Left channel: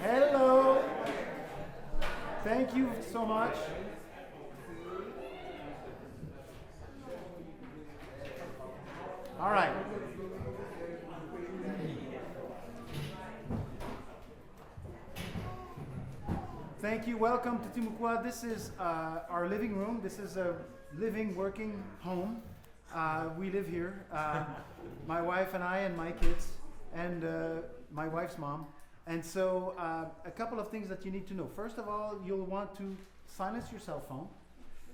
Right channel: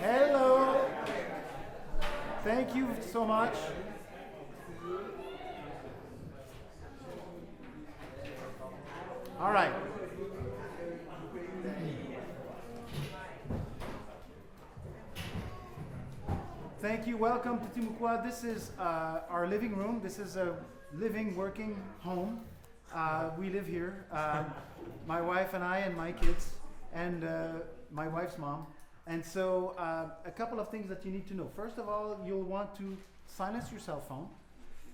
Hello. Thank you so much. All right. Thank you. Welcome to Timucua. This is our living room. This is a living, working home. We live here. My wife and I and my kids and my wife's mom. And so a couple of things that you need to know. First of all, you'll want to silence your cell phone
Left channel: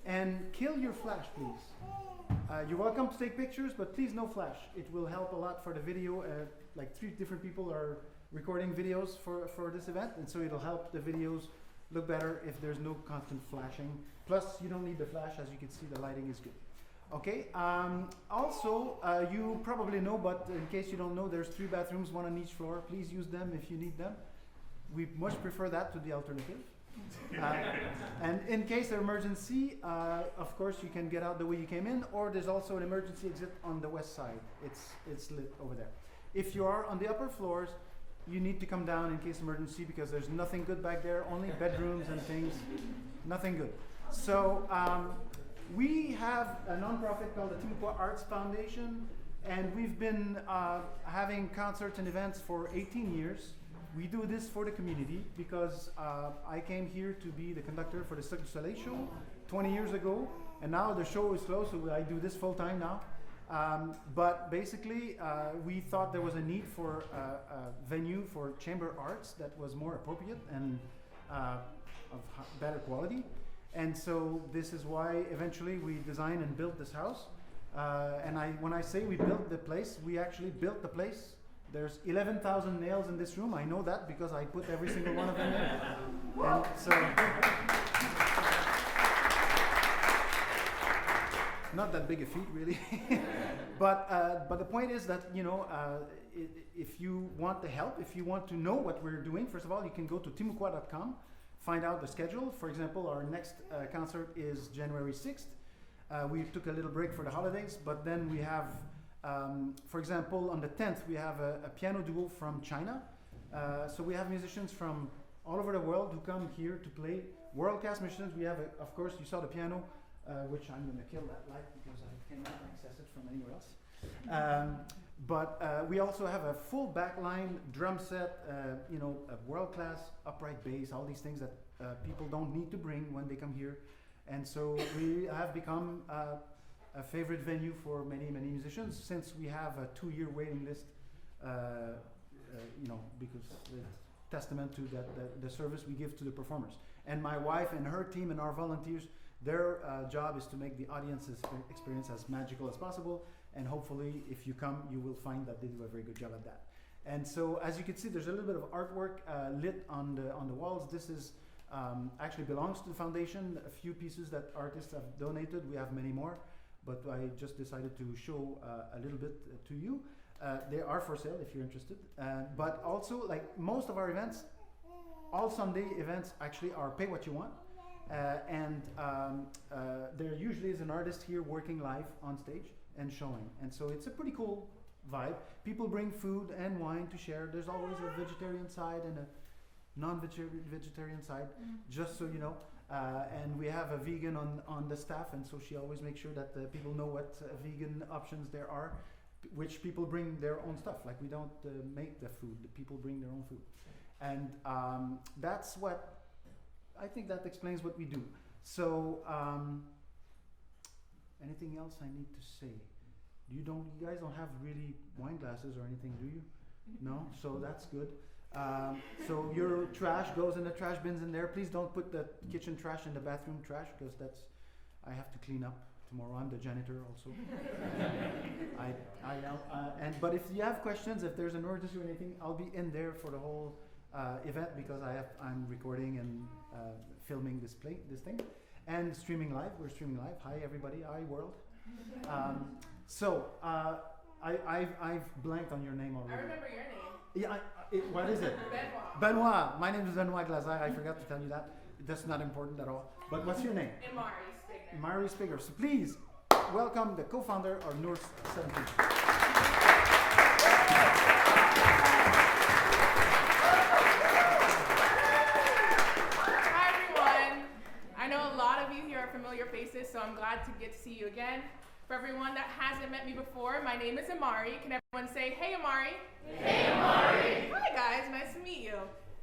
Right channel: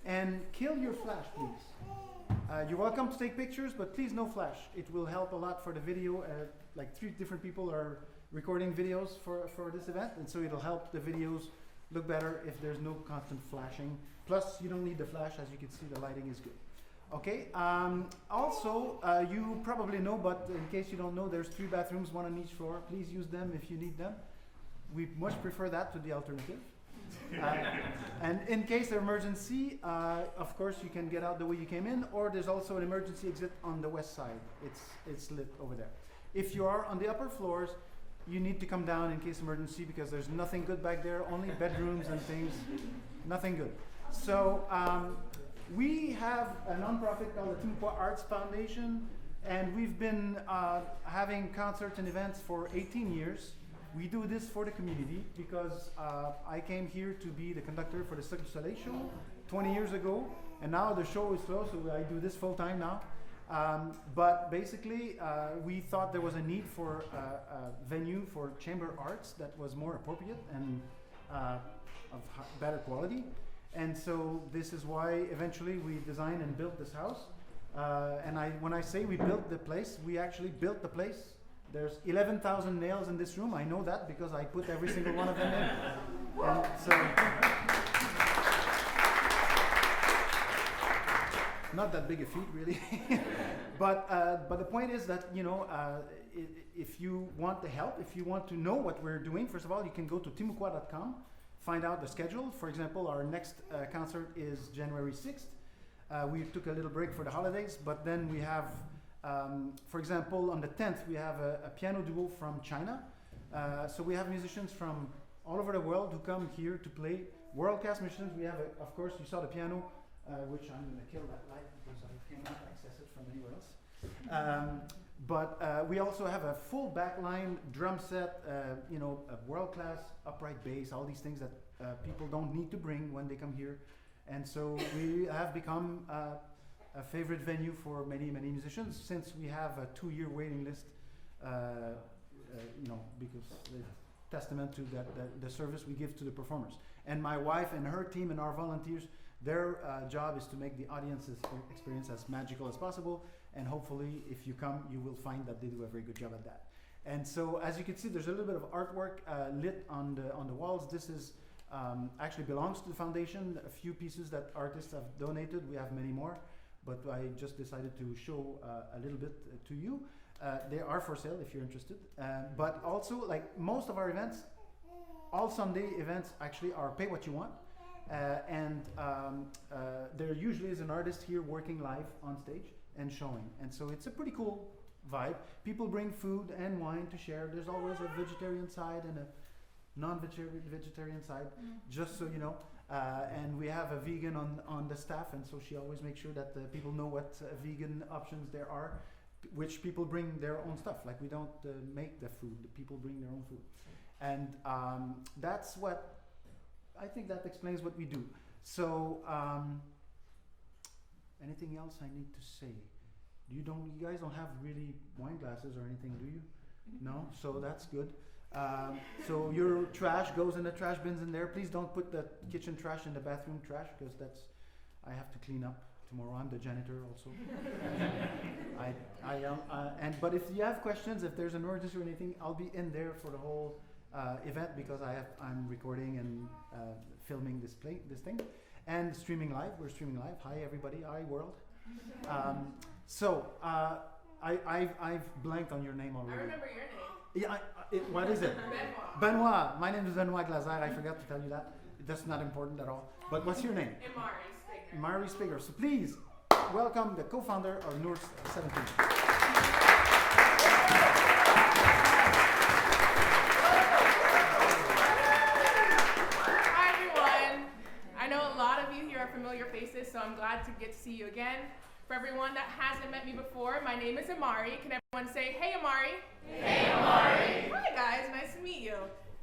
and kill your flash, please. You're welcome to take pictures, but please no flash. It will help a lot for the video. Like 3 different people are recording videos for this event, and so it'll help the videos look better if there's no constant flashing. Plus, you don't need the flash. As you can see, the lighting is good. Okay, also, you probably know, but in case you don't know, there's 3 bathrooms, 1 on each floor. Please use them if you need them. We much prefer that to the alternative. And in case of emergency, of course, you can get out the way you came in, or there's also an emergency exit on the west side. It's lit over there. If you are on the upper floors, you need to come down in case of emergency, because there's nothing good back there, only bedrooms and things, nothing good. So, we have a nonprofit called the Timucua Arts Foundation, and we've been having concerts and events for 18 years. We do this for the community because I came here to be the conductor for the Cirque du Soleil show 20 years ago, and now the show is closed, so I do this full time now. But basically, we thought there was a need for a venue for chamber arts that was more appropriate and of better quality. And so this is why eventually we designed and built this house. And when I say we built the place, we actually built the place. There's 11,000 nails in this room. I know that because I put every single one of them in. And so, not that big a feat, really. But the point is that, you know, if you want the help, if you want to know what we're doing, first of all, you can go to timucua.com. Find out the schedule. For example, our next concert is January 6th. We took a little break for the holidays, but then we have, for example, on the 10th, we have a piano duo from China. So we have musicians from all over the world who come here to play. World-class musicians. We have, of course, you saw the piano, which I'm going to kill that light because I cannot access it from anywhere else. But we also have a full backline drum set, a world-class upright bass, all these things that people don't need to bring when they come here. And so we have become a favorite venue for many, many musicians since we have a 2-year waiting list, because it's testament to the service we give to the performers. And my wife and her team and our volunteers, their job is to make the audience's experience as magical as possible. And hopefully, if you come, you will find that they do a very good job at that. And so, as you can see, there's a little bit of artwork lit on the walls. This is actually belongs to the foundation. A few pieces that artists have donated. We have many more, but I just decided to show a little bit to you. They are for sale if you're interested. But also, like most of our events, all Sunday events actually are pay what you want. And there usually is an artist here working live on stage and showing. And so it's a pretty cool vibe. People bring food and wine to share. There's always a vegetarian side and a non-vegetarian side, just so you know. And we have a vegan on the staff, and so she always makes sure that people know what vegan options there are, which people bring their own stuff. Like we don't make the food, the people bring their own food. And that's what, I think that explains what we do. So, anything else I need to say? You guys don't have really wine glasses or anything, do you? No? So that's good. So your trash goes in the trash bins in there. Please don't put the kitchen trash in the bathroom trash, because I have to clean up tomorrow. I'm the janitor also. But if you have questions, if there's an emergency or anything, I'll be in there for the whole event, because I'm recording and filming this thing and streaming live. We're streaming live. Hi everybody. Hi world. I've blanked on your name already. I remember your name. Yeah. What is it? Benoit. My name is Benoit Glazer. I forgot to tell you that. That's not important at all. But what's your name? Mari Spiger. So please welcome the co-founder of NOOR 17. Hi everyone. I know a lot of you here are familiar faces, so I'm glad to get to see you again. For everyone that hasn't met me before, my name is Amari. Can everyone say, hey Amari? Hey Amari! Hi guys, nice to meet you.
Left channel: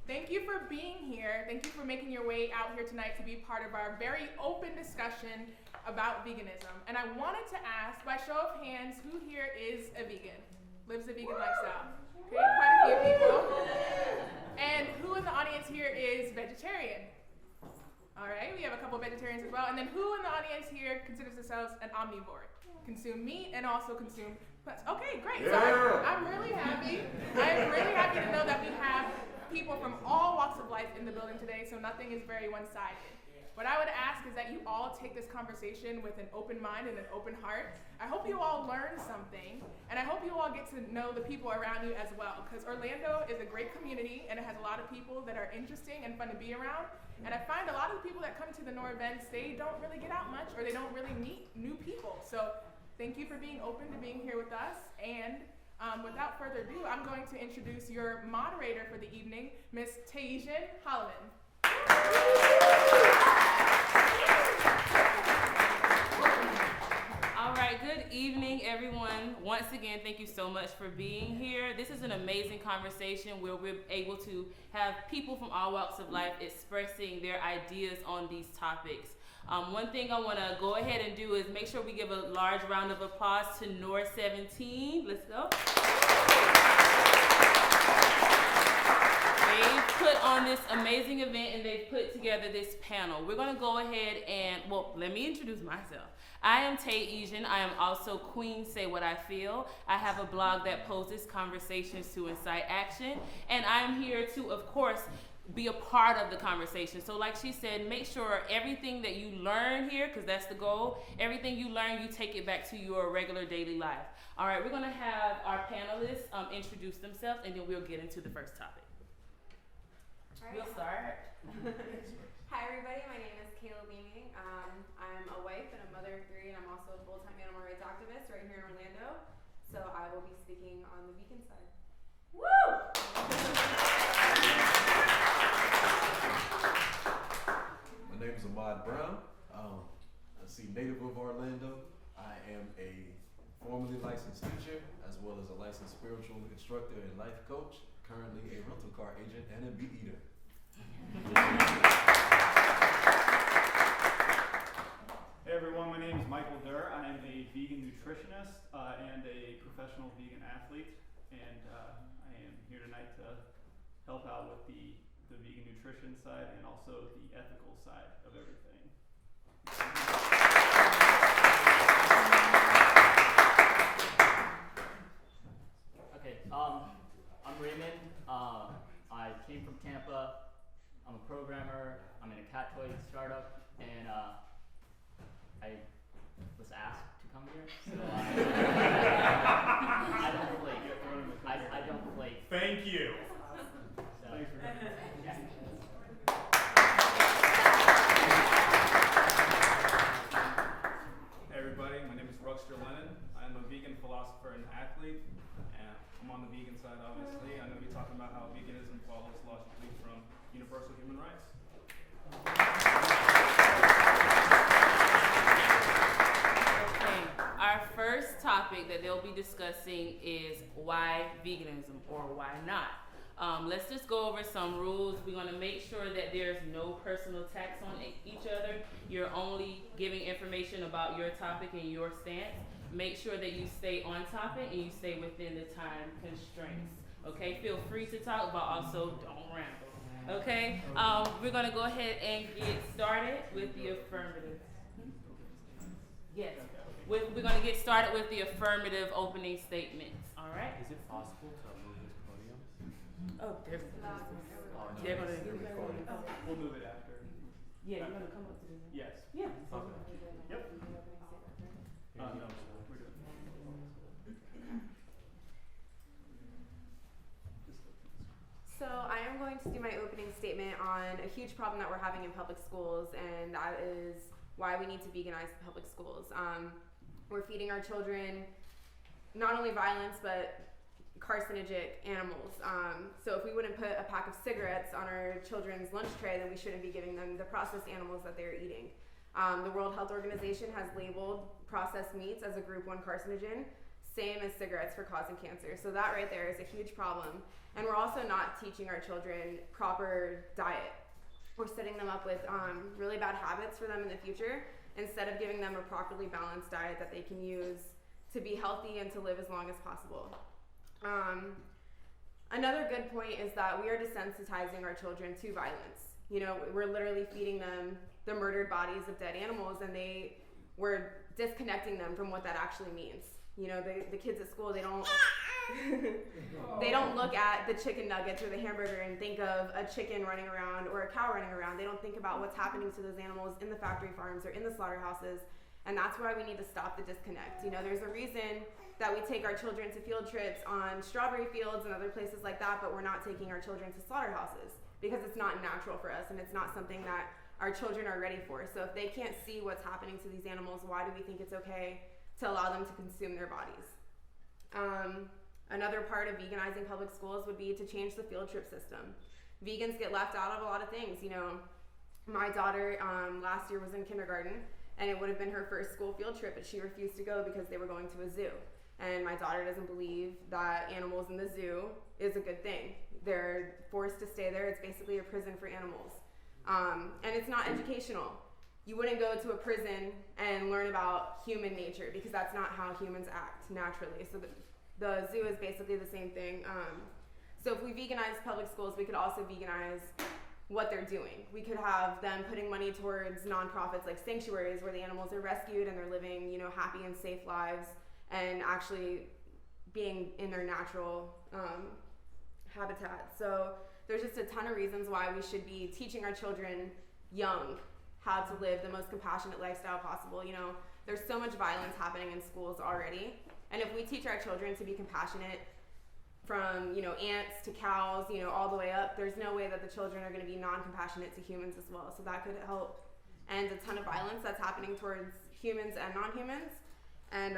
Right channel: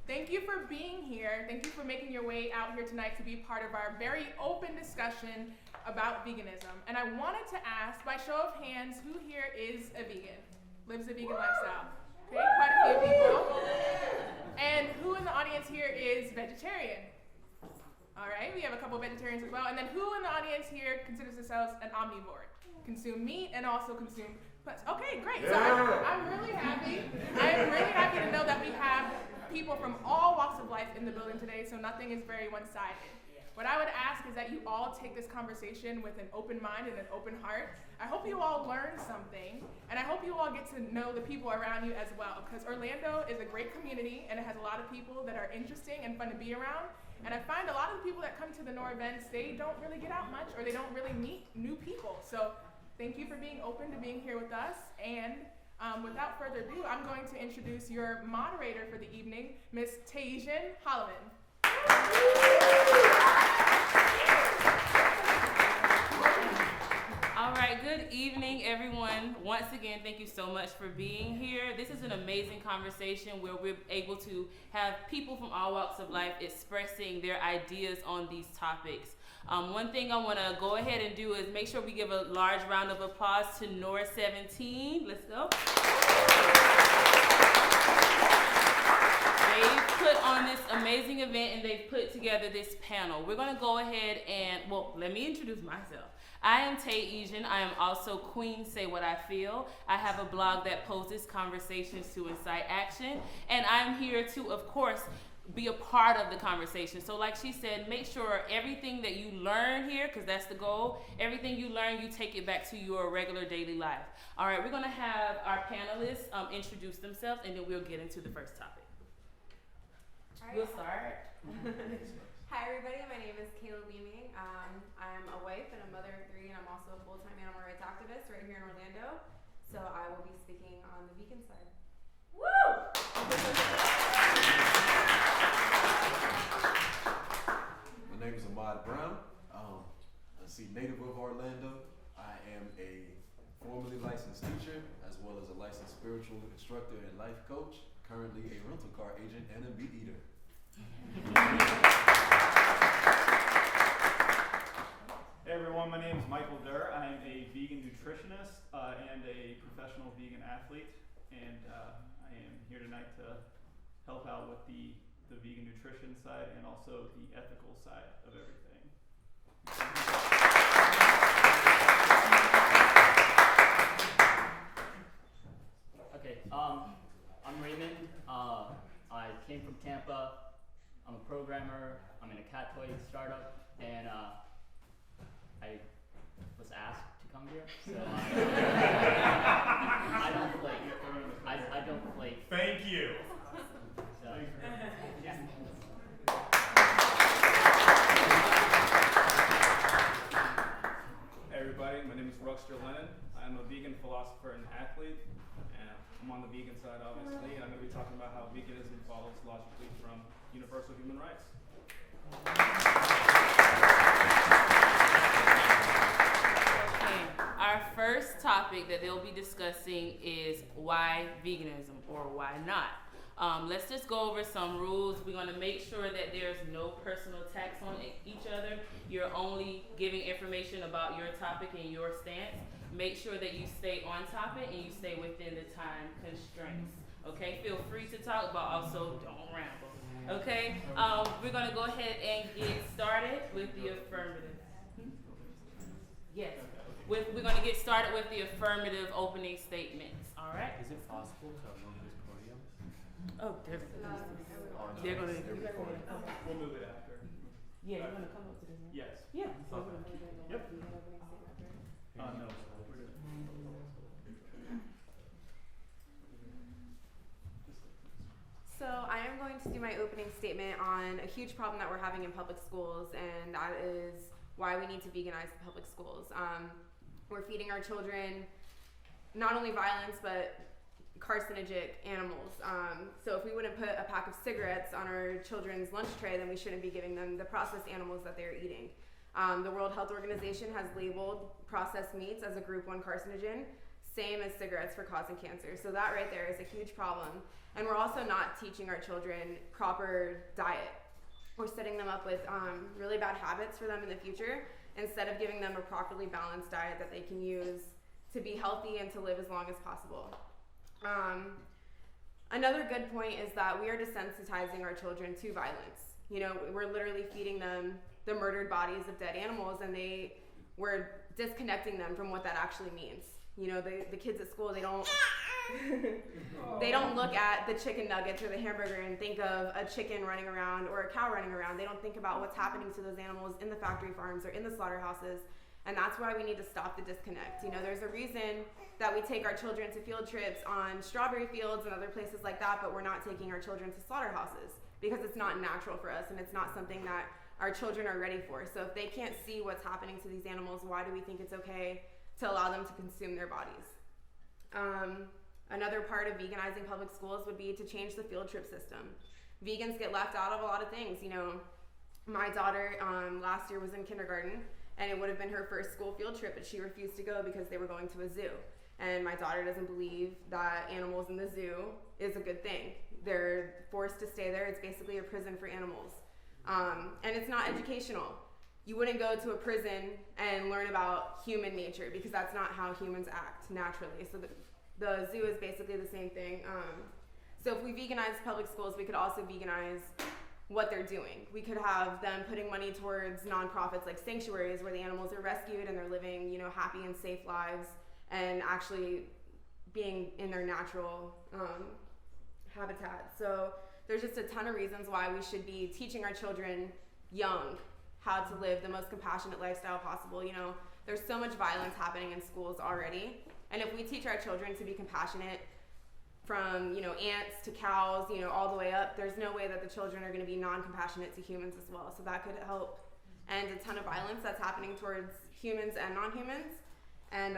Thank you for being here. Thank you for making your way out here tonight to be part of our very open discussion about veganism. And I wanted to ask, by show of hands, who here is a vegan? Lives a vegan lifestyle? Okay, quite a few people. And who in the audience here is vegetarian? All right, we have a couple of vegetarians as well. And then who in the audience here considers themselves an omnivore? Consume meat and also consume plants. Okay, great. Yeah. So I'm really happy. I'm really happy to know that we have people from all walks of life in the building today, so nothing is very one-sided. What I would ask is that you all take this conversation with an open mind and an open heart. I hope you all learn something, and I hope you all get to know the people around you as well, because Orlando is a great community, and it has a lot of people that are interesting and fun to be around. And I find a lot of the people that come to the NOOR events, they don't really get out much, or they don't really meet new people. So thank you for being open to being here with us. And without further ado, I'm going to introduce your moderator for the evening, Miss Tajian Holloman. All right, good evening, everyone. Once again, thank you so much for being here. This is an amazing conversation where we're able to have people from all walks of life expressing their ideas on these topics. One thing I want to go ahead and do is make sure we give a large round of applause to NOOR 17. Let's go. They've put on this amazing event and they've put together this panel. We're going to go ahead and, let me introduce myself. I am Tajian. I am also Queen Say What I Feel. I have a blog that poses conversations to incite action. And I'm here to, of course, be a part of the conversation. So like she said, make sure everything that you learn here, because that's the goal, everything you learn, you take it back to your regular daily life. All right, we're going to have our panelists introduce themselves, and then we'll get into the first topic. Right. We'll start. Hi everybody, my name is Kayla Beaming. I'm a wife and a mother of 3, and I'm also a full-time animal rights activist right here in Orlando. So I will be speaking on the vegan side. Woo! My name is Ahmad Brown. Native of Orlando. I am a formerly licensed teacher, as well as a licensed spiritual instructor and life coach, currently a rental car agent and a meat eater. Hey everyone, my name is Michael Durr. I am a vegan nutritionist and a professional vegan athlete, and I am here tonight to help out with the vegan nutrition side and also the ethical side of everything. Okay, I'm Raymond. I came from Tampa. I'm a programmer. I'm in a cat toy startup, and I was asked to come here, so I don't flake. I don't flake. Thank you. So, Thanks for coming. yeah. Hey everybody, my name is Ruxter Lennon. I'm a vegan philosopher and athlete, and I'm on the vegan side obviously. I'm going to be talking about how veganism follows logically from universal human rights. Okay, our first topic that they'll be discussing is why veganism or why not. Let's just go over some rules. We're going to make sure that there's no personal attacks on each other. You're only giving information about your topic and your stance. Make sure that you stay on topic and you stay within the time constraints. Okay, feel free to talk, but also don't ramble. Okay, we're going to go ahead and get started with the affirmative. Yes, we're going to get started with the affirmative opening statements. All right. Is it possible to move this podium? Oh, there goes They're this. recording. We'll move it after. Yeah, you're going to come up to the Yes. Yeah. Okay. Yep. No, we're good. So I am going to do my opening statement on a huge problem that we're having in public schools, and that is why we need to veganize the public schools. We're feeding our children not only violence, but carcinogenic animals. So if we wouldn't put a pack of cigarettes on our children's lunch tray, then we shouldn't be giving them the processed animals that they're eating. The World Health Organization has labeled processed meats as a group 1 carcinogen, same as cigarettes for causing cancer. So that right there is a huge problem. And we're also not teaching our children proper diet. We're setting them up with really bad habits for them in the future, instead of giving them a properly balanced diet that they can use to be healthy and to live as long as possible. Another good point is that we are desensitizing our children to violence. You know, we're literally feeding them the murdered bodies of dead animals, and we're disconnecting them from what that actually means. You know, the kids at school, they don't they don't look at the chicken nuggets or the hamburger and think of a chicken running around or a cow running around. They don't think about what's happening to those animals in the factory farms or in the slaughterhouses, and that's why we need to stop the disconnect. You know, there's a reason that we take our children to field trips on strawberry fields and other places like that, but we're not taking our children to slaughterhouses because it's not natural for us and it's not something that our children are ready for. So if they can't see what's happening to these animals, why do we think it's okay to allow them to consume their bodies? Another part of veganizing public schools would be to change the field trip system. Vegans get left out of a lot of things. You know, my daughter last year was in kindergarten, and it would have been her first school field trip, but she refused to go because they were going to a zoo. And my daughter doesn't believe that animals in the zoo is a good thing. They're forced to stay there. It's basically a prison for animals. And it's not educational. You wouldn't go to a prison and learn about human nature because that's not how humans act naturally. So the zoo is basically the same thing. So if we veganize public schools, we could also veganize what they're doing. We could have them putting money towards nonprofits like sanctuaries where the animals are rescued and they're living, you know, happy and safe lives and actually being in their natural habitat. So there's just a ton of reasons why we should be teaching our children young how to live the most compassionate lifestyle possible. You know, there's so much violence happening in schools already. And if we teach our children to be compassionate from, you know, ants to cows, you know, all the way up, there's no way that the children are going to be non-compassionate to humans as well. So that could help end a ton of violence that's happening towards humans and non-humans. And,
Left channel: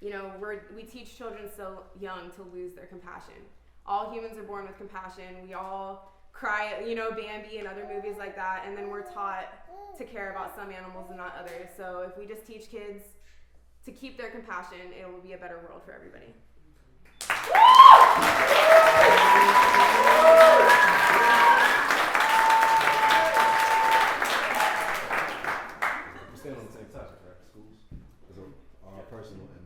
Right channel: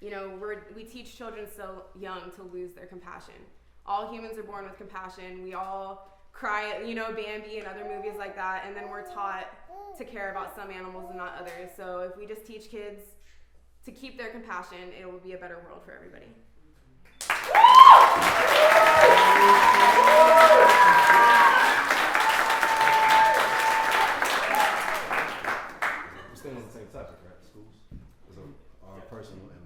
you know, we teach children so young to lose their compassion. All humans are born with compassion. We all cry, you know, Bambi and other movies like that, and then we're taught to care about some animals and not others. So if we just teach kids to keep their compassion, it will be a better world for everybody. We're staying on the same topic, right? Schools? Our personal and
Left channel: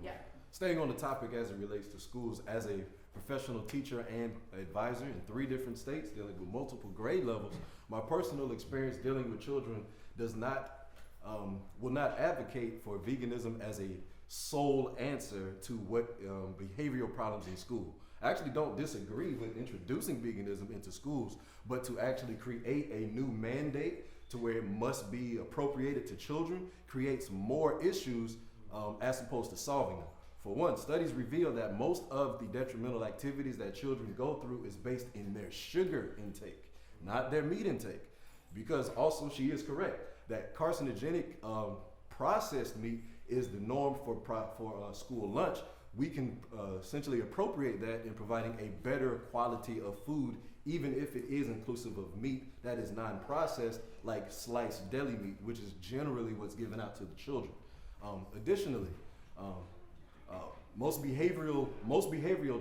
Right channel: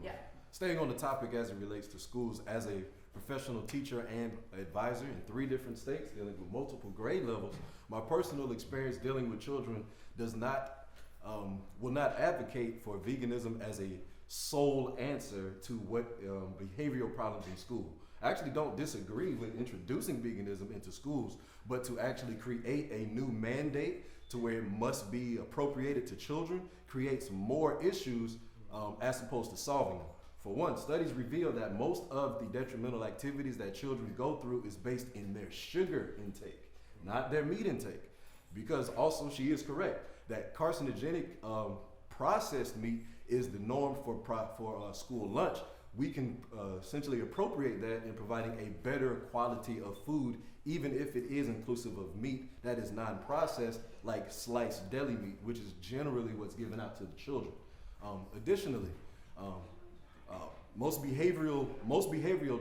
staying on the topic as it relates to schools, as a professional teacher and advisor in 3 different states dealing with multiple grade levels, my personal experience dealing with children will not advocate for veganism as a sole answer to what behavioral problems in school. I actually don't disagree with introducing veganism into schools, but to actually create a new mandate to where it must be appropriated to children creates more issues as opposed to solving them. For one, studies reveal that most of the detrimental activities that children go through is based in their sugar intake, not their meat intake. Because also she is correct that carcinogenic processed meat is the norm for school lunch. We can essentially appropriate that in providing a better quality of food, even if it is inclusive of meat that is non-processed, like sliced deli meat, which is generally what's given out to the children. Additionally, most behavioral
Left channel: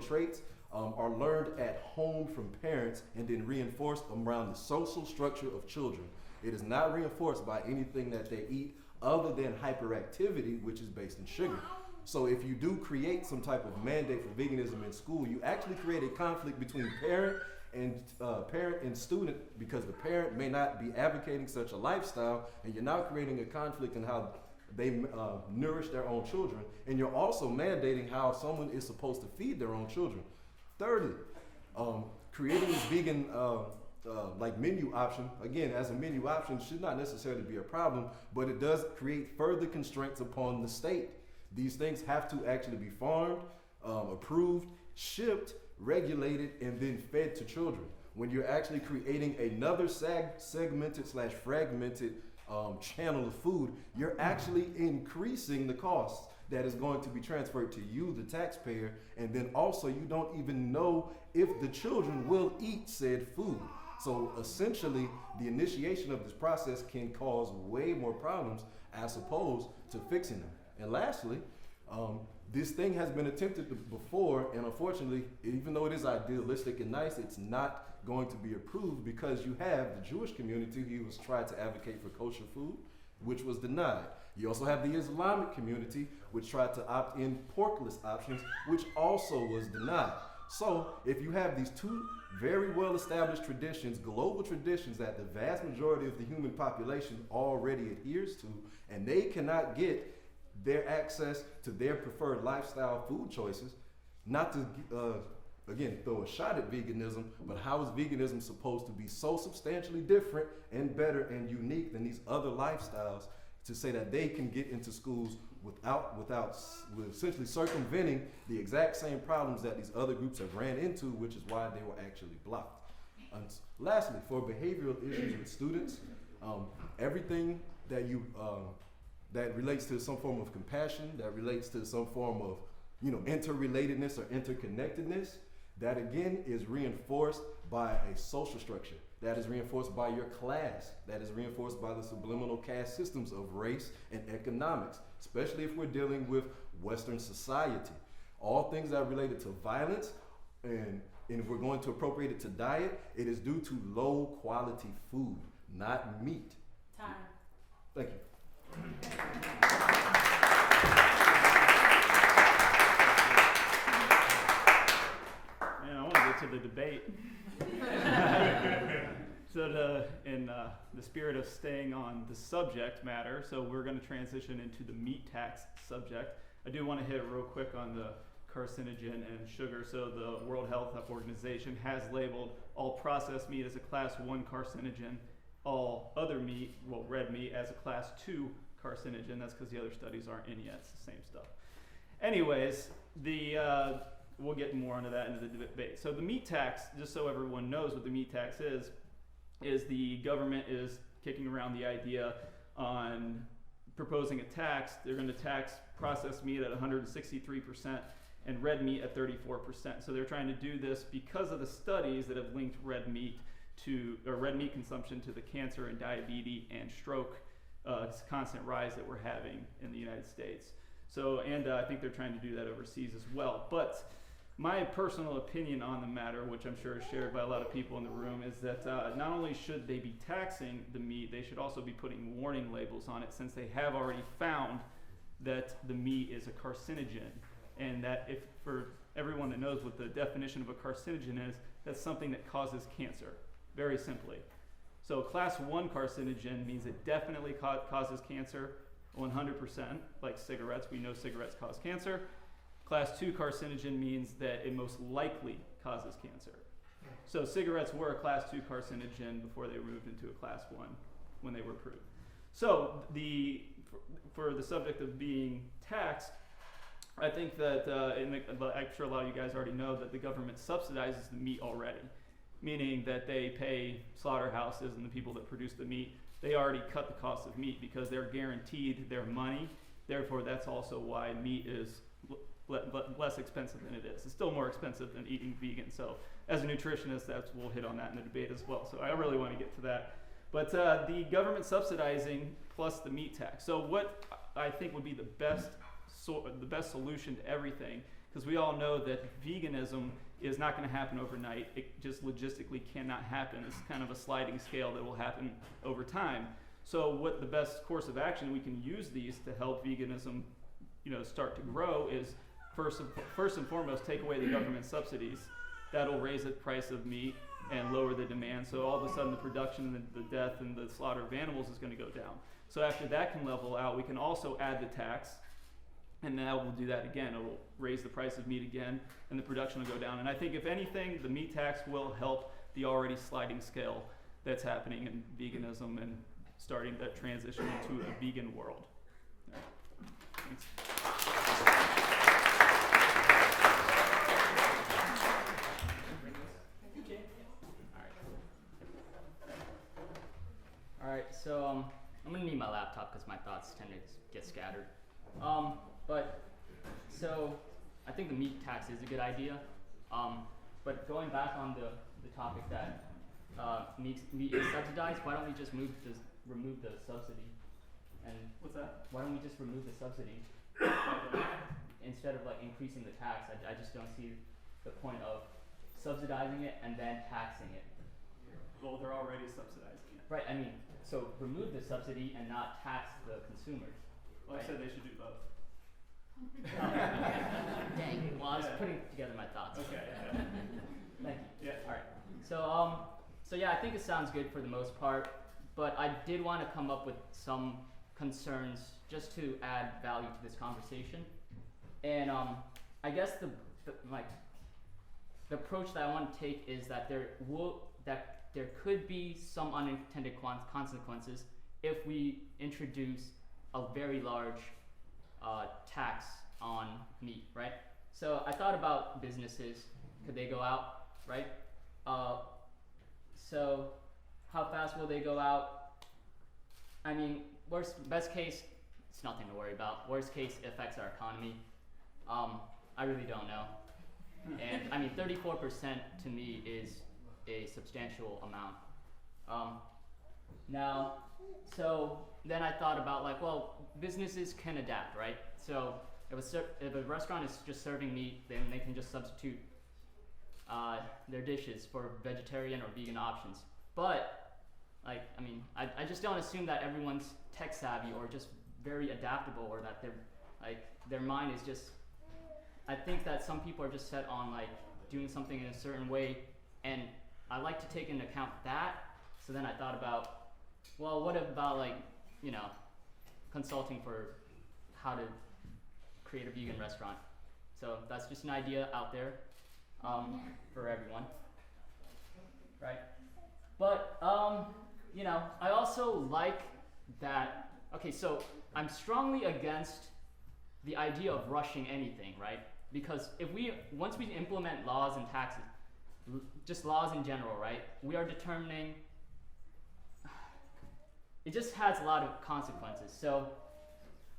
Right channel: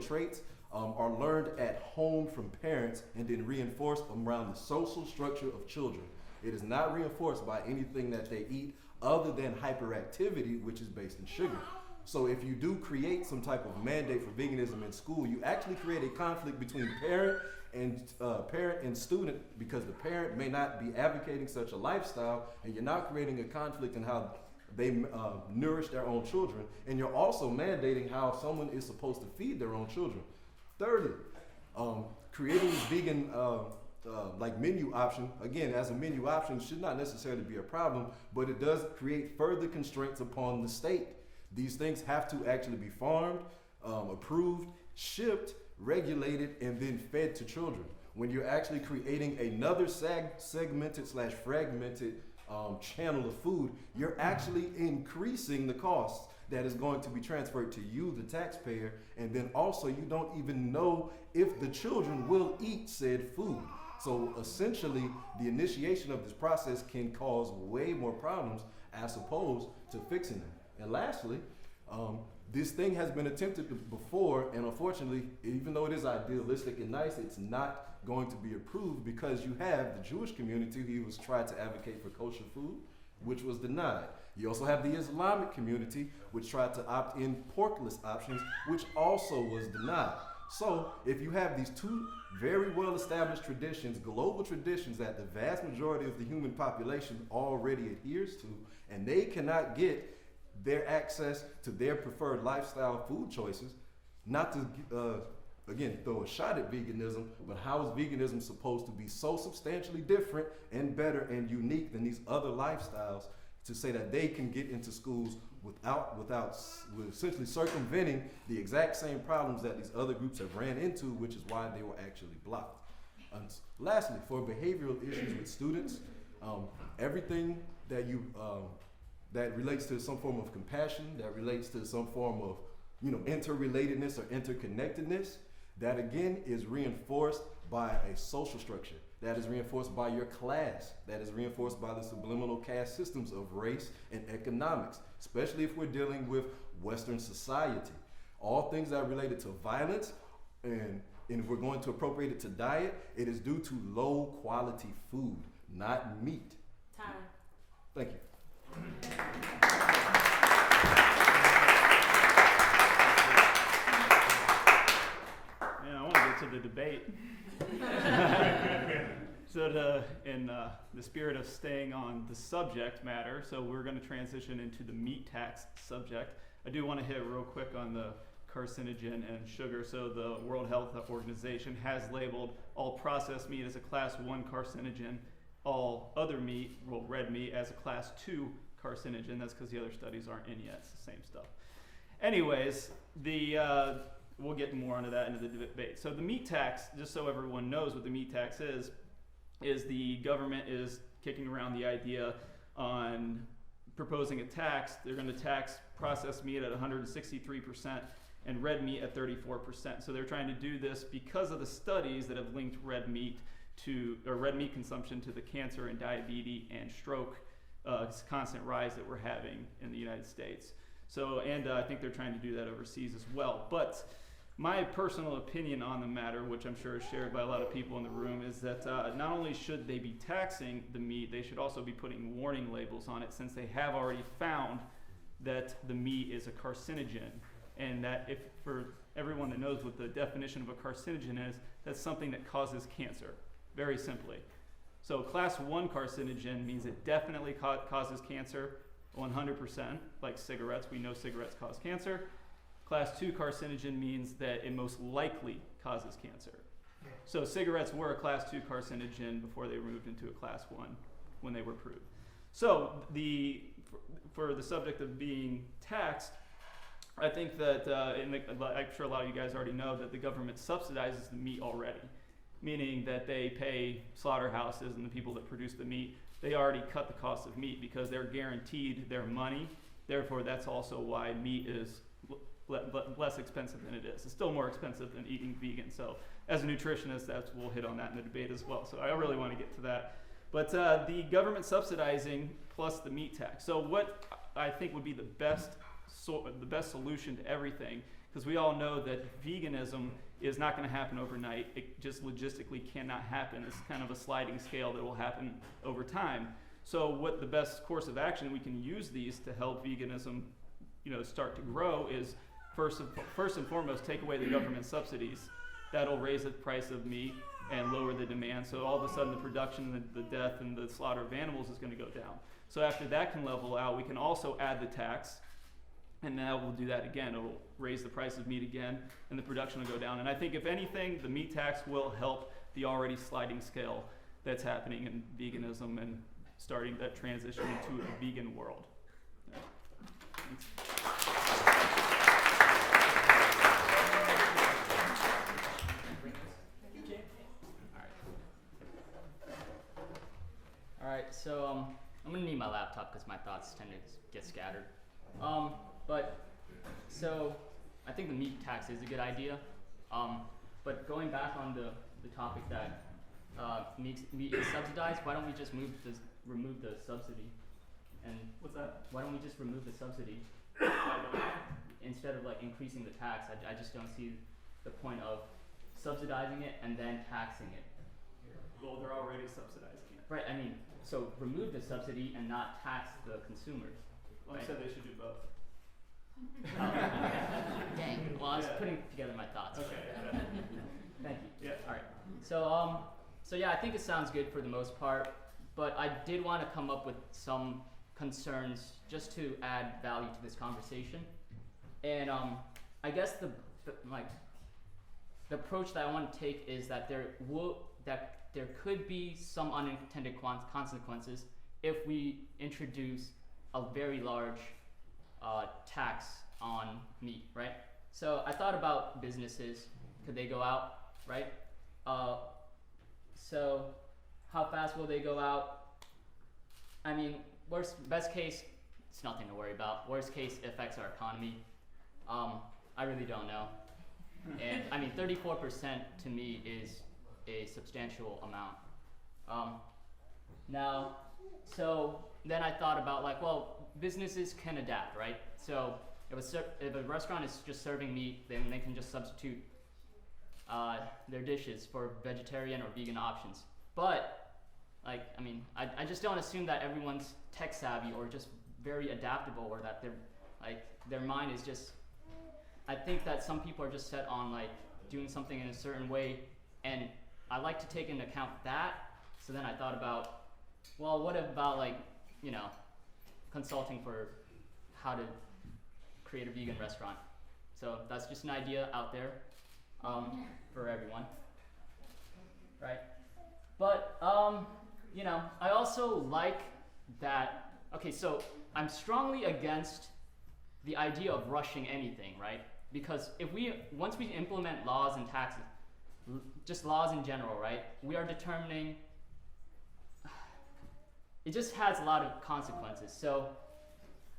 traits are learned at home from parents and then reinforced around the social structure of children. It is not reinforced by anything that they eat other than hyperactivity, which is based in sugar. So if you do create some type of mandate for veganism in school, you actually create a conflict between parent and student, because the parent may not be advocating such a lifestyle, and you're now creating a conflict in how they nourish their own children, and you're also mandating how someone is supposed to feed their own children. Thirdly, creating this vegan menu option, again, as a menu option should not necessarily be a problem, but it does create further constraints upon the state. These things have to actually be farmed, approved, shipped, regulated, and then fed to children. When you're actually creating another segmented/fragmented channel of food, you're actually increasing the cost that is going to be transferred to you, the taxpayer, and then also you don't even know if the children will eat said food. So essentially, the initiation of this process can cause way more problems as opposed to fixing them. And lastly, this thing has been attempted before, and unfortunately, even though it is idealistic and nice, it's not going to be approved, because you have the Jewish community who was tried to advocate for kosher food, which was denied. You also have the Islamic community, which tried to opt in porkless options, which also was denied. So if you have these 2 very well-established traditions, global traditions that the vast majority of the human population already adheres to, and they cannot get their access to their preferred lifestyle food choices, not to again throw a shot at veganism, but how is veganism supposed to be so substantially different and better and unique than these other lifestyles to say that they can get into schools without essentially circumventing the exact same problems that these other groups have ran into, which is why they were actually blocked. Lastly, for behavioral issues with students, everything that that relates to some form of compassion, that relates to some form of interrelatedness or interconnectedness, that again is reinforced by a social structure, that is reinforced by your class, that is reinforced by the subliminal caste systems of race and economics, especially if we're dealing with Western society. All things that are related to violence, and if we're going to appropriate it to diet, it is due to low quality food, not meat. Time. Thank you. Man, I want to get to the debate. So in the spirit of staying on the subject matter, so we're going to transition into the meat tax subject. I do want to hit real quick on the carcinogen and sugar. So the World Health Organization has labeled all processed meat as a class 1 carcinogen, all other meat, well, red meat, as a class 2 carcinogen. That's because the other studies aren't in yet. It's the same stuff. Anyways, we'll get more into that into the debate. So the meat tax, just so everyone knows what the meat tax is the government is kicking around the idea on proposing a tax. They're going to tax processed meat at 163% and red meat at 34%. So they're trying to do this because of the studies that have linked red meat consumption to the cancer and diabetes and stroke constant rise that we're having in the United States. So, and I think they're trying to do that overseas as well. But my personal opinion on the matter, which I'm sure is shared by a lot of people in the room, is that not only should they be taxing the meat, they should also be putting warning labels on it, since they have already found that the meat is a carcinogen. And that, if for everyone that knows what the definition of a carcinogen is, that's something that causes cancer, very simply. So class 1 carcinogen means it definitely causes cancer, 100%, like cigarettes. We know cigarettes cause cancer. Class 2 carcinogen means that it most likely causes cancer. So cigarettes were a class 2 carcinogen before they moved into a class 1 when they were approved. So for the subject of being taxed, I think that, I'm sure a lot of you guys already know that the government subsidizes the meat already, meaning that they pay slaughterhouses and the people that produce the meat, they already cut the cost of meat because they're guaranteed their money. Therefore, that's also why meat is less expensive than it is. It's still more expensive than eating vegan. So as a nutritionist, we'll hit on that in the debate as well. So I really want to get to that. But the government subsidizing plus the meat tax. So what I think would be the best solution to everything, because we all know that veganism is not going to happen overnight. It just logistically cannot happen. It's kind of a sliding scale that will happen over time. So what the best course of action we can use these to help veganism, start to grow is first and foremost, take away the government subsidies. That'll raise the price of meat and lower the demand. So all of a sudden the production, the death, and the slaughter of animals is going to go down. So after that can level out, we can also add the tax. And now we'll do that again. It'll raise the price of meat again, and the production will go down. And I think if anything, the meat tax will help the already sliding scale that's happening in veganism and starting that transition into a vegan world. Yeah. Thanks. All right, so I'm gonna need my laptop because my thoughts tend to get scattered. So I think the meat tax is a good idea. But going back on the topic that meat is subsidized, why don't we just remove the subsidy? And What's that? why don't we just remove the subsidy instead of increasing the tax? I just don't see the point of subsidizing it and then taxing it. Well, they're already subsidizing it. Right. I mean, so remove the subsidy and not tax the consumers. Well, I said they should do both. Dang. Well, I was putting together my thoughts. Okay. Yeah. Thank you. Yeah. All right. So yeah, I think it sounds good for the most part, but I did want to come up with some concerns just to add value to this conversation. And I guess the approach that I want to take is that there could be some unintended consequences if we introduce a very large tax on meat, right? So I thought about businesses. Could they go out, right? So how fast will they go out? I mean, best case, it's nothing to worry about. Worst case, it affects our economy. I really don't know. And I mean, 34% to me is a substantial amount. So then I thought about businesses can adapt, right? So if a restaurant is just serving meat, then they can just substitute their dishes for vegetarian or vegan options. But I just don't assume that everyone's tech savvy or just very adaptable, or that their mind is just. I think that some people are just set on doing something in a certain way, and I like to take into account that. So then I thought about, well, what about consulting for how to create a vegan restaurant? So that's just an idea out there for everyone, right? But I also like that. Okay, so I'm strongly against the idea of rushing anything, right? Because once we implement laws and taxes, just laws in general, right? We are determining. It just has a lot of consequences. So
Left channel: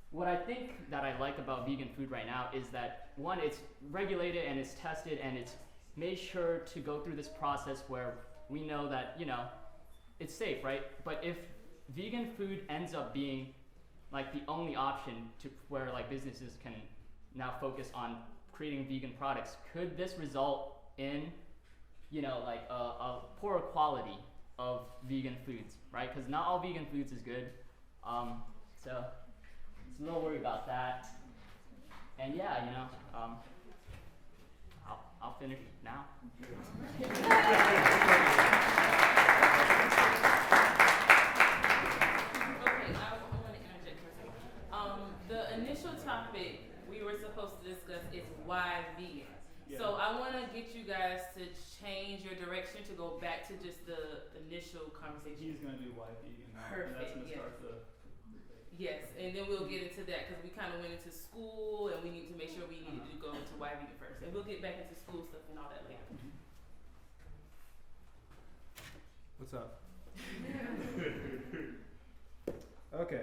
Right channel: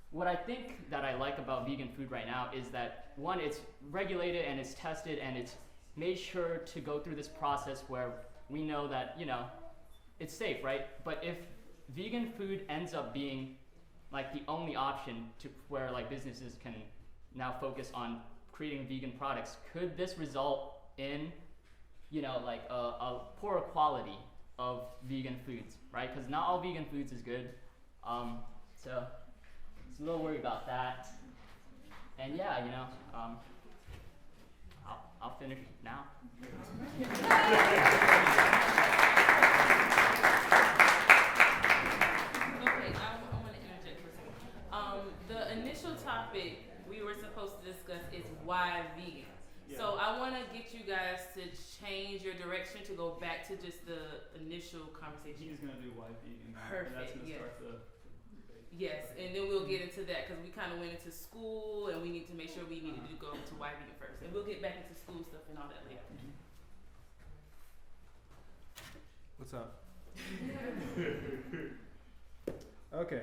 what I think that I like about vegan food right now is that, one, it's regulated and it's tested and it's made sure to go through this process where we know that, it's safe, right? But if vegan food ends up being like the only option to where like businesses can now focus on creating vegan products, could this result in, you know, like a poorer quality of vegan foods, right? Because not all vegan foods is good. So it's a little worried about that. And yeah, you know, I'll finish now. Okay, I want to interject for a second. The initial topic we were supposed to discuss is why vegan. Yeah. So I want to get you guys to change your direction to go back to just the initial conversation. He's gonna do why vegan now, and Perfect, that's gonna yes. start the Yes, and then we'll get into that because we kind of went into school and we need to make sure we needed to go into why vegan first. And we'll get back into school stuff and all that later. What's up? Okay.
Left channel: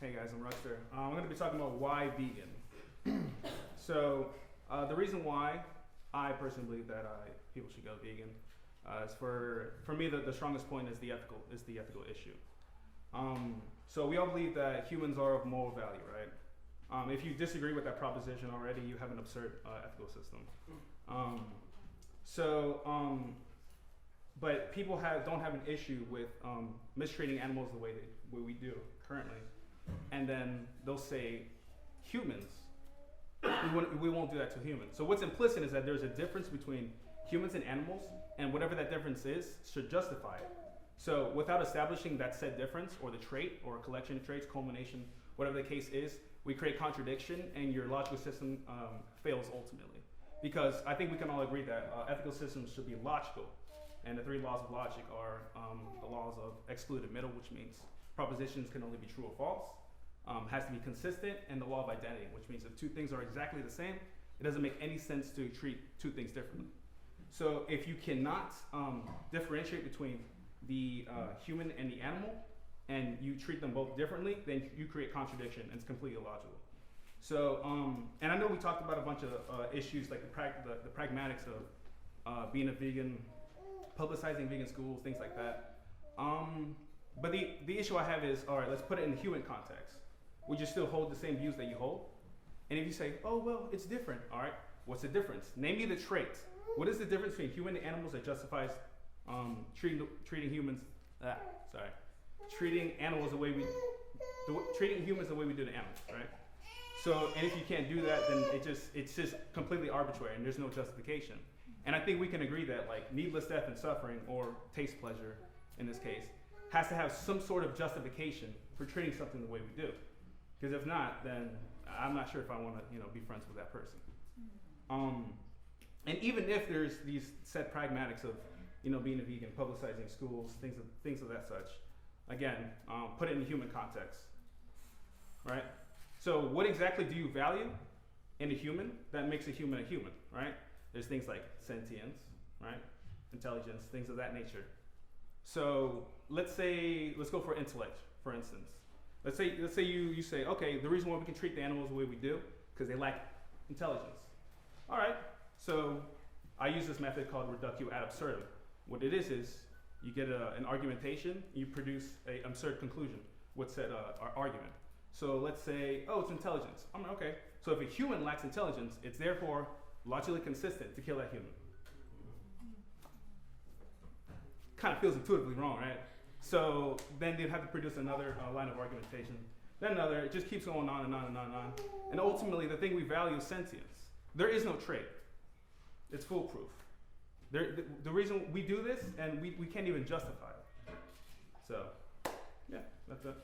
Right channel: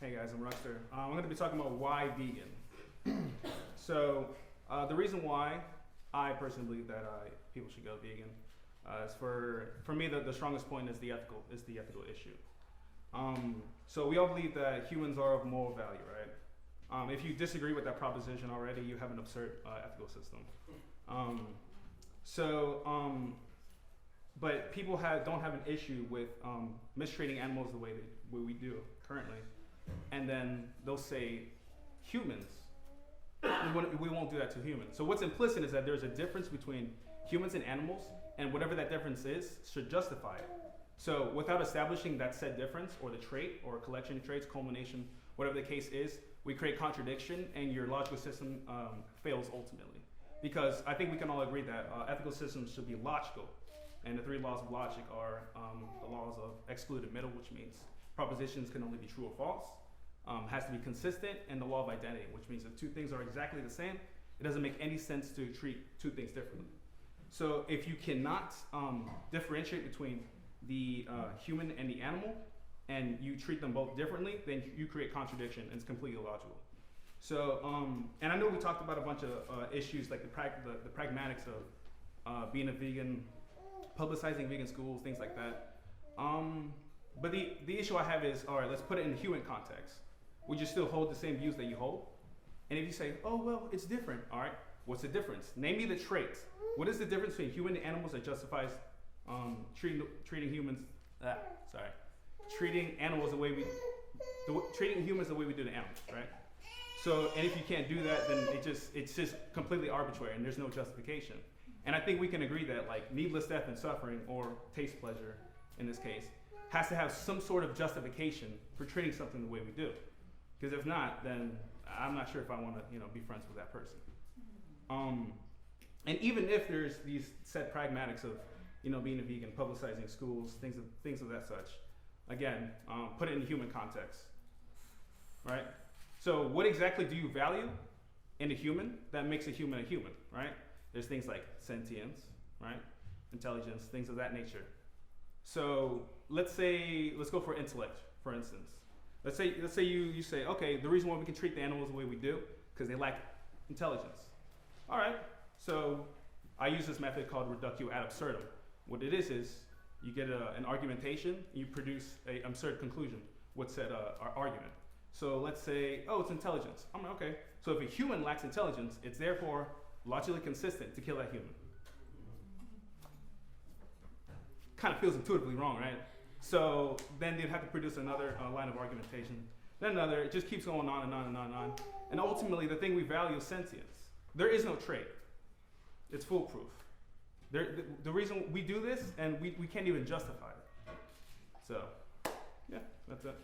Hey guys, I'm Ruxter. I'm going to be talking about why vegan. So, the reason why I personally believe that people should go vegan is for me the strongest point is the ethical issue. So we all believe that humans are of moral value, right? If you disagree with that proposition already, you have an absurd ethical system. But people don't have an issue with mistreating animals the way we do currently, and then they'll say humans. We won't do that to humans. So what's implicit is that there's a difference between humans and animals, and whatever that difference is should justify it. So without establishing that said difference or the trait or collection of traits, culmination, whatever the case is, we create contradiction and your logical system fails ultimately. Because I think we can all agree that ethical systems should be logical. And the 3 laws of logic are the laws of excluded middle, which means propositions can only be true or false, has to be consistent, and the law of identity, which means if 2 things are exactly the same, it doesn't make any sense to treat 2 things differently. So if you cannot differentiate between the human and the animal, and you treat them both differently, then you create contradiction, and it's completely illogical. So, and I know we talked about a bunch of issues like the pragmatics of being a vegan, publicizing vegan schools, things like that. But the issue I have is, all right, let's put it in the human context. Would you still hold the same views that you hold? And if you say, oh, well, it's different, all right, what's the difference? Name me the trait. What is the difference between human and animals that justifies treating humans, treating animals the way treating humans the way we do the animals, right? So, and if you can't do that, then it's just completely arbitrary and there's no justification. And I think we can agree that like needless death and suffering, or taste pleasure in this case, has to have some sort of justification for treating something the way we do. Because if not, then I'm not sure if I want to, be friends with that person. And even if there's these set pragmatics of, being a vegan, publicizing schools, things of that such. Again, put it in the human context, right? So what exactly do you value in a human that makes a human, right? There's things like sentience, right? Intelligence, things of that nature. So let's go for intellect, for instance. Let's say you say, okay, the reason why we can treat the animals the way we do, because they lack intelligence. All right, so I use this method called reductio ad absurdum. What it is you get an argumentation, you produce an absurd conclusion with said argument. So let's say, oh, it's intelligence. Okay, so if a human lacks intelligence, it's therefore logically consistent to kill that human. Kind of feels intuitively wrong, right? So then they'd have to produce another line of argumentation, then another. It just keeps going on and on and on and on. And ultimately, the thing we value is sentience. There is no trait. It's foolproof. The reason we do this, and we can't even justify it. So, yeah, that's it.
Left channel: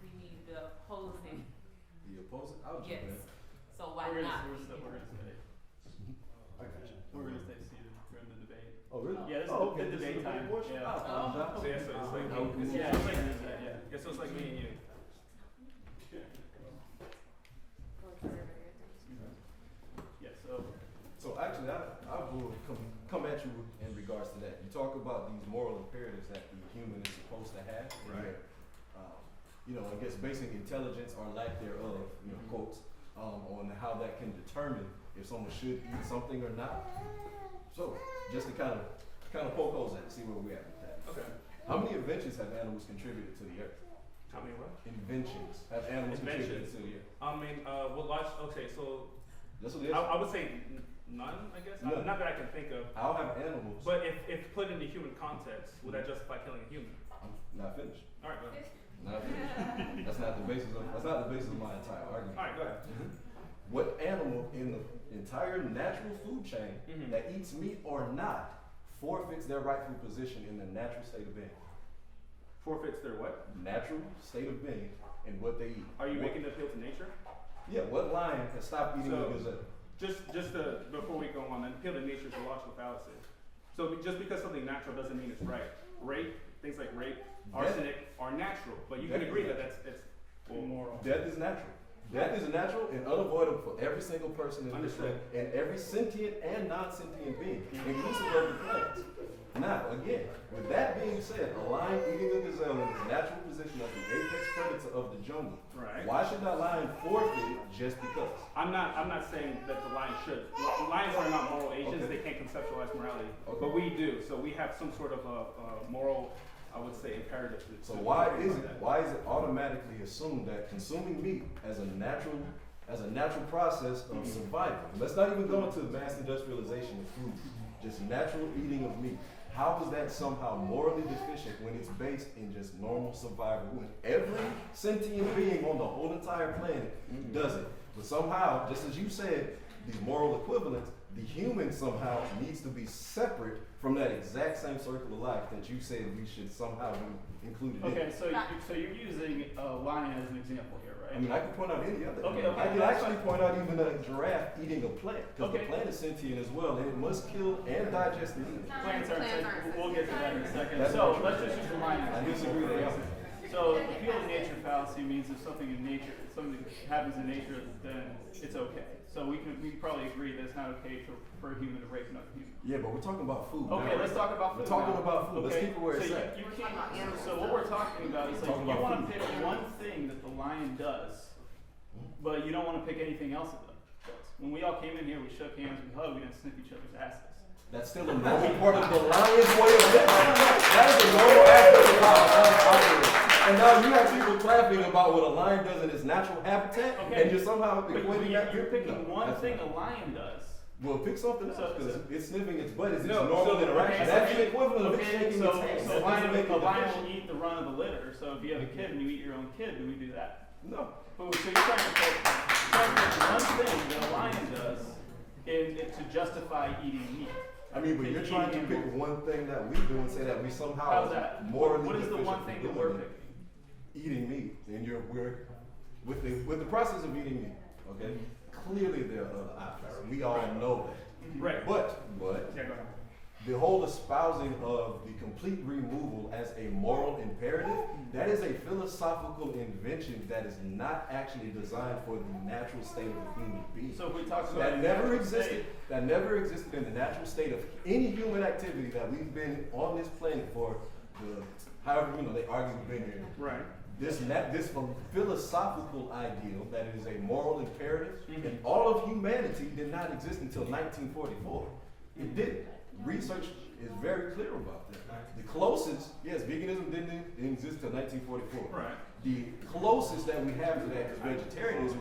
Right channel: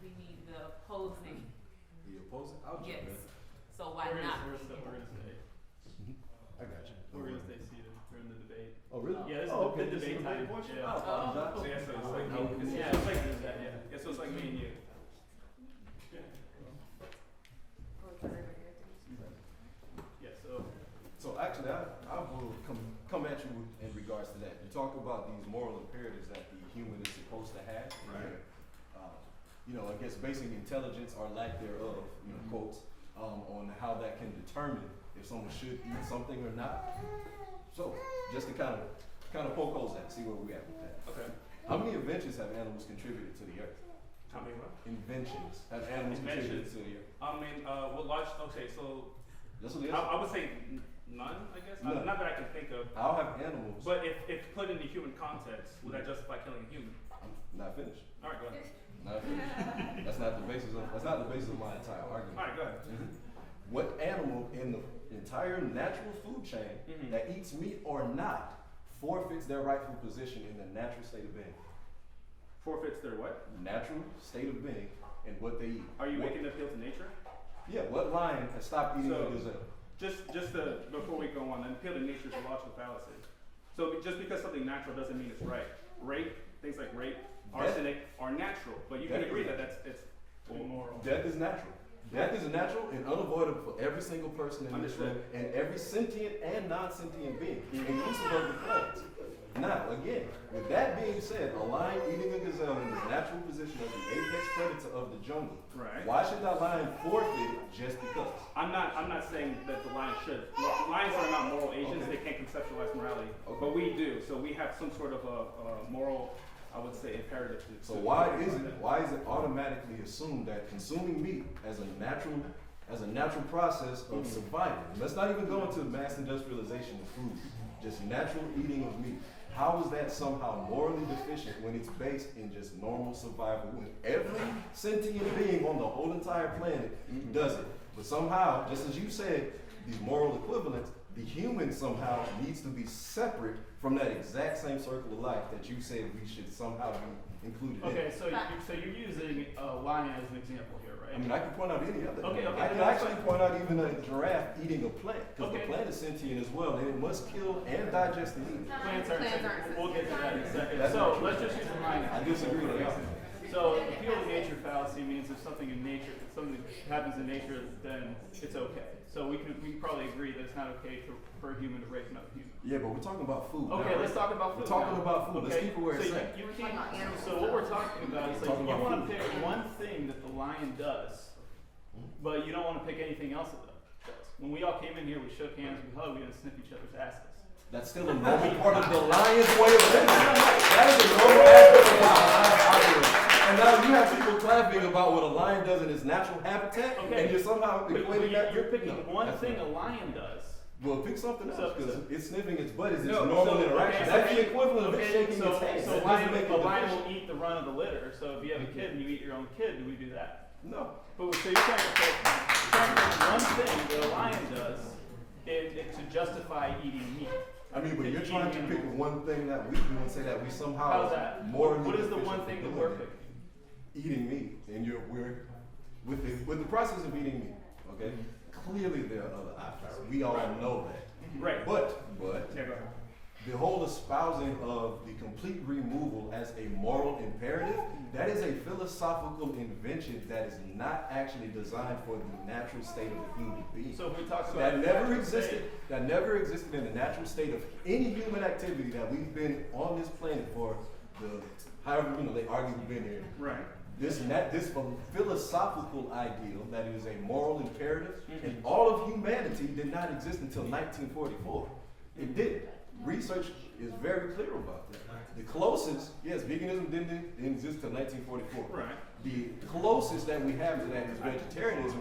We need the opposing. The opposing? I'll jump Yes. in. So why not? We're gonna stay. I got you. We're gonna stay seated during the debate. Oh, really? Yeah, this Oh, is okay. the This is debate the time. portion? Yeah. I apologize. So yeah, so it's like No, me. Yeah, it's like this, yeah. So it's like me and you. Yeah, so So actually, I will come at you in regards to that. You talk about these moral imperatives that the human is supposed to have. And I guess basing intelligence or lack thereof, quotes, on how that can determine if someone should eat something or not. So, just to kind of poke holes at, see where we're at with that. Okay. How many inventions have animals contributed to the earth? How many what? Inventions have animals contributed to the earth? I mean, well, okay, so That's what it is. I would say none, I guess. None. Not that I can think of. How have animals? But if put into human context, would that justify killing a human? I'm not finished. All right, go ahead. Not finished. That's not the basis of my entire argument. All right, go ahead. What animal in the entire natural food chain that eats meat or not forfeits their rightful position in the natural state of being? Forfeits their what? Natural state of being and what they eat. Are you What- making an appeal to nature? Yeah, what lion has stopped eating So- the gazelle? Before we go on, an appeal to nature is a logical fallacy. So just because something natural doesn't mean it's right. Things like rape, arsenic are natural, but you can Death is agree that natural. it's immoral. Death is natural. Death is natural and unavoidable for every single person in this room and every sentient and non-sentient being, inclusive of the plants. Now, again, with that being said, a lion eating a gazelle in its natural position as the apex predator of the jungle. Right. Why should that lion forfeit it just because? I'm not saying that the lion should. Lions are not moral agents. Okay. They can't conceptualize morality, Okay. but we do. So we have some sort of a moral, I would say, imperative. So why is it automatically assumed that consuming meat as a natural process of survival? And let's not even go into mass industrialization of food, just natural eating of meat. How is that somehow morally deficient when it's based in just normal survival? When every sentient being on the whole entire planet does it. But somehow, just as you said, these moral equivalents, the human somehow needs to be separate from that exact same circle of life that you said we should somehow be included in. Okay, so you're using a lion as an example here, right? I mean, I can point out any other. Okay, I can that's actually fine. point out even a giraffe eating a plant, because the Okay. plant is sentient as well, and it must kill and digest and eat it. Plants aren't Plants safe. aren't We'll get to that in a second. That's So not true. let's just use the lion. I disagree with that. So the appeal to nature fallacy means if something in nature, if something happens in nature, then it's okay. So we probably agree that it's not okay for a human to rape another human. Yeah, but we're talking about food. Okay, now. let's talk about food. We're talking now. about food. Let's Okay, keep it where it's so at. you can't. So what we're talking about is like Talking you about want to food. pick one thing that the lion does, but you don't want to pick anything else that it does. When we all came in here, we shook hands, we hugged, we didn't sniff each other's asses. That's still a normal part of the lion's way of living. That is a normal aspect of how I live. And now you have people clapping about what a lion does in its natural habitat, Okay. and you're somehow But equating that. you're picking No, one that's thing not. a lion does. Well, pick something else, So- because so- it's sniffing its butt is its No, normal so- interaction. okay, That's so- the equivalent of it shaking so, its head. so That a doesn't lion, make it a lion deficient. will eat the run of the litter. So if you have a kid and you eat your own kid, do we do that? No. But so you're trying to pick one thing that a lion does to justify eating meat. I mean, but And you're trying to eating pick animals. one thing that we do and say that we somehow How's that? morally What is the deficient one for thing that doing we're it. picking? Eating meat, and we're with the process of eating meat. Okay, clearly there are other options. We all know that. Right. But Yeah, go ahead. the whole espousing of the complete removal as a moral imperative, that is a philosophical invention that is not actually designed for the natural state of a human being. So if we talk about That never natural existed. state, That never existed in the natural state of any human activity that we've been on this planet for however they argue we've been here. Right. This philosophical ideal that is a moral imperative in all of humanity did not exist until 1944. It didn't. Research is very clear about that. The closest, yes, veganism didn't exist until 1944. Right. The closest that we have to that is vegetarianism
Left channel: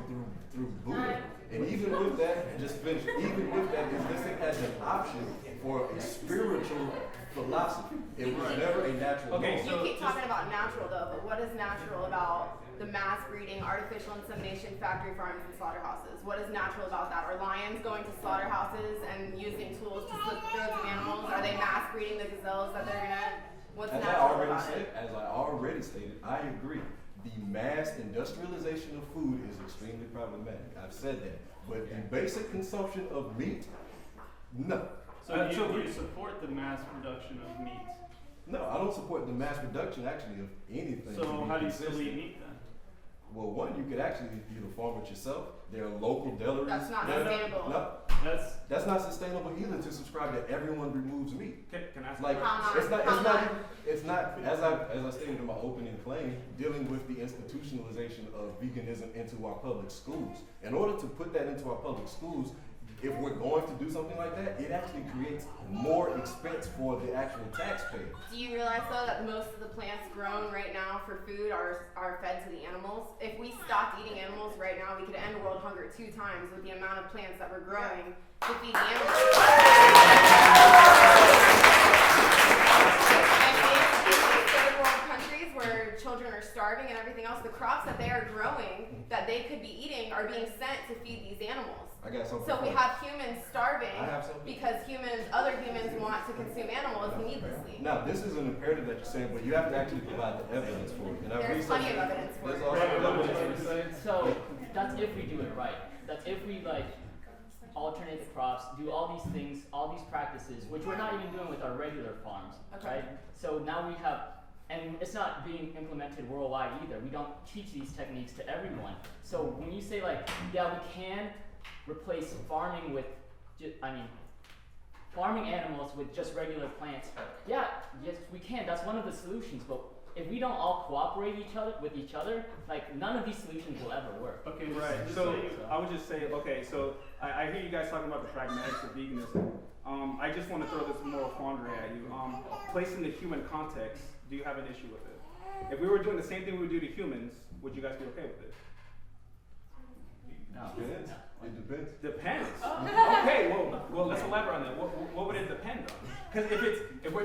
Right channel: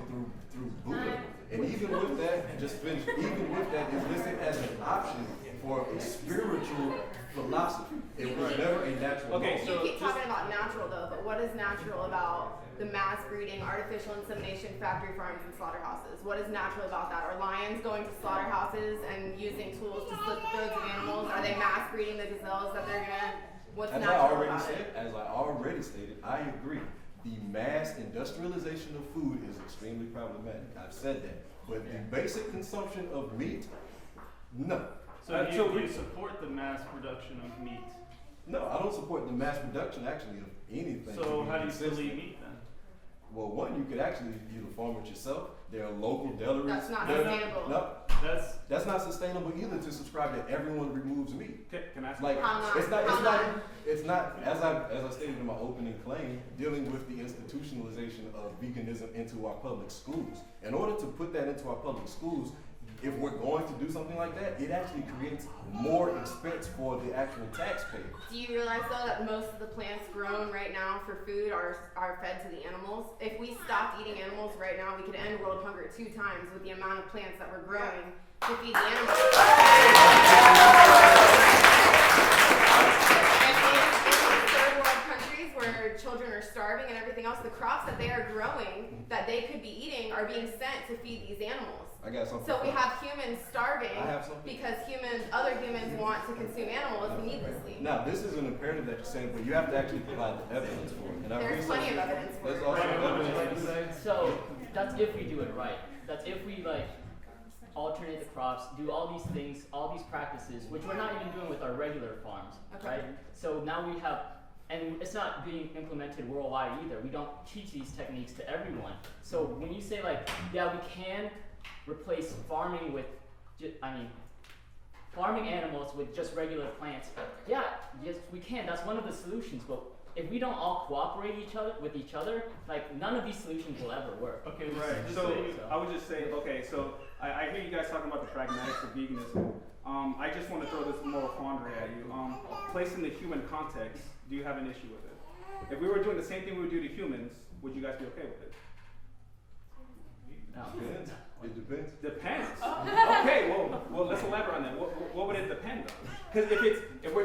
through Buddha. And even with that, just finish, even with that, is listed as an option for a spiritual philosophy. It was never a natural Okay, law. You keep talking about natural though, but what is natural about the mass breeding, artificial insemination, factory farms, and slaughterhouses? What is natural about that? Are lions going to slaughterhouses and using tools to slit the throats of animals? Are they mass breeding the gazelles that they're gonna? What's As I natural already about said, it? as I already stated, I agree. The mass industrialization of food is extremely problematic. I've said that. But the basic consumption of meat, no. so you support the mass production of meat. No, I don't support the mass production actually of anything. So to be how do you still consistent. eat meat then? Well, one, you could actually either farm it yourself. There are local deliveries. That's not There- sustainable. No, That's that's not sustainable either to subscribe that everyone removes meat. Can I ask Like, you a question? it's not, as I stated in my opening claim, dealing with the institutionalization of veganism into our public schools. In order to put that into our public schools, if we're going to do something like that, it actually creates more expense for the actual taxpayer. Do you realize though that most of the plants grown right now for food are fed to the animals? If we stopped eating animals right now, we could end world hunger 2 times with the amount of plants that we're growing to feed the animals. Third world countries where children are starving and everything else, the crops that they are growing that they could be eating are being sent to feed these animals. I got something. So we have humans starving I have something. because other humans want to consume animals needlessly. Now, this is an imperative that you're saying, but you have to actually provide the evidence for it. And I've There's plenty of researched evidence for There's it. also evidence. So that's if we do it right. That's if we like alternate the crops, do all these things, all these practices, which we're not even doing with our regular farms, Okay. right? So now we have, and it's not being implemented worldwide either. We don't teach these techniques to everyone. So when you say like, yeah, we can replace farming with, farming animals with just regular plants. Yeah, yes, we can. That's one of the solutions. But if we don't all cooperate with each other, like none of these solutions will ever work. Okay, right. So I would just say, okay, so I hear you guys talking about the pragmatics of veganism. I just want to throw this moral quandary at you. Placed in the human context, do you have an issue with it? If we were doing the same thing we would do to humans, would you guys be okay with it? No. Depends. It depends. Depends. Okay, well, let's elaborate on that. What would it depend on? Because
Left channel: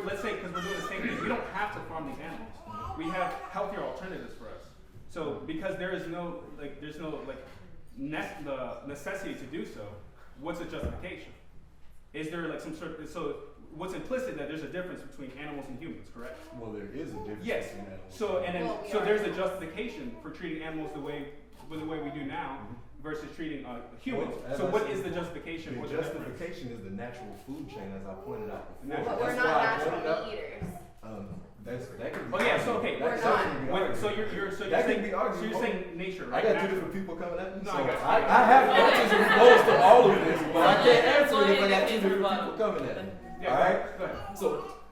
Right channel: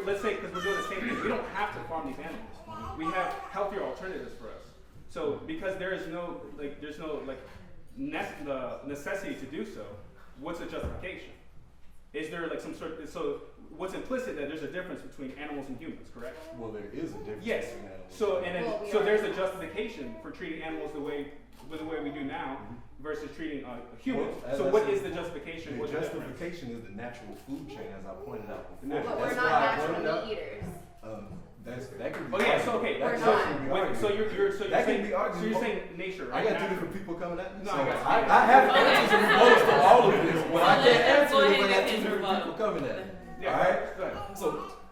let's say, because we're doing the same thing, we don't have to farm these animals. We have healthier alternatives for us. So because there's no necessity to do so, what's the justification? Is there like some sort of, so what's implicit that there's a difference between animals and humans, correct? Well, there is a difference Yes. between animals. So there's a justification for treating animals the way we do now versus treating humans. Well, as so I what said, is the justification? The What's the difference? justification is the natural food chain, as I pointed out before. But We're That's not why I natural pointed out. meat eaters. That could be. Oh yeah, so okay, That We're could not. definitely be argued. So you're That can saying, be argued. so you're saying nature, I right? got two Natural. different people coming at me, No, so I got you. I have answers in regards to all of this, but I can't answer Go it if I ahead got and two answer different Bob. people coming at me. Yeah, Alright? go ahead. So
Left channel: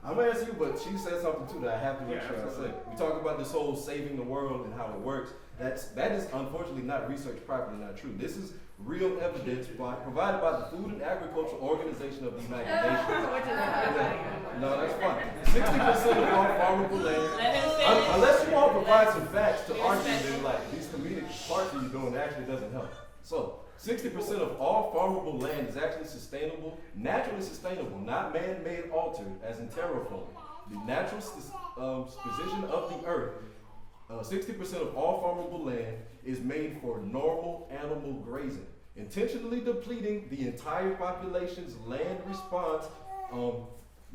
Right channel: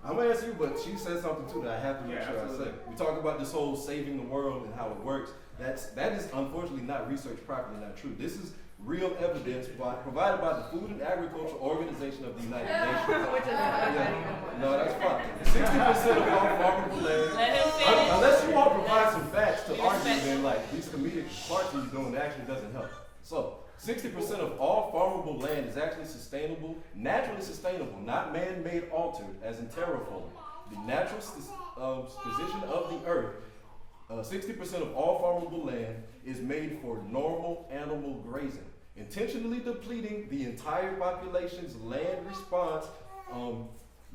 I'm gonna answer you, but she said something too that I have to make Yeah, sure I say. absolutely. We talk about this whole saving the world and how it works. That is unfortunately not researched properly, not true. This is real evidence provided by the Food and Agriculture Organization of the United Nations. Which is not Yeah. No, that's fine. 60% of all farmable land. Let him finish. Unless you want to provide some facts to argue, then like these comedic parts that you're doing actually doesn't help. So 60% of all farmable land is actually sustainable, naturally sustainable, not man-made altered, as in terraforming. The natural position of the earth. 60% of all farmable land is made for normal animal grazing, intentionally depleting the entire population's land response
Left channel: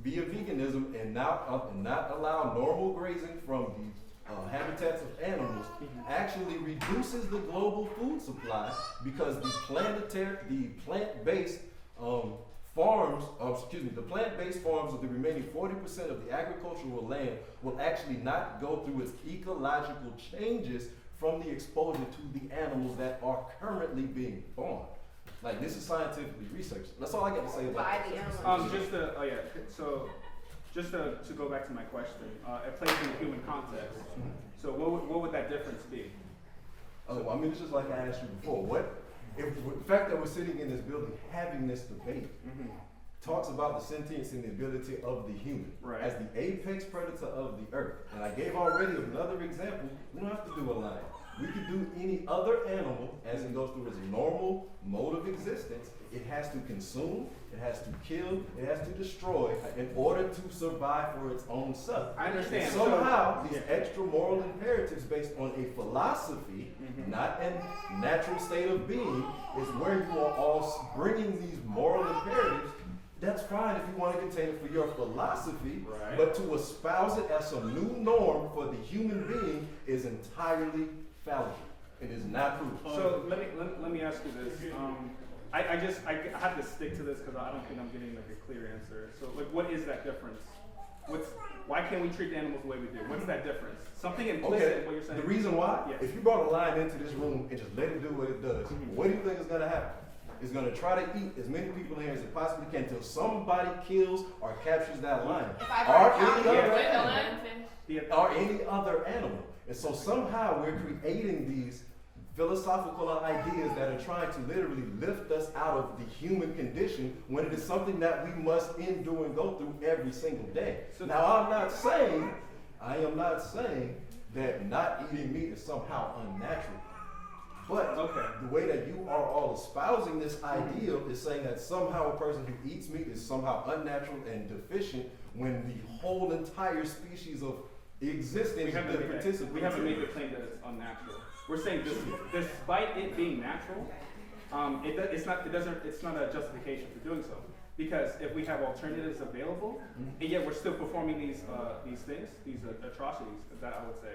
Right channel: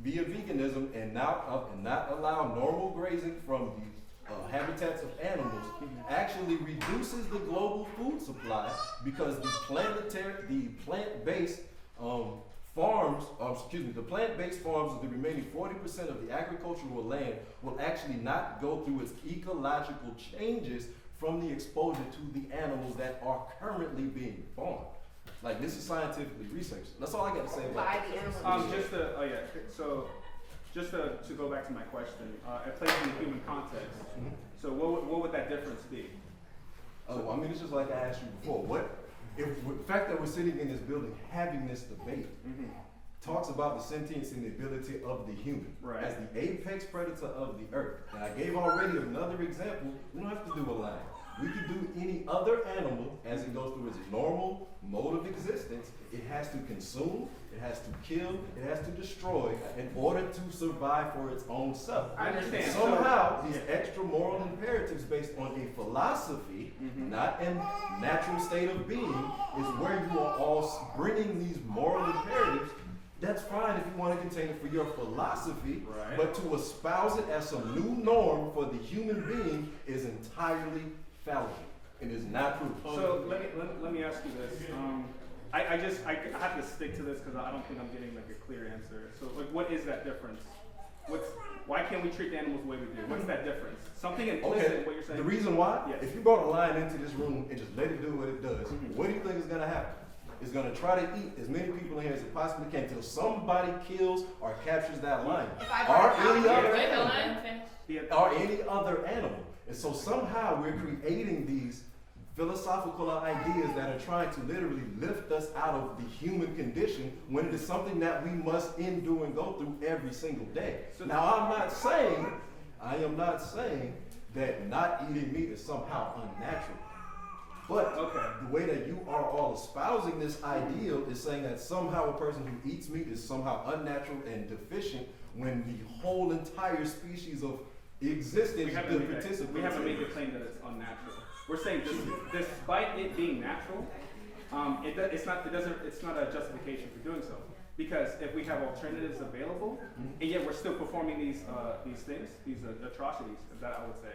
via veganism and not allow normal grazing from the habitats of animals actually reduces the global food supply because the plant-based farms of the remaining 40% of the agricultural land will actually not go through its ecological changes from the exposure to the animals that are currently being farmed. Like, this is scientifically researched. That's all I got to say about by that. the animals. Just to go back to my question, it plays in the human context. So what would that difference be? Oh, I mean, it's just like I asked you before. If the fact that we're sitting in this building having this debate talks about the sentience and the ability of the human as the apex predator of the earth. And I gave already another example. We don't have to do a lion. We could do any other animal as it goes through its normal mode of existence. It has to consume, it has to kill, it has to destroy in order to survive for its own self. I understand. And somehow, these extra moral imperatives based on a philosophy, not a natural state of being, is where you are all bringing these moral imperatives. That's fine if you want to contain it for your philosophy, but to espouse it as some new norm for the human being is entirely fallible and is not true. So let me ask you this. I have to stick to this because I don't think I'm getting like a clear answer. So like, what is that difference? Why can't we treat the animals the way we do? What's that difference? Something implicit in what you're saying. The reason why, Yes. if you brought a lion into this room and just let it do what it does, what do you think is going to happen? is going to try to eat as many people in here as it possibly can until somebody kills or captures that lion or any other animal. Or any other animal. And so somehow we're creating these philosophical ideas that are trying to literally lift us out of the human condition when it is something that we must endure and go through every single day. Now I am not saying that not eating meat is somehow unnatural. But the way that you are all espousing this ideal is saying that somehow a person who eats meat is somehow unnatural and deficient when the whole entire species of existence we have to make a claim that it's unnatural. We're saying despite it being natural, it's not a justification for doing so. Because if we have alternatives available, and yet we're still performing these things, these atrocities, that I would say,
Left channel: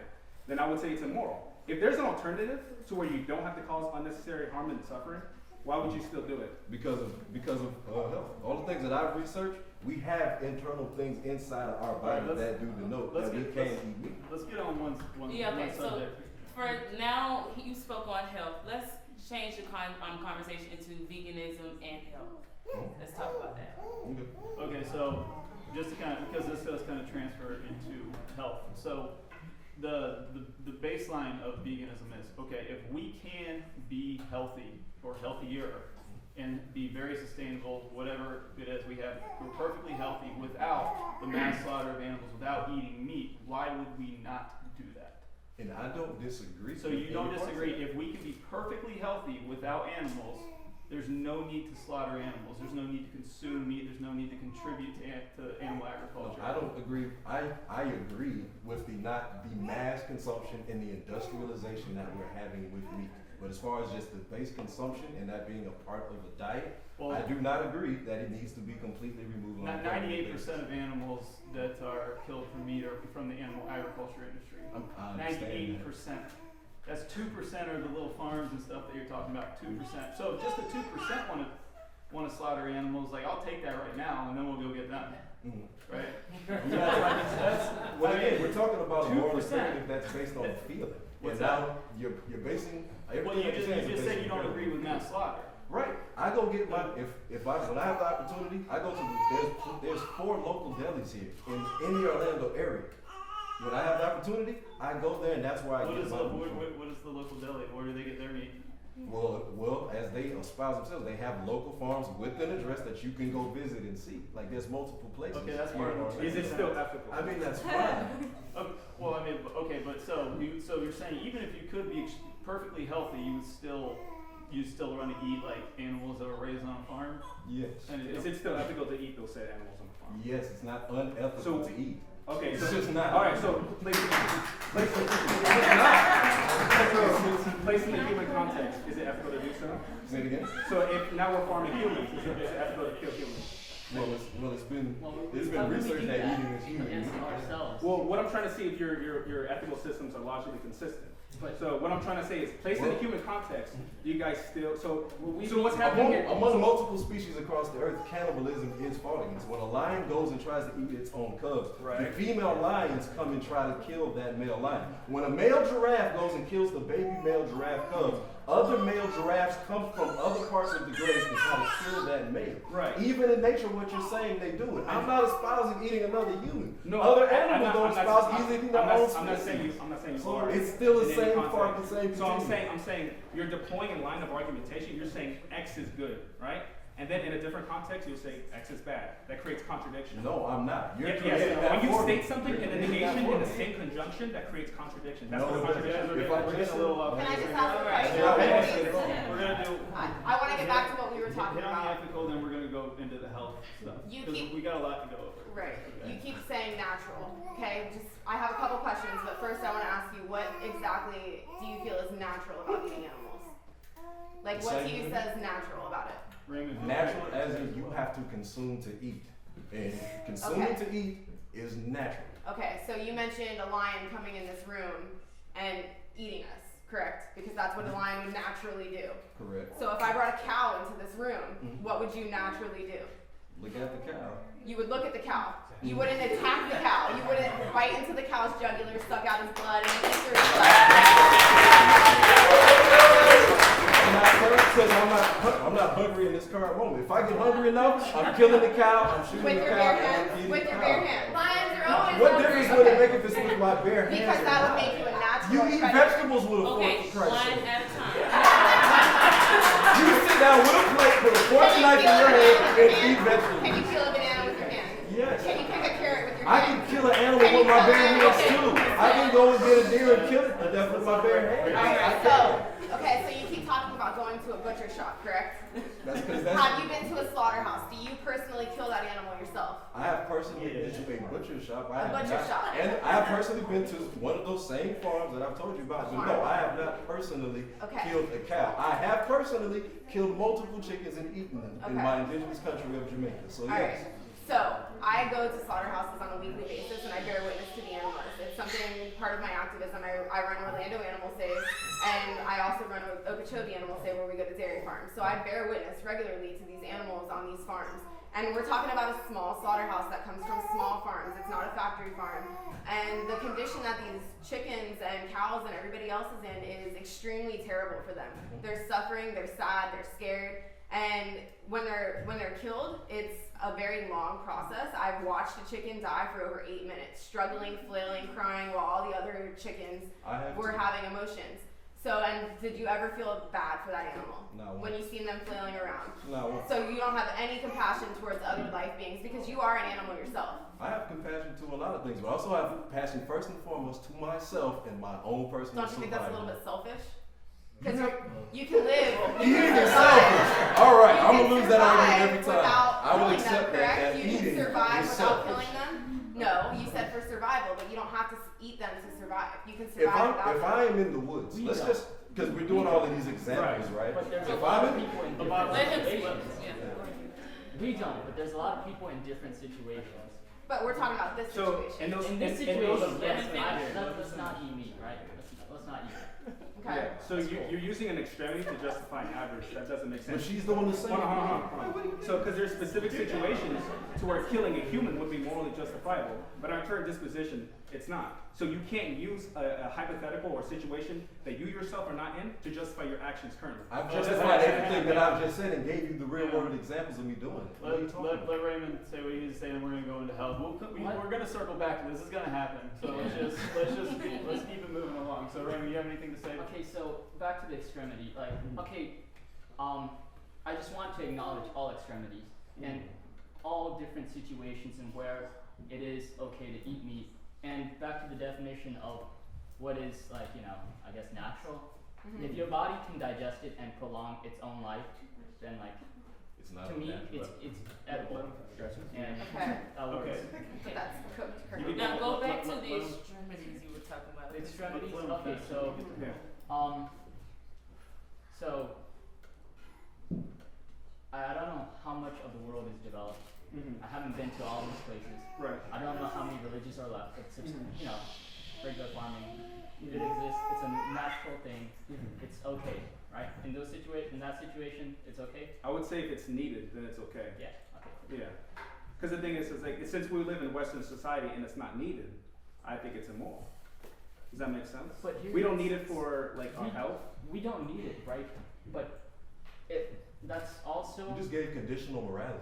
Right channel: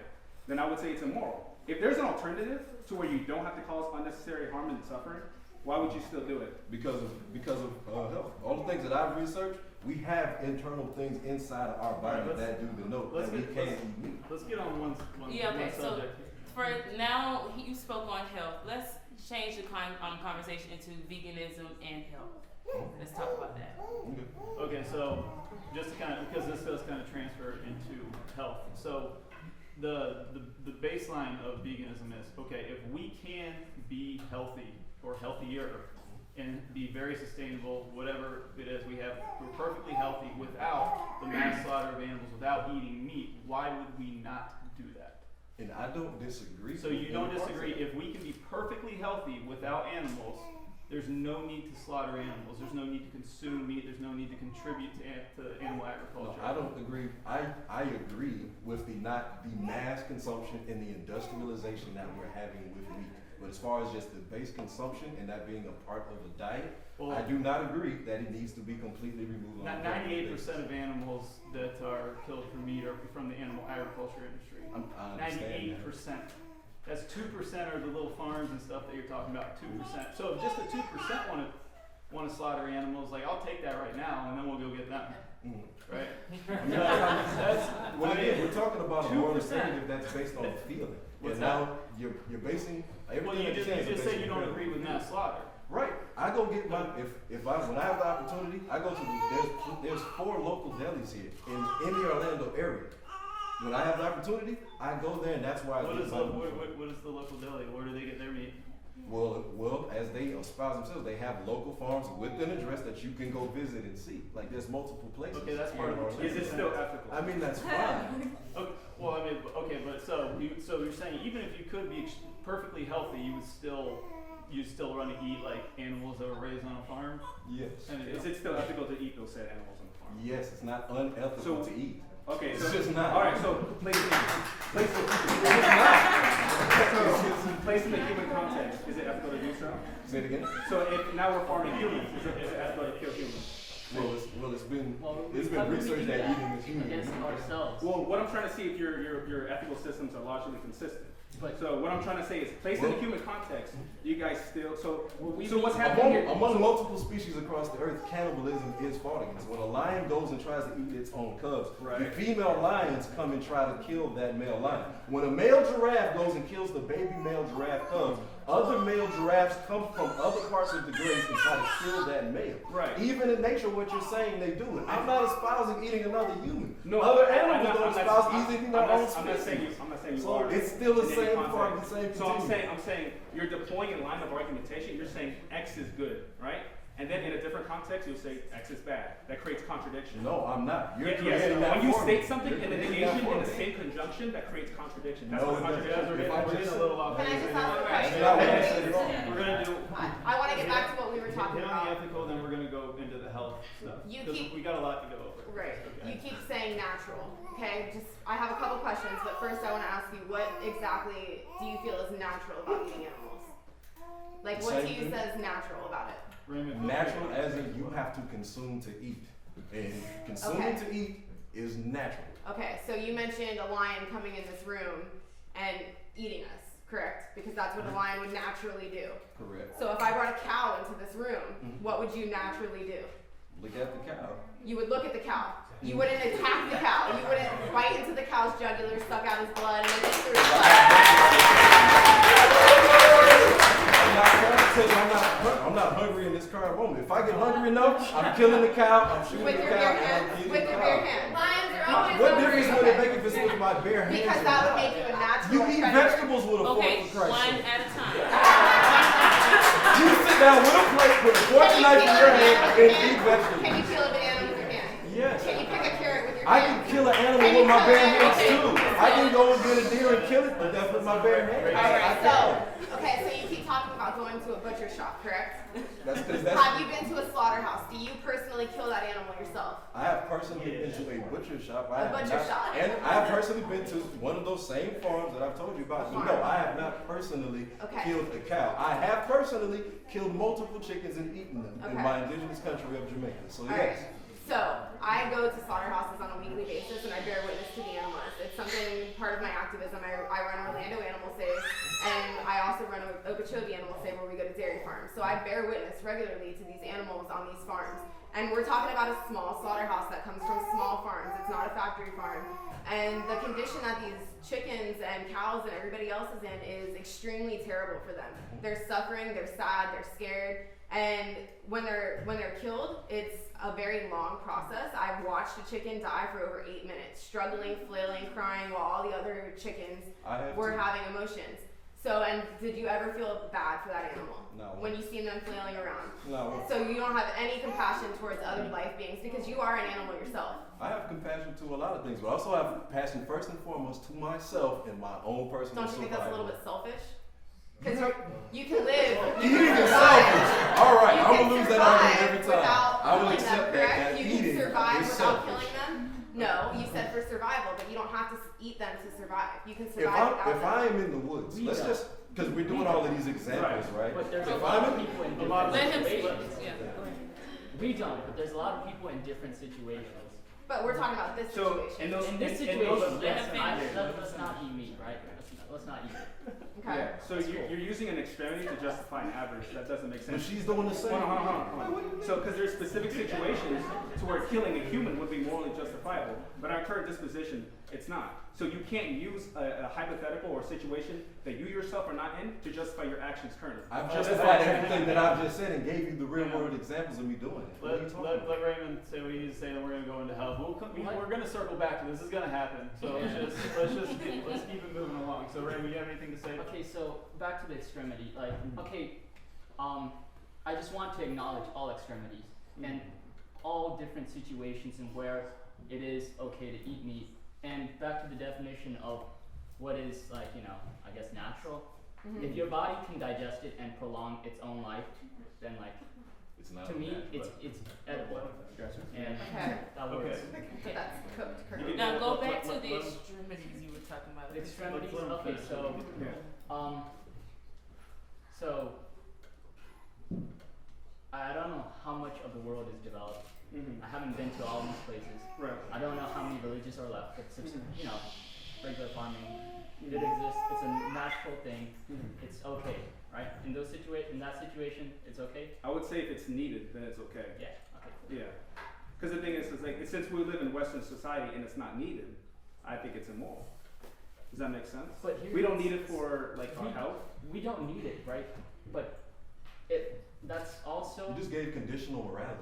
then I would say it's immoral. If there's an alternative to where you don't have to cause unnecessary harm and suffering, why would you still do it? Because of health. All the things that I've researched, we have internal things inside of our body that do denote that we can't eat meat. Let's get on one okay, so subject. for now, you spoke on health. Let's change the conversation into veganism and health. Let's talk about that. Okay, so just to kind of, because this does kind of transfer into health. So the baseline of veganism is, okay, if we can be healthy or healthier and be very sustainable, whatever it is we have, we're perfectly healthy without the mass slaughter of animals, without eating meat, why would we not do that? And I don't disagree. So you don't disagree, if we can be perfectly healthy without animals, there's no need to slaughter animals. There's no need to consume meat. There's no need to contribute to animal agriculture. No, I don't agree. I agree with the mass consumption and the industrialization that we're having with meat. But as far as just the base consumption and that being a part of the diet, I do not agree that it needs to be completely removed. 98% of animals that are killed for meat are from the animal agriculture industry. 98%. That's 2% are the little farms and stuff that you're talking about. 2%. So if just the 2% want to slaughter animals, like I'll take that right now, and then we'll go get them. Right? We're talking about a moral imperative that's based on feeling. What's now you're basing everything. Well, you just said you don't agree with mass slaughter. Right. I go get my when I have the opportunity, I go to there's 4 local delis here in the Orlando area. When I have the opportunity, I go there, and that's where I get my food. What is the local deli? Where do they get their meat? Well, as they espouse themselves, they have local farms with an address that you can go visit and see. Like there's multiple places. Okay, that's part of it. Is it still ethical? I mean, that's fine. Well, I mean, okay, but so you're saying even if you could be perfectly healthy, you still want to eat like animals that were raised on a farm? Yes. And Is it still ethical to eat those said animals on the farm? Yes, it's not unethical to eat. Okay, It's just not. All right, so place it in the human context. Is it ethical to do so? Say it again. So if now we're farming humans, is it ethical to kill humans? It's been researched that eating is human. Against ourselves. Well, what I'm trying to see if your ethical systems are logically consistent. So what I'm trying to say is, placed in the human context, you guys still. So what's happening here? Among multiple species across the earth, cannibalism is fought against. When a lion goes and tries to eat its own cubs, the female lions come and try to kill that male lion. When a male giraffe goes and kills the baby male giraffe cubs, other male giraffes come from other parts of the graze and try to kill that male. Right. Even in nature, what you're saying, they do it. I'm not espousing eating another human. No, other animals don't espouse eating their own I'm not saying species. you So are. it's still the in any same part, context. the same So continuum. I'm saying you're deploying a line of argumentation. You're saying X is good, right? And then in a different context, you'll say X is bad. That creates contradiction. No, I'm not. You're Yes, creating that when you for me. state something You're in a creating negation that for in the me. same conjunction, that creates contradiction. That's No, what it doesn't. contradiction. If I We're just getting a little off. Can I just ask a That's question? not what I said at all. We're gonna do. I want to get back to what we were talking Hit on the about. ethical, then we're gonna go into the health stuff. You 'Cause keep- we got a lot to go over. Right. Okay. You keep saying natural. Okay. I have a couple questions, but first I want to ask you, what exactly do you feel is natural about eating animals? Like, what to you says natural about it? Raymond, Natural as in you have to consume to eat. And consuming to eat is natural. Okay, so you mentioned a lion coming in this room and eating us, correct? Because that's what a lion would naturally do. Correct. So if I brought a cow into this room, what would you naturally do? Look at the cow. You would look at the cow. You wouldn't attack the cow. You wouldn't bite into the cow's jugular, suck out his blood, and then eat through his blood. I'm not saying because I'm not hungry in this current moment. If I get hungry enough, I'm killing the cow, I'm shooting With the your cow, bare and I'm hands. feeding With the your bare cow. hands. Lions are always What hungry. difference would it make if it's with my bare hands? Because or that would not? make you a natural You eat predator. vegetables with a fork, Okay, for Christ's one sake. at a time. You sit down with a plate, put a fork and knife in your hand, and eat vegetables. Can you kill a banana with your hand? Yes. Can you pick a carrot with your I hand? can kill an animal Can with you my kill bare an hands animal? too. I can go and get a deer and kill it to death with my bare hands. Alright, so you keep talking about going to a butcher shop, correct? That's because Have you been to a slaughterhouse? Do you personally kill that animal yourself? I have personally been to a butcher shop. I A have butcher not, shop. and I have personally been to one of those same farms that I've told you about. But no, I have not personally Okay. killed a cow. I have personally killed multiple chickens and eaten them in Okay. my indigenous country of Jamaica. So Alright. yes. So I go to slaughterhouses on a weekly basis and I bear witness to the animals. It's something part of my activism. I run Orlando Animal Save and I also run Okeechobee Animal Save where we go to dairy farms. So I bear witness regularly to these animals on these farms. And we're talking about a small slaughterhouse that comes from small farms. It's not a factory farm. And the condition that these chickens and cows and everybody else is in is extremely terrible for them. They're suffering, they're sad, they're scared. And when they're killed, it's a very long process. I've watched a chicken die for over 8 minutes, struggling, flailing, crying, while all the other chickens were having emotions. So, and did you ever feel bad for that animal? No. When you seen them flailing around? No. So you don't have any compassion towards other life beings because you are an animal yourself. I have compassion to a lot of things, but also I have compassion first and foremost to myself and my own personal Don't you think that's a little survival. bit selfish? Because you can live. Eating is selfish. All right, You I'm can gonna lose that survive argument every time. without I will killing accept them, that correct? You eating can survive is without selfish. killing them. No, you said for survival, but you don't have to eat them to survive. You can If survive without if them. I am in the woods, We let's don't. just because we're doing all of these examples, right? But there's a If lot I'm of in, people in different Let him speak. situations. Yeah. We don't, but there's a lot of people in different situations. But we're talking about this So situation. In this situation, yes, let's not eat meat, right? Let's not eat it. Okay. So you're using an extremity to justify an average. That doesn't make but sense. she's doing the same. Hold on. So, because there's specific situations to where killing a human would be morally justifiable, but our current disposition, it's not. So you can't use a hypothetical or situation that you yourself are not in to justify your actions currently. I've justified everything that I've just said and gave you the real world examples of me doing it. What are you talking Let about? Raymond say what he needs to say, then we're gonna go into hell. We're gonna circle back to this. This is gonna happen. So let's keep it moving along. So Raymond, you have anything to say? Okay, so back to the extremity. Like, okay, I just want to acknowledge all extremities and all different situations and where it is okay to eat meat. And back to the definition of what is, like, I guess natural. If your body can digest it and prolong its own life, then, like, It's not to me, natural. it's edible. And Okay. that works. Okay. So that's cooked You currently. can- Now go back to let- the let- extremities you were talking about. The extremities. Let him Okay, finish. so I don't know how much of the world is developed. I haven't been to all these places. Right. I don't know how many villages are left. It's Mhm. Regular farming. It exists. It's a natural thing. It's okay, right? In that situation, it's okay. I would say if it's needed, then it's okay. Yeah. Okay. Yeah. Because the thing is like since we live in Western society and it's not needed, I think it's immoral. Does that make sense? But here we don't it's- need it for like our health. We don't need it, right? But that's also. You just gave conditional morality.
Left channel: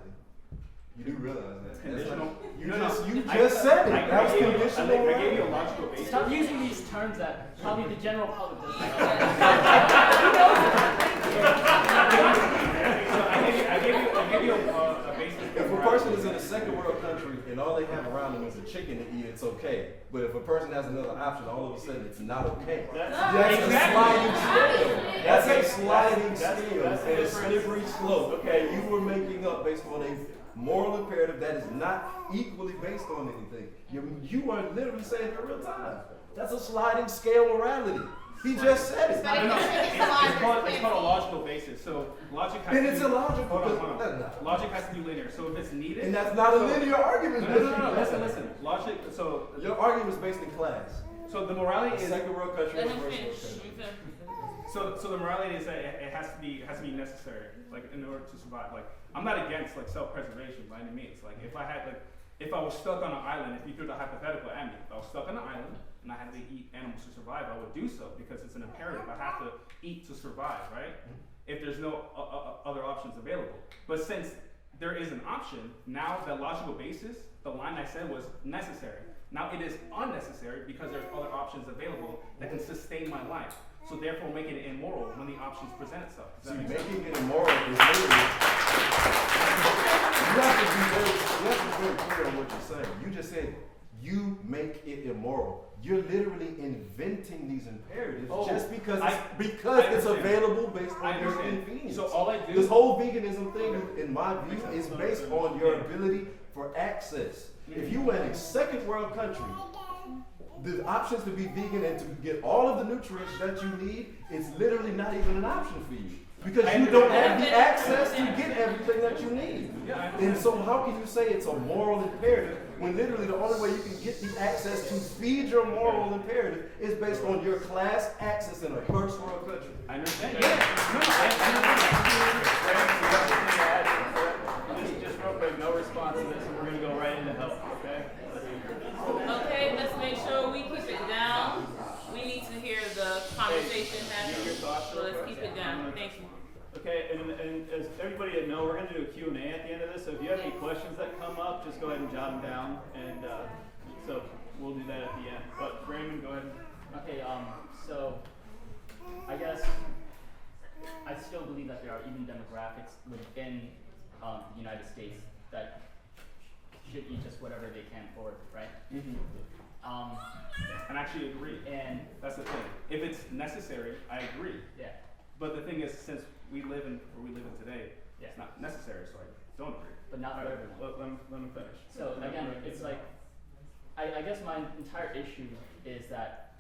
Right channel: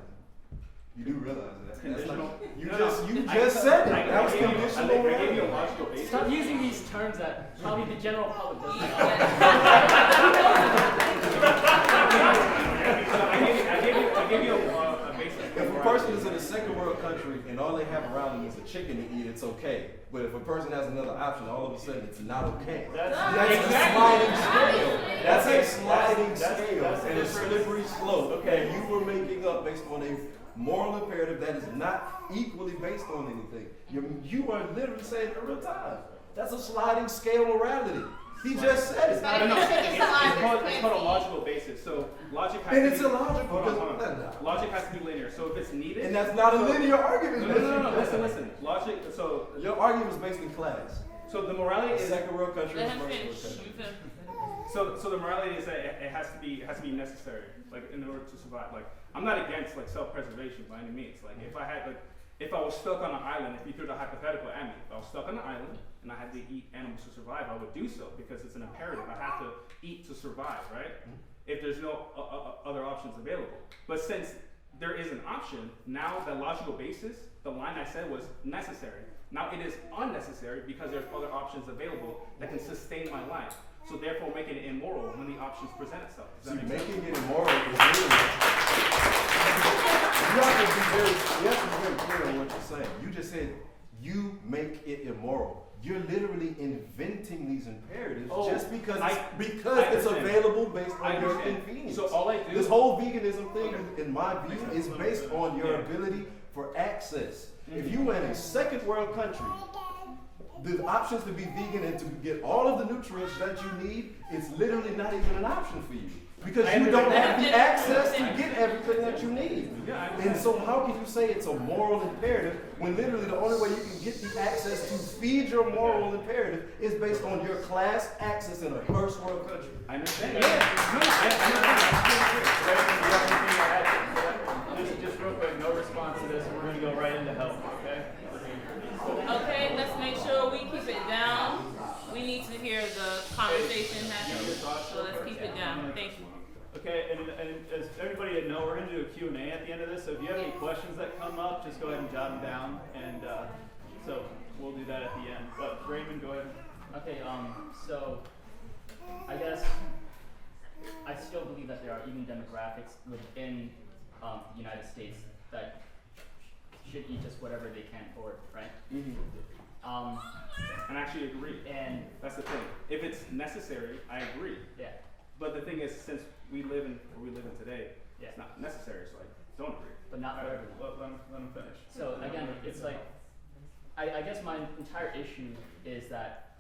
You do realize that. That's Conditional- not, you No, just no. you I- just said it. I That was gave you- conditional I gave you morality. a logical basis. Stop using these terms that probably the general public doesn't know. I gave you a basis. If a person is in a second world country and all they have around them is a chicken to eat, it's okay. But if a person has another option, all of a sudden it's not okay. That's a sliding scale. That's a sliding scale and a slippery slope. And you were making up based on a moral imperative that is not equally based on anything. You are literally saying in real time. That's a sliding scale morality. He just said it. But if the chicken's alive, It's called a logical basis. So logic has And to it's be, illogical. Hold on. because- Logic has to be linear. So if it's needed, And that's not a linear argument. No. Listen. Logic. So Your argument is based in class. the morality is Second world country Let is him first finish. world country. so the morality is that it has to be necessary, like in order to survive. Like I'm not against like self-preservation by any means. Like if I was stuck on an island, if you threw the hypothetical at me, if I was stuck on an island and I had to eat animals to survive, I would do so because it's an imperative. I have to eat to survive, right? if there's no other options available. But since there is an option, now the logical basis, the line I said was necessary. Now it is unnecessary because there's other options available that can sustain my life. So therefore making it immoral when the options present itself. See, making it immoral is literally, you have to be very clear on what you're saying. You just said you make it immoral. You're literally inventing these imperatives just because it's available based on your convenience. So all I do, this whole veganism thing, in my view, is based on your ability for access. If you were in a second world country, the options to be vegan and to get all of the nutrients that you need is literally not even an option for you. Because you don't have the access to get everything that you need. And so how can you say it's a moral imperative when literally the only way you can get the access to feed your moral imperative is based on your class access in a first world country? I understand. Just real quick, no response to this, and we're going to go right into health, okay? Okay, let's make sure we keep it down. We need to hear the conversation happening, so let's keep it down. Thank you. Okay, and as everybody at NOOR, we're going to do a Q&A at the end of this, so if you have any questions that come up, just go ahead and jot them down, and so we'll do that at the end. But Raymond, go ahead. Okay, so I guess I still believe that there are even demographics within the United States that should eat just whatever they can afford, right? And I actually agree. And that's the thing. If it's necessary, I agree. Yeah. But the thing is, since we live in today, Yeah. it's not necessary, so I don't agree. But not for everyone. Let him finish. So again, it's like, I guess my entire issue is that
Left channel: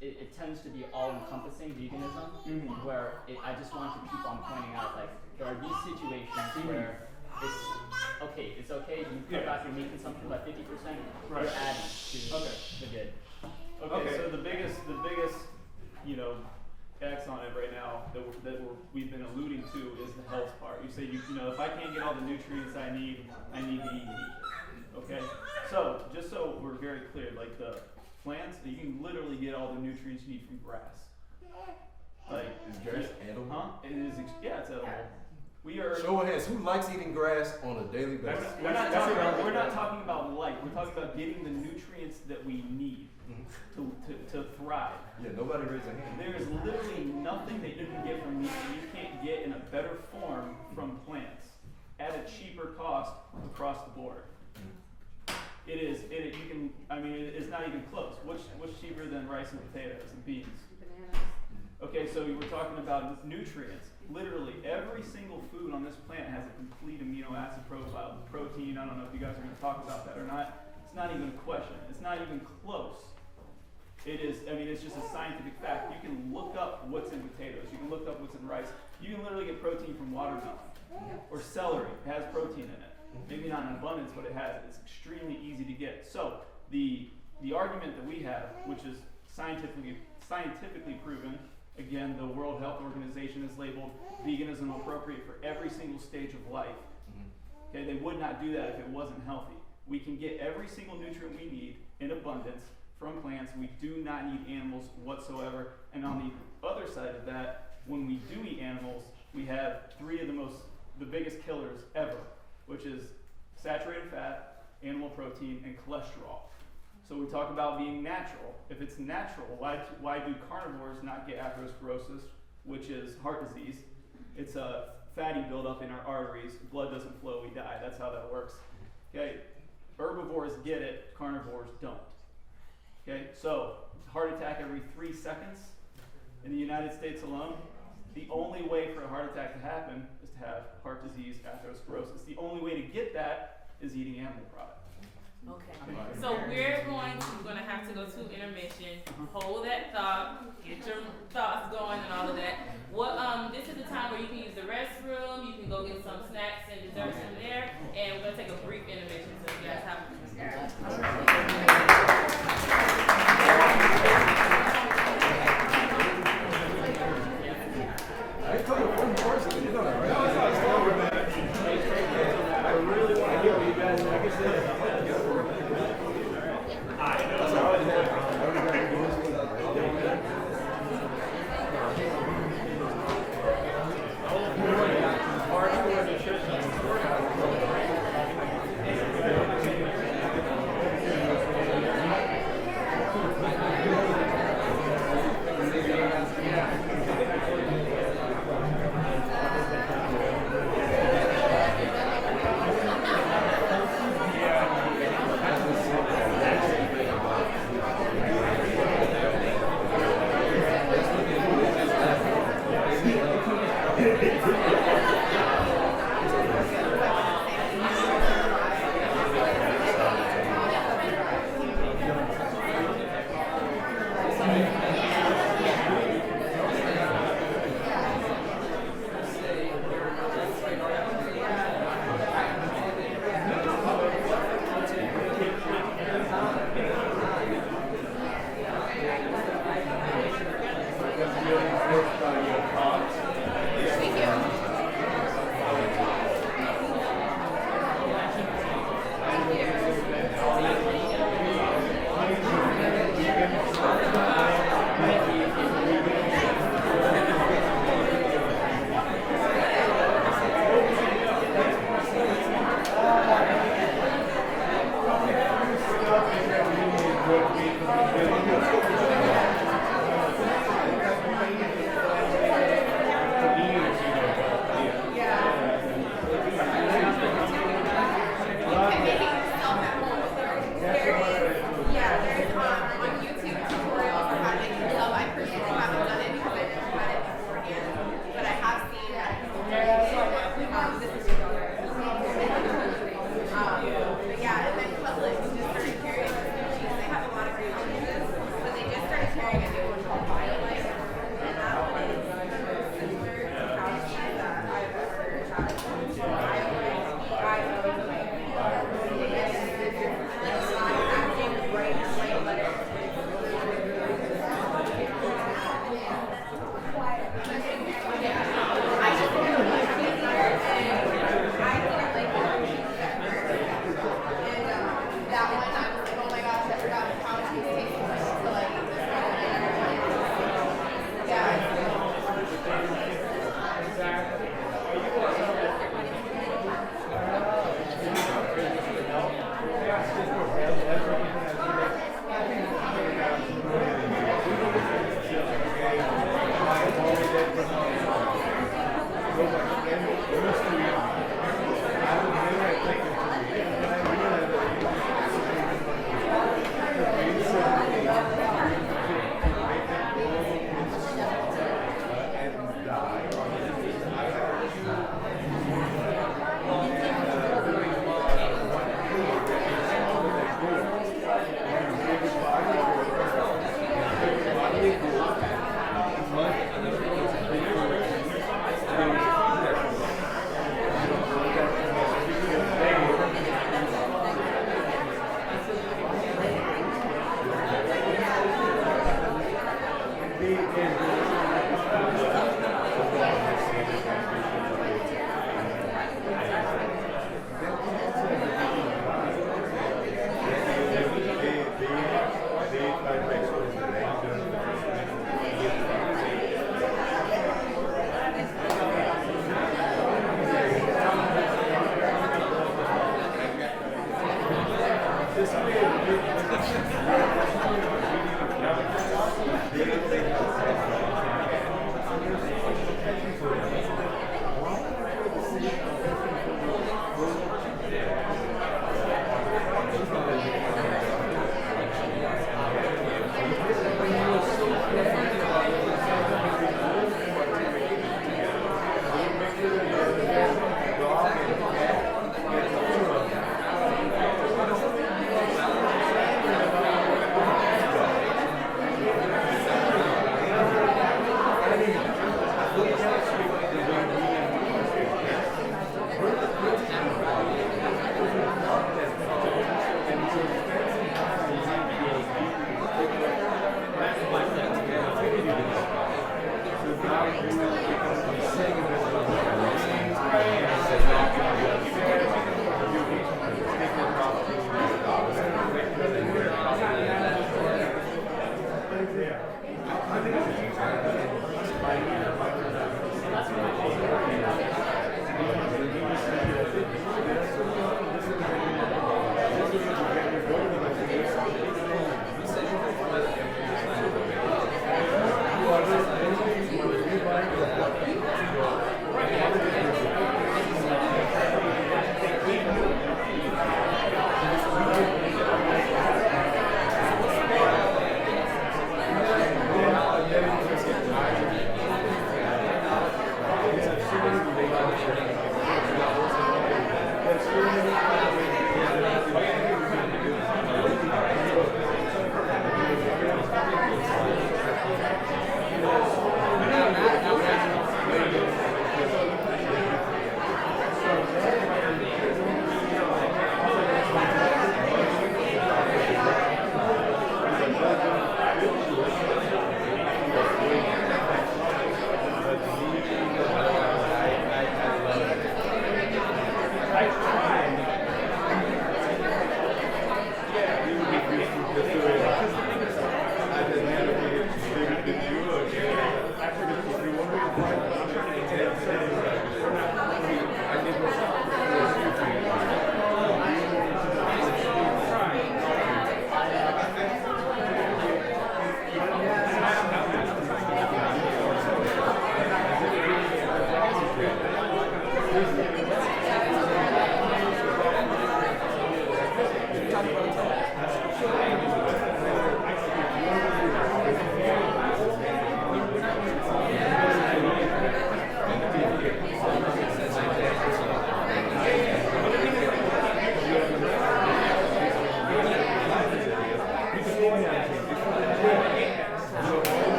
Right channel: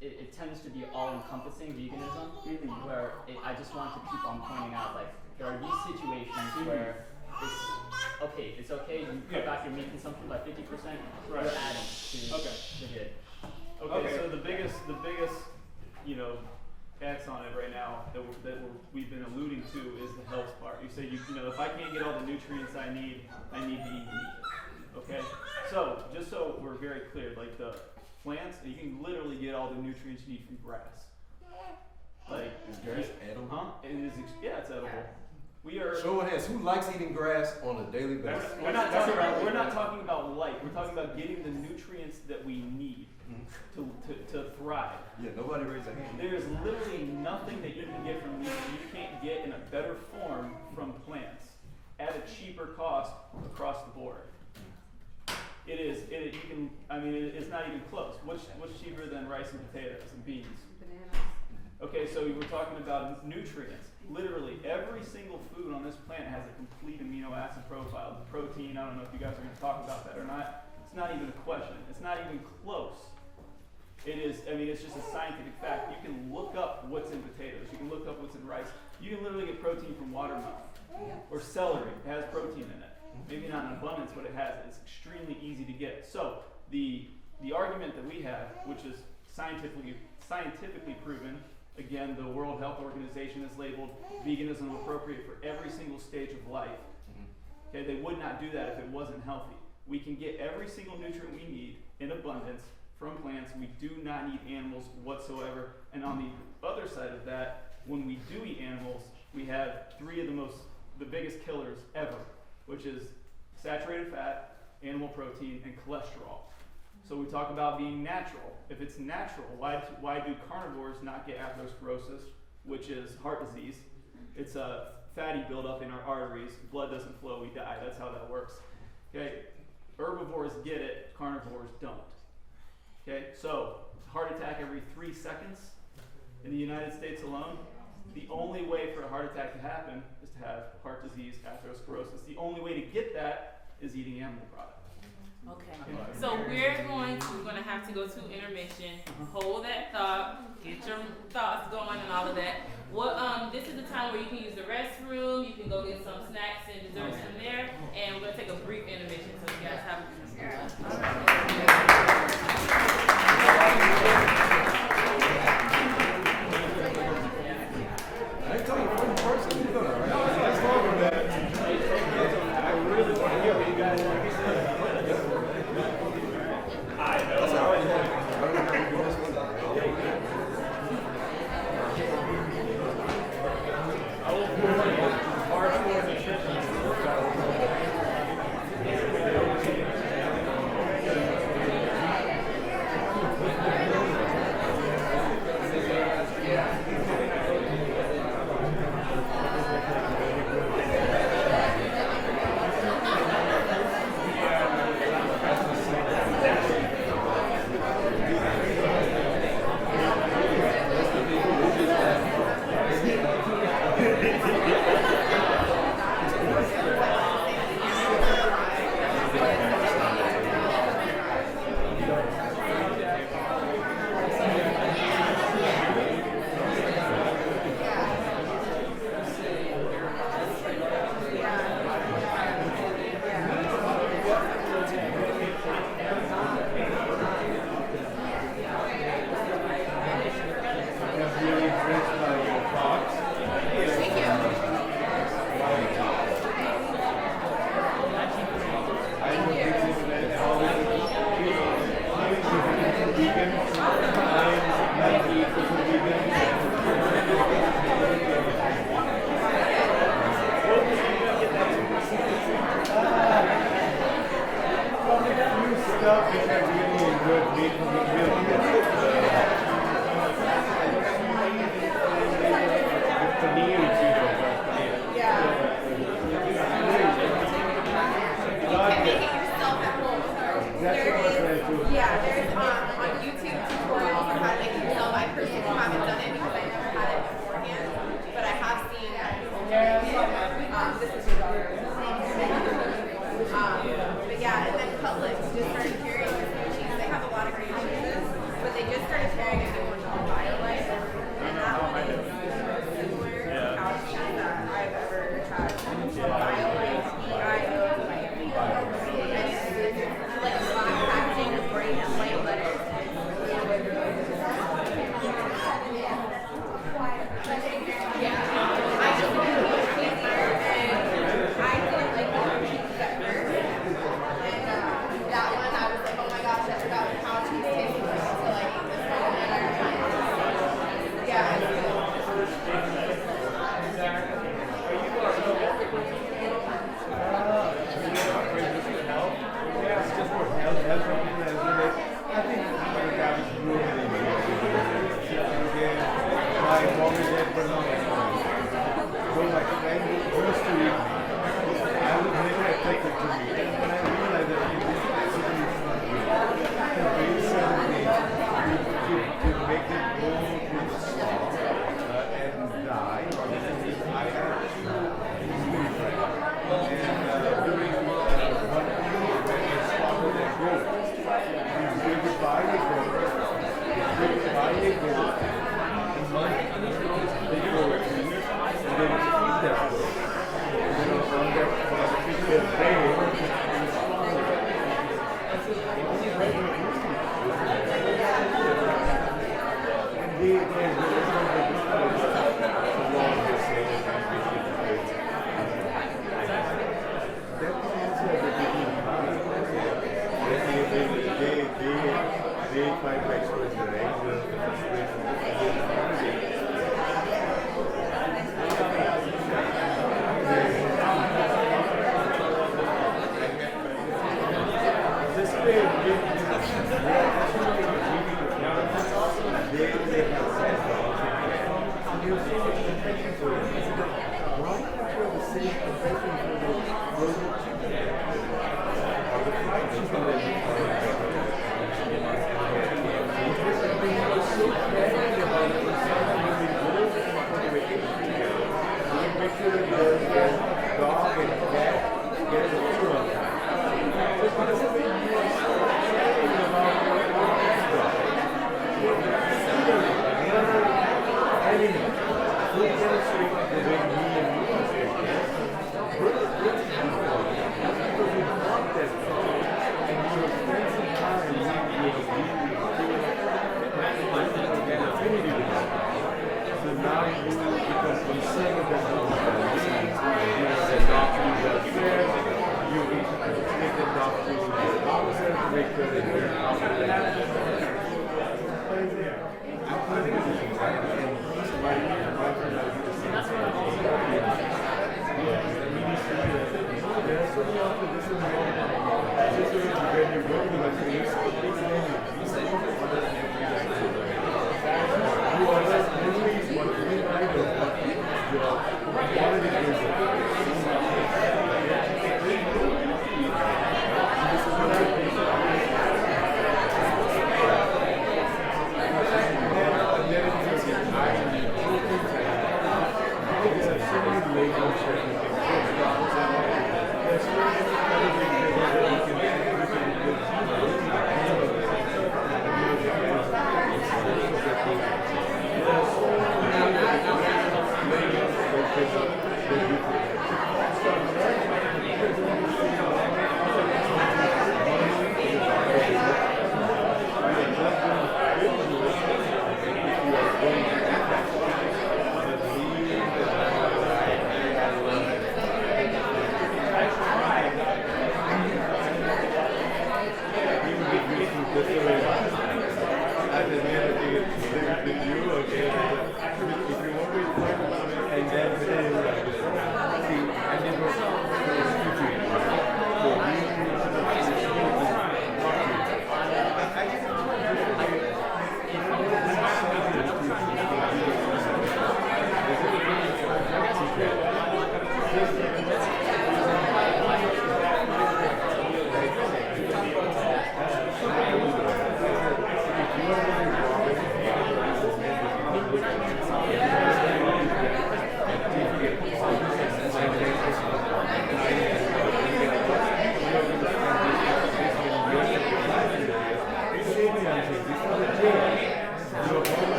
it tends to be all-encompassing veganism, where I just want to keep on pointing out, like, there are these situations where it's okay, you cut back your meat consumption by 50%, you're adding to the good. Okay, so the biggest, X on it right now that we've been alluding to is the health part. You say, if I can't get all the nutrients I need to eat meat. Okay? So, just so we're very clear, like the plants, you can literally get all the nutrients you need from grass. Like, is grass edible? Huh? It is, it's edible. We are. Show of hands, who likes eating grass on a daily basis? We're not talking about light. We're talking about getting the nutrients that we need to thrive. Yeah, nobody raised their hand. There is literally nothing that you can get from meat that you can't get in a better form from plants at a cheaper cost across the board. It's not even close. What's cheaper than rice and potatoes and beans? Okay, so we're talking about nutrients. Literally every single food on this planet has a complete amino acid profile. The protein, I don't know if you guys are going to talk about that or not. It's not even a question. It's not even close. It is, it's just a scientific fact. You can look up what's in potatoes. You can look up what's in rice. You can literally get protein from watermelon or celery. It has protein in it. Maybe not in abundance, but it has it. It's extremely easy to get. So the argument that we have, which is scientifically proven, again, the World Health Organization has labeled veganism appropriate for every single stage of life. Okay, they would not do that if it wasn't healthy. We can get every single nutrient we need in abundance from plants. We do not need animals whatsoever. And on the other side of that, when we do eat animals, we have three of the biggest killers ever, which is saturated fat, animal protein, and cholesterol. So we talk about being natural. If it's natural, why do carnivores not get atherosclerosis, which is heart disease? It's a fatty buildup in our arteries. Blood doesn't flow, we die. That's how that works. Okay, herbivores get it, carnivores don't. Okay, so heart attack every 3 seconds in the United States alone. The only way for a heart attack to happen is to have heart disease, atherosclerosis. The only way to get that is eating animal products. Okay, so we're going to have to go to intermission. Hold that thought, get your thoughts going and all of that. This is the time where you can use the restroom, you can go get some snacks and desserts in there, and we're going to take a brief intermission so you guys have I ain't talking from person. You're gonna write this over, man. I already had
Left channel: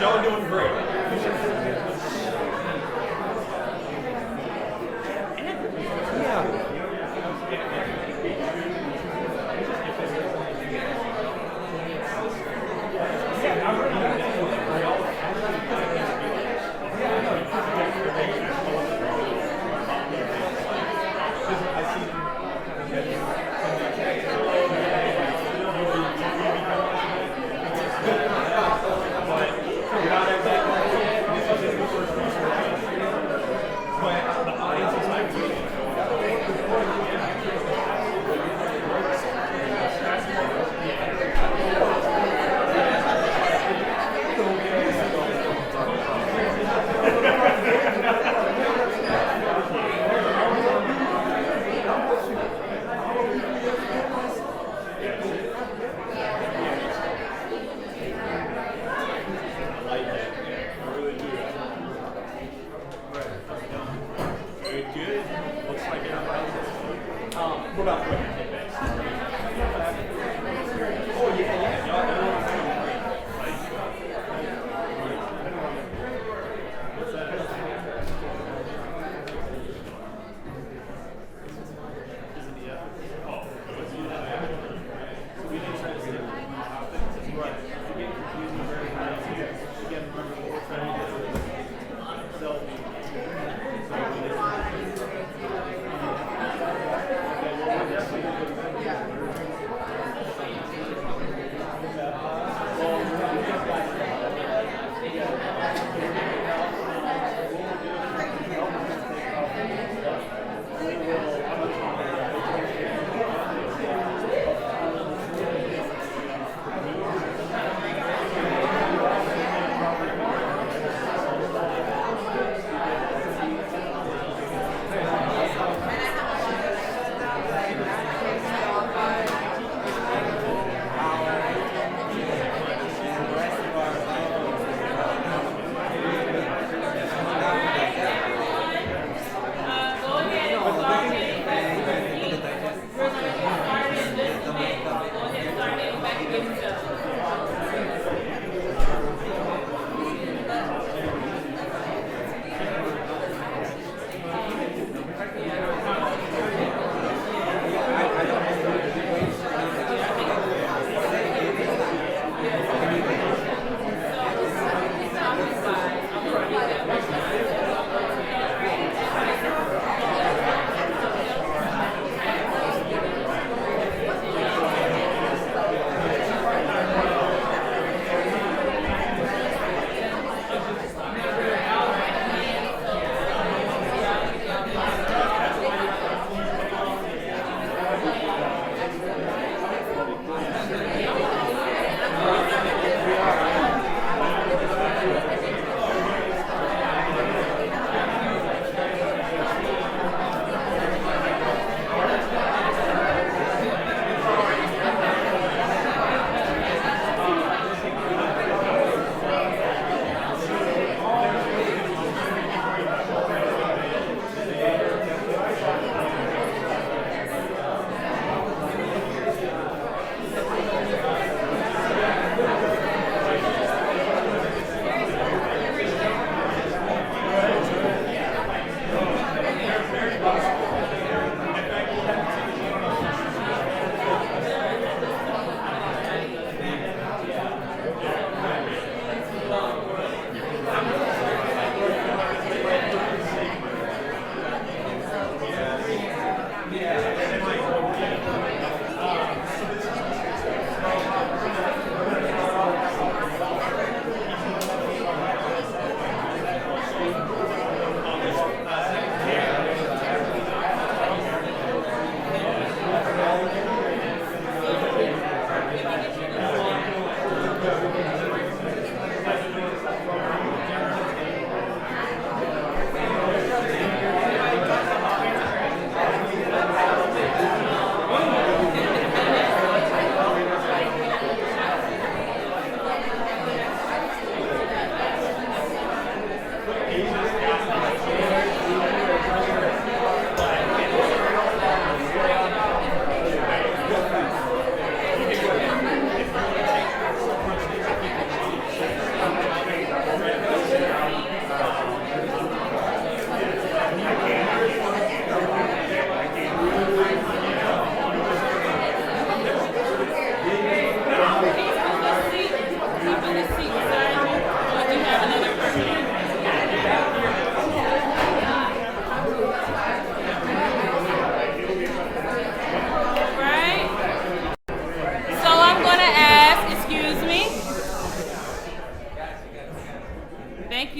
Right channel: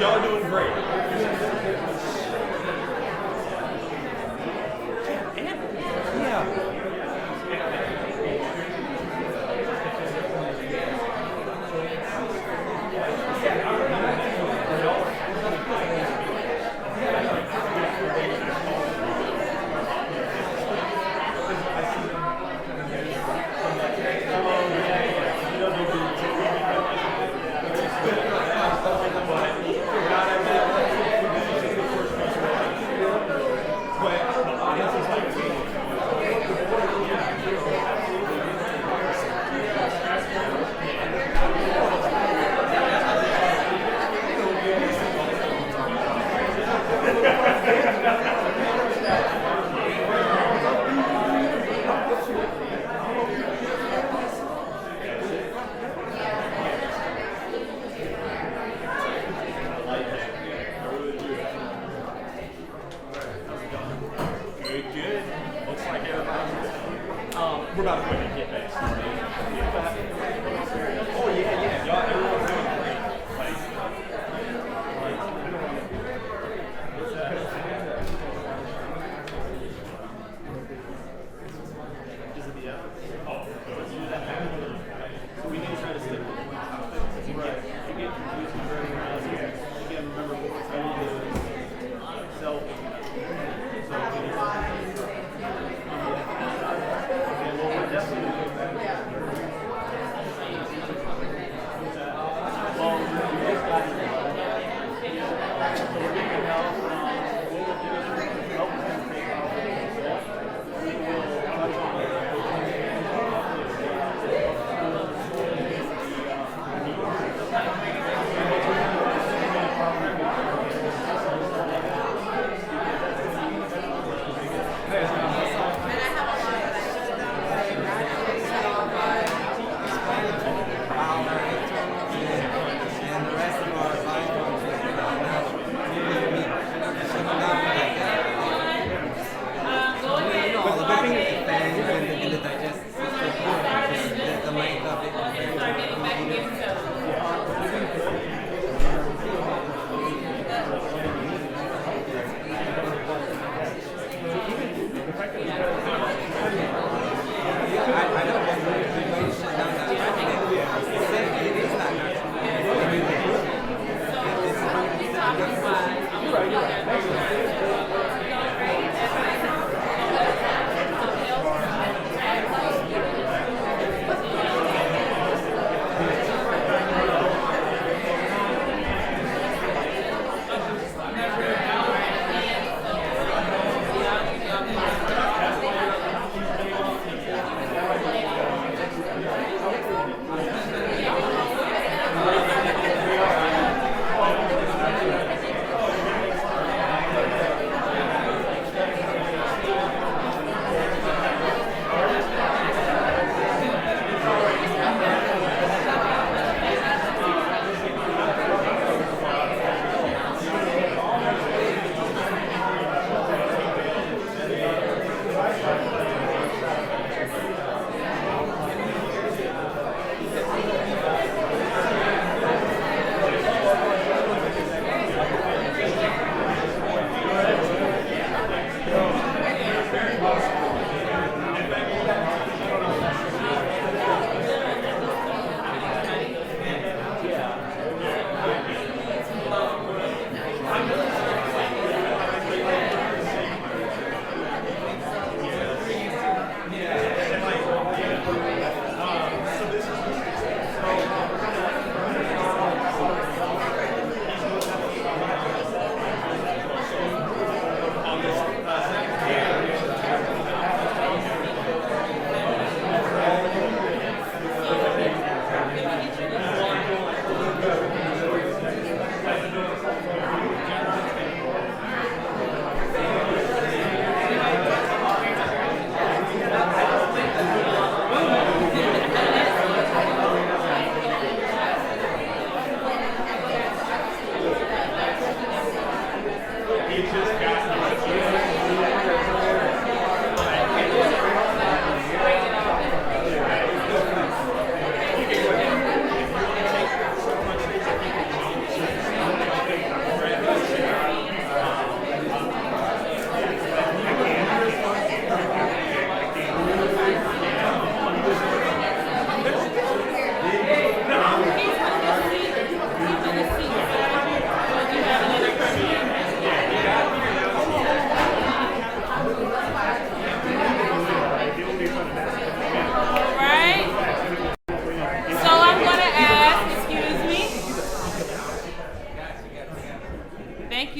y'all are doing great. Yeah.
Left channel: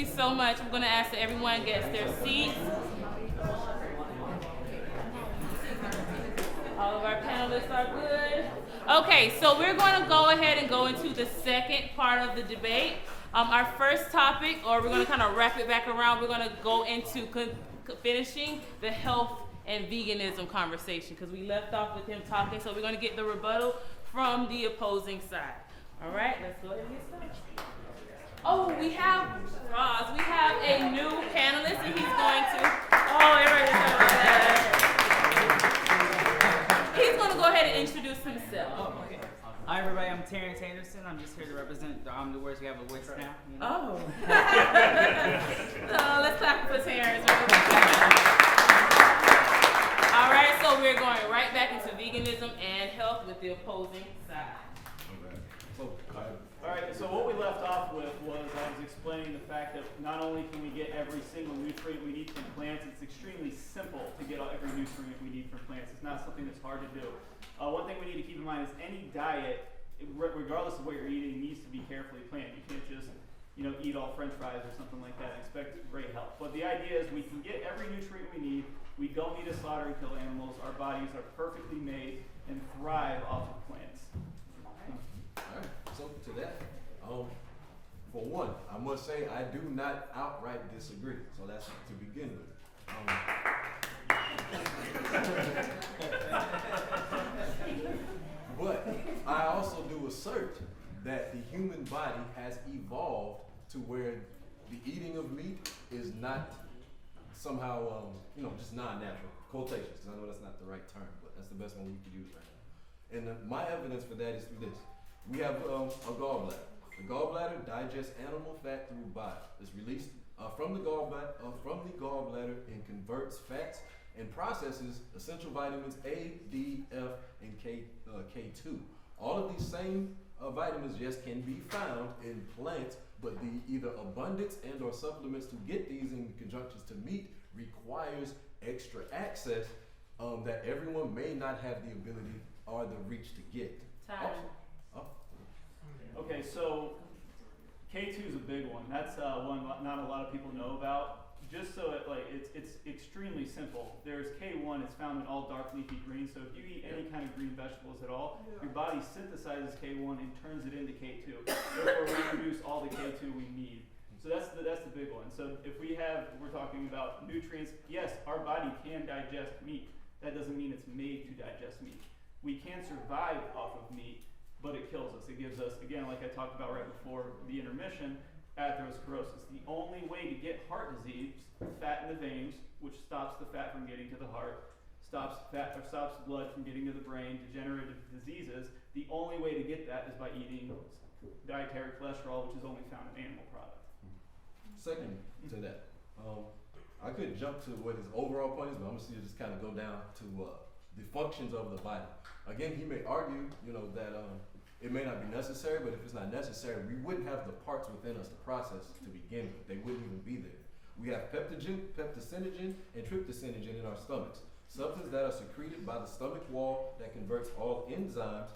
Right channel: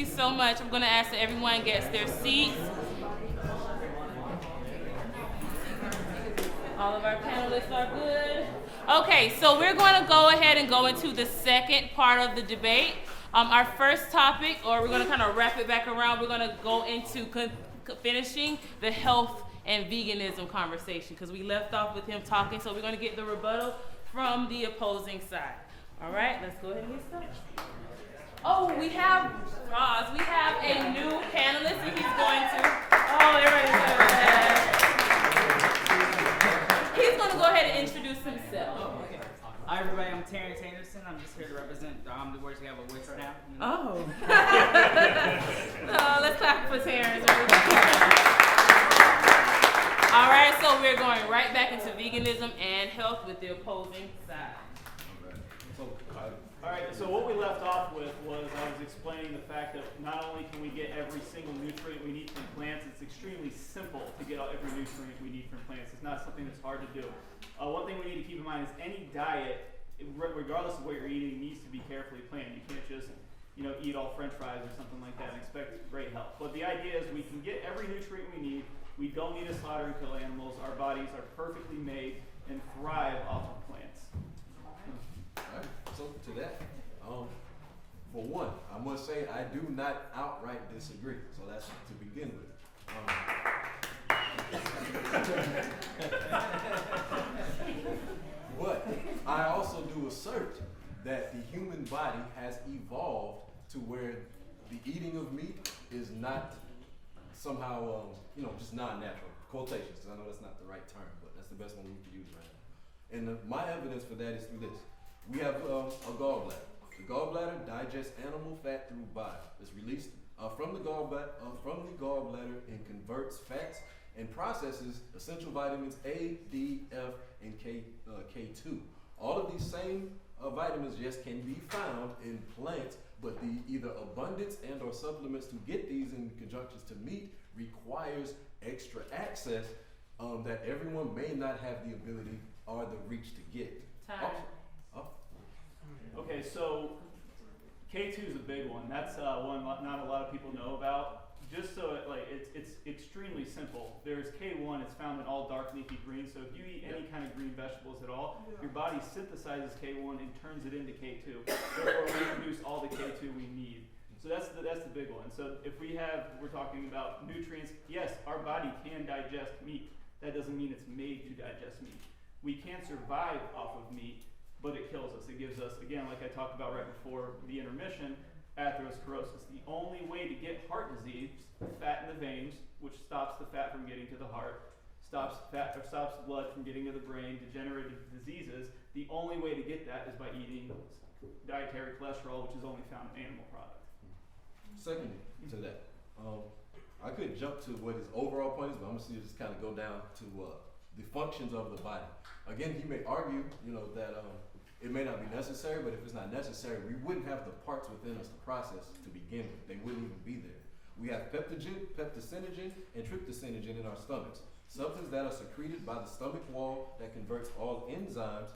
you so much. I'm going to ask that everyone gets their seats. All of our panelists are good. Okay, so we're going to go ahead and go into the second part of the debate. Our first topic, or we're going to kind of wrap it back around, we're going to go into finishing the health and veganism conversation because we left off with him talking, so we're going to get the rebuttal from the opposing side. All right, let's go ahead and get started. Oh, we have Roz. We have a new panelist, and he's going to. Oh, everybody's he's going to go ahead and introduce himself. Oh, okay. Hi, everybody. I'm Terrence Anderson. I'm just here to represent the words we have a Wix now. Oh. Let's clap for Terrence. All right, so we're going right back into veganism and health with the opposing side. All right, so what we left off with was I was explaining the fact that not only can we get every single nutrient we need from plants, it's extremely simple to get every nutrient we need from plants. It's not something that's hard to do. One thing we need to keep in mind is any diet, regardless of what you're eating, needs to be carefully planned. You can't just eat all French fries or something like that and expect great health. But the idea is we can get every nutrient we need. We don't need to slaughter and kill animals. Our bodies are perfectly made and thrive off of plants. All right, so to that, for one, I must say I do not outright disagree. So that's to begin with. But I also do assert that the human body has evolved to where the eating of meat is not somehow, just non-natural. Quotations, because I know that's not the right term, but that's the best one we could use right now. And my evidence for that is through this. We have a gallbladder. The gallbladder digests animal fat through bile. It's released from the gallbladder and converts fats and processes essential vitamins A, D, F, and K2. All of these same vitamins, yes, can be found in plants, but the either abundance and or supplements to get these in conjunctions to meat requires extra access that everyone may not have the ability or the reach to get. Okay, so K2 is a big one. That's one not a lot of people know about. Just so it's extremely simple. There's K1. It's found in all dark leafy greens. So if you eat any kind of green vegetables at all, your body synthesizes K1 and turns it into K2. Therefore, we produce all the K2 we need. So that's the big one. So if we're talking about nutrients. Yes, our body can digest meat. That doesn't mean it's made to digest meat. We can survive off of meat, but it kills us. It gives us, again, like I talked about right before the intermission, atherosclerosis. The only way to get heart disease, fat in the veins, which stops the fat from getting to the heart, stops blood from getting to the brain, degenerative diseases. The only way to get that is by eating dietary cholesterol, which is only found in animal products. Second to that, I could jump to what his overall point is, but I'm gonna see it just kind of go down to the functions of the body. Again, he may argue, that it may not be necessary, but if it's not necessary, we wouldn't have the parts within us to process to begin with. They wouldn't even be there. We have peptosinogen, and tryptosinogen in our stomachs, substances that are secreted by the stomach wall that converts all enzymes.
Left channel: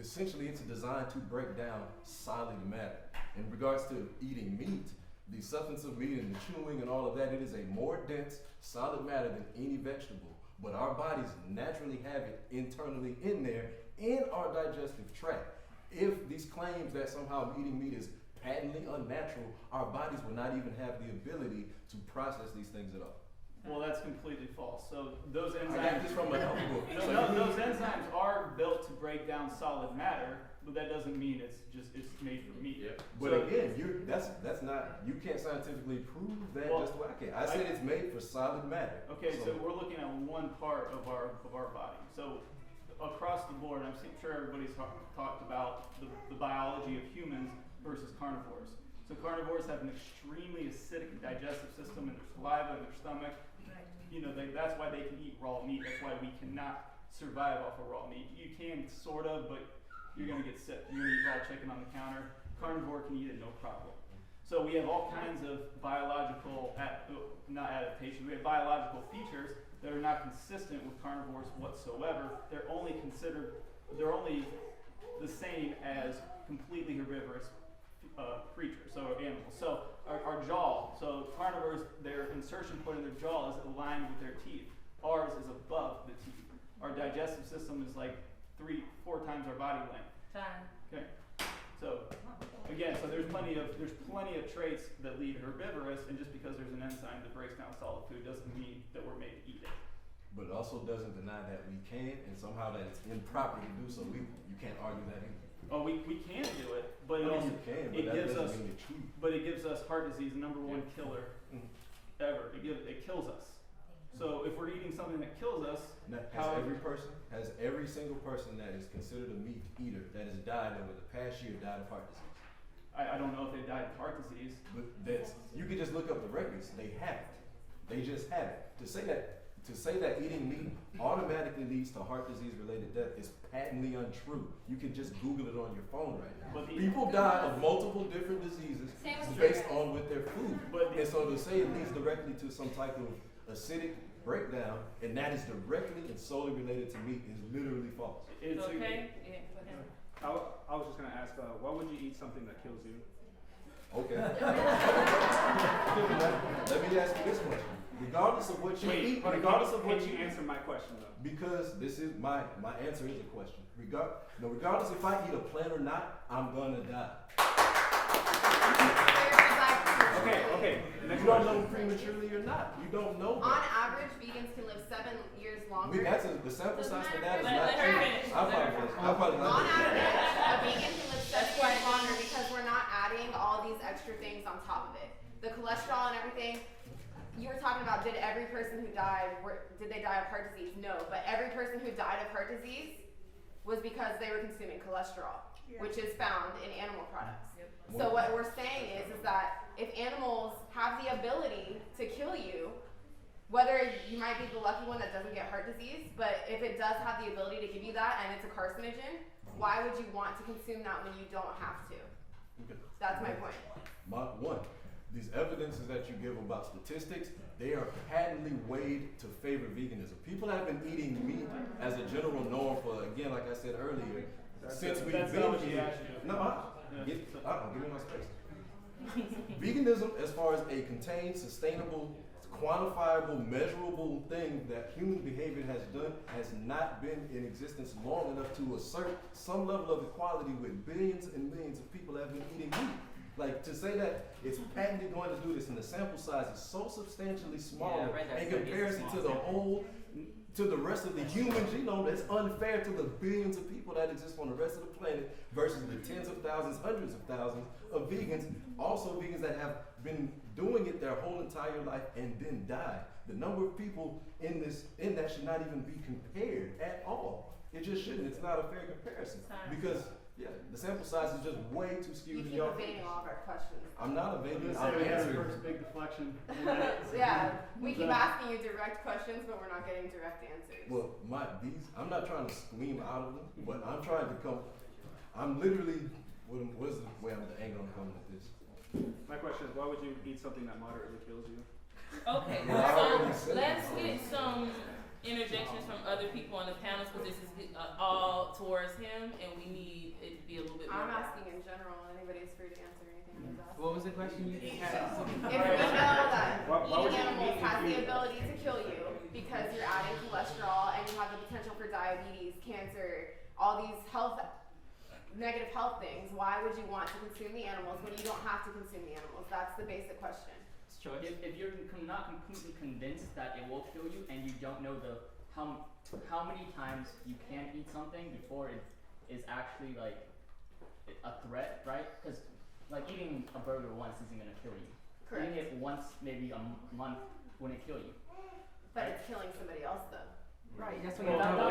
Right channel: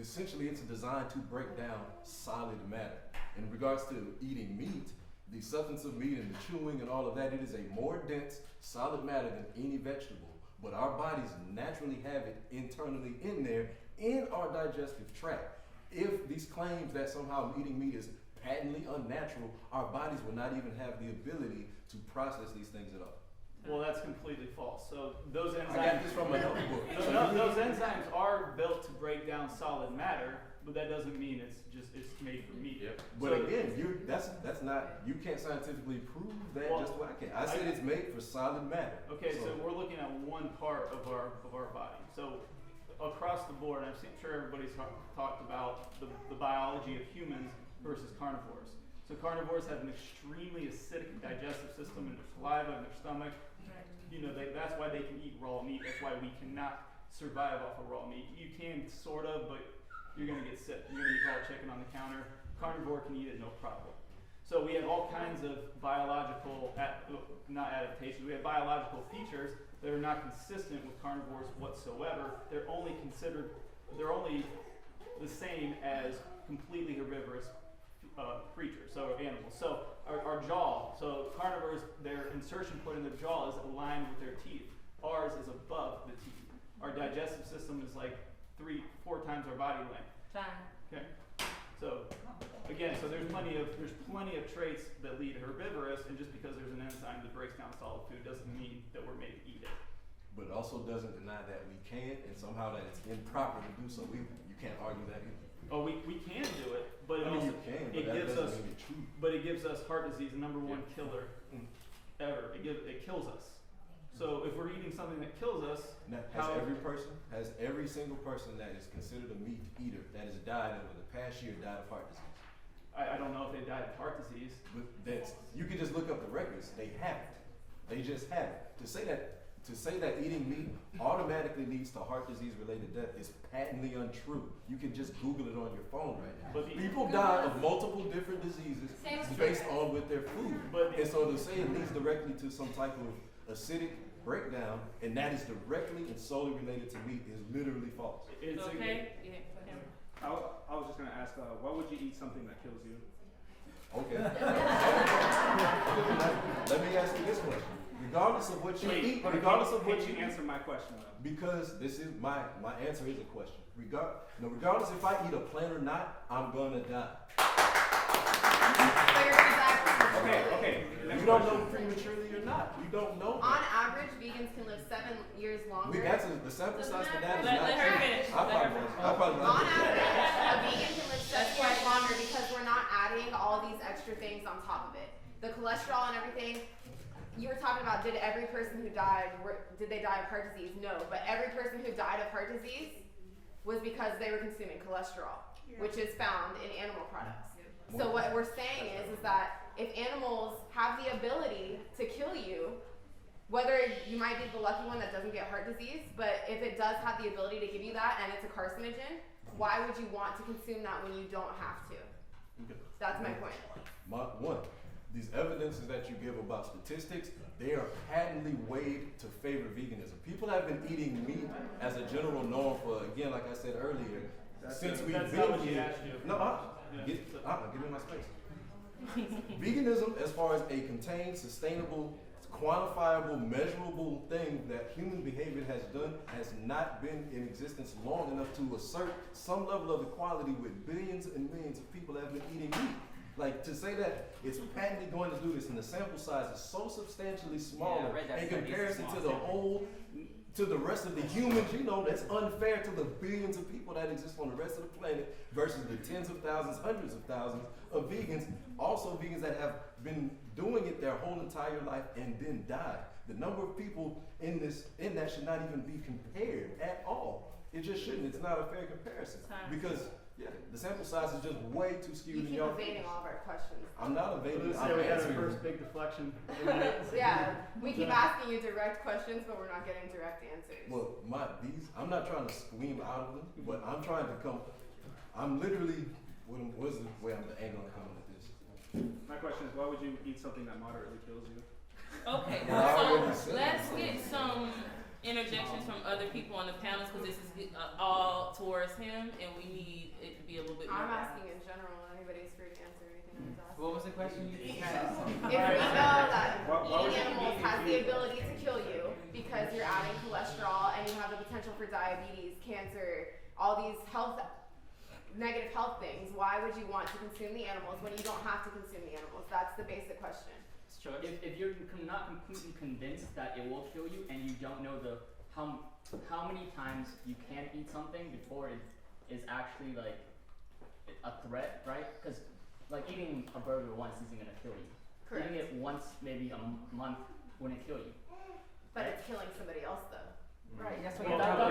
Essentially, it's designed to break down solid matter. In regards to eating meat, the substance of meat and the chewing and all of that, it is a more dense, solid matter than any vegetable. But our bodies naturally have it internally in there in our digestive tract. If these claims that somehow eating meat is patently unnatural, our bodies will not even have the ability to process these things at all. Well, that's completely false. So those I got enzymes this from a health book. those enzymes are built to break down solid matter, but that doesn't mean it's made for meat. Yep. But so, again, that's not, you can't scientifically prove that just the way I can. I said it's made for solid matter. Okay, so we're looking at one part of our body. So across the board, I'm sure everybody's talked about the biology of humans versus carnivores. So carnivores have an extremely acidic digestive system in their saliva, in their stomach. That's why they can eat raw meat. That's why we cannot survive off of raw meat. You can sort of, but you're going to get sick. You're going to eat raw chicken on the counter. Carnivore can eat it no problem. So we have all kinds of biological, not adaptations, we have biological features that are not consistent with carnivores whatsoever. They're only the same as completely herbivorous creatures, so animals. So our jaw, so carnivores, their insertion point in their jaw is aligned with their teeth. Ours is above the teeth. Our digestive system is like 3-4 times our body length. Time. Okay. So again, so there's plenty of traits that lead herbivorous, and just because there's an enzyme that breaks down solid food doesn't mean that we're made to eat it. But it also doesn't deny that we can, and somehow that it's improper to do so. You can't argue that either. Oh, we can do it, but it I mean, also you can, but it that gives doesn't us mean it's true. but it gives us heart disease, the number one killer ever. It kills us. So if we're eating something that kills us, Now, has every single person that is considered a meat eater that has died over the past year died of heart disease? I don't know if they died of heart disease. But you can just look up the records. They haven't. They just haven't. To say that eating meat automatically leads to heart disease related death is patently untrue. You can just Google it on your phone right now. But people die of multiple different diseases based on with their food. And so to say it leads directly to some type of acidic breakdown, and that is directly and solely related to meat, is literally false. It's Okay. I was just gonna ask, why would you eat something that kills you? Okay. Let me ask you this question. Regardless of what you eat, regardless of what you answer my question though. Because this is my answer is a question. Regardless if I eat a plant or not, I'm gonna die. Okay. You don't know prematurely or not. You don't know that. On average, vegans can live 7 years longer. The sample size for that is Let not her true. finish. I apologize. On average, a vegan can live 7 years longer because we're not adding all these extra things on top of it. The cholesterol and everything. You were talking about, did every person who died, did they die of heart disease? No, but every person who died of heart disease was because they were consuming cholesterol, which is found in animal products. So what we're saying is that if animals have the ability to kill you, whether you might be the lucky one that doesn't get heart disease, but if it does have the ability to give you that and it's a carcinogen, why would you want to consume that when you don't have to? Okay. That's my point. These evidences that you give about statistics, they are patently weighed to favor veganism. People have been eating meat as a general norm for, again, like I said earlier, since we've been here. Give me my space. Veganism, as far as a contained, sustainable, quantifiable, measurable thing that human behavior has done, has not been in existence long enough to assert some level of equality with billions and millions of people that have been eating meat. Like, to say that it's patently going to do this and the sample size is so substantially smaller in comparison to the rest of the human genome, that's unfair to the billions of people that exist on the rest of the planet versus the tens of thousands, hundreds of thousands of vegans, also vegans that have been doing it their whole entire life and then died. The number of people in that should not even be compared at all. It just shouldn't. It's not a fair comparison because the sample size is just way too skewed. You keep evading all of our questions. I'm not evading. I'm the answering. first big deflection. Yeah, we keep asking you direct questions, but we're not getting direct answers. Well, I'm not trying to scream out of them, but I'm trying to come. I'm literally. What's the way the angle I'm coming at this? My question is, why would you eat something that moderately kills you? Okay, so let's get some interjections from other people on the panels because this is all towards him, and we need it to be a little bit more. I'm asking in general, and anybody's free to answer anything he's asking. What was the question? If we know that eating animals has the ability to kill you because you're adding cholesterol and you have the potential for diabetes, cancer, all these negative health things, why would you want to consume the animals when you don't have to consume the animals? That's the basic question. If you're not completely convinced that it will kill you and you don't know how many times you can eat something before it is actually like a threat, right? Because like eating a burger once isn't gonna kill you. Correct. Eating it once, maybe a month, wouldn't kill you. But it's killing somebody else though. Right. That's Well, what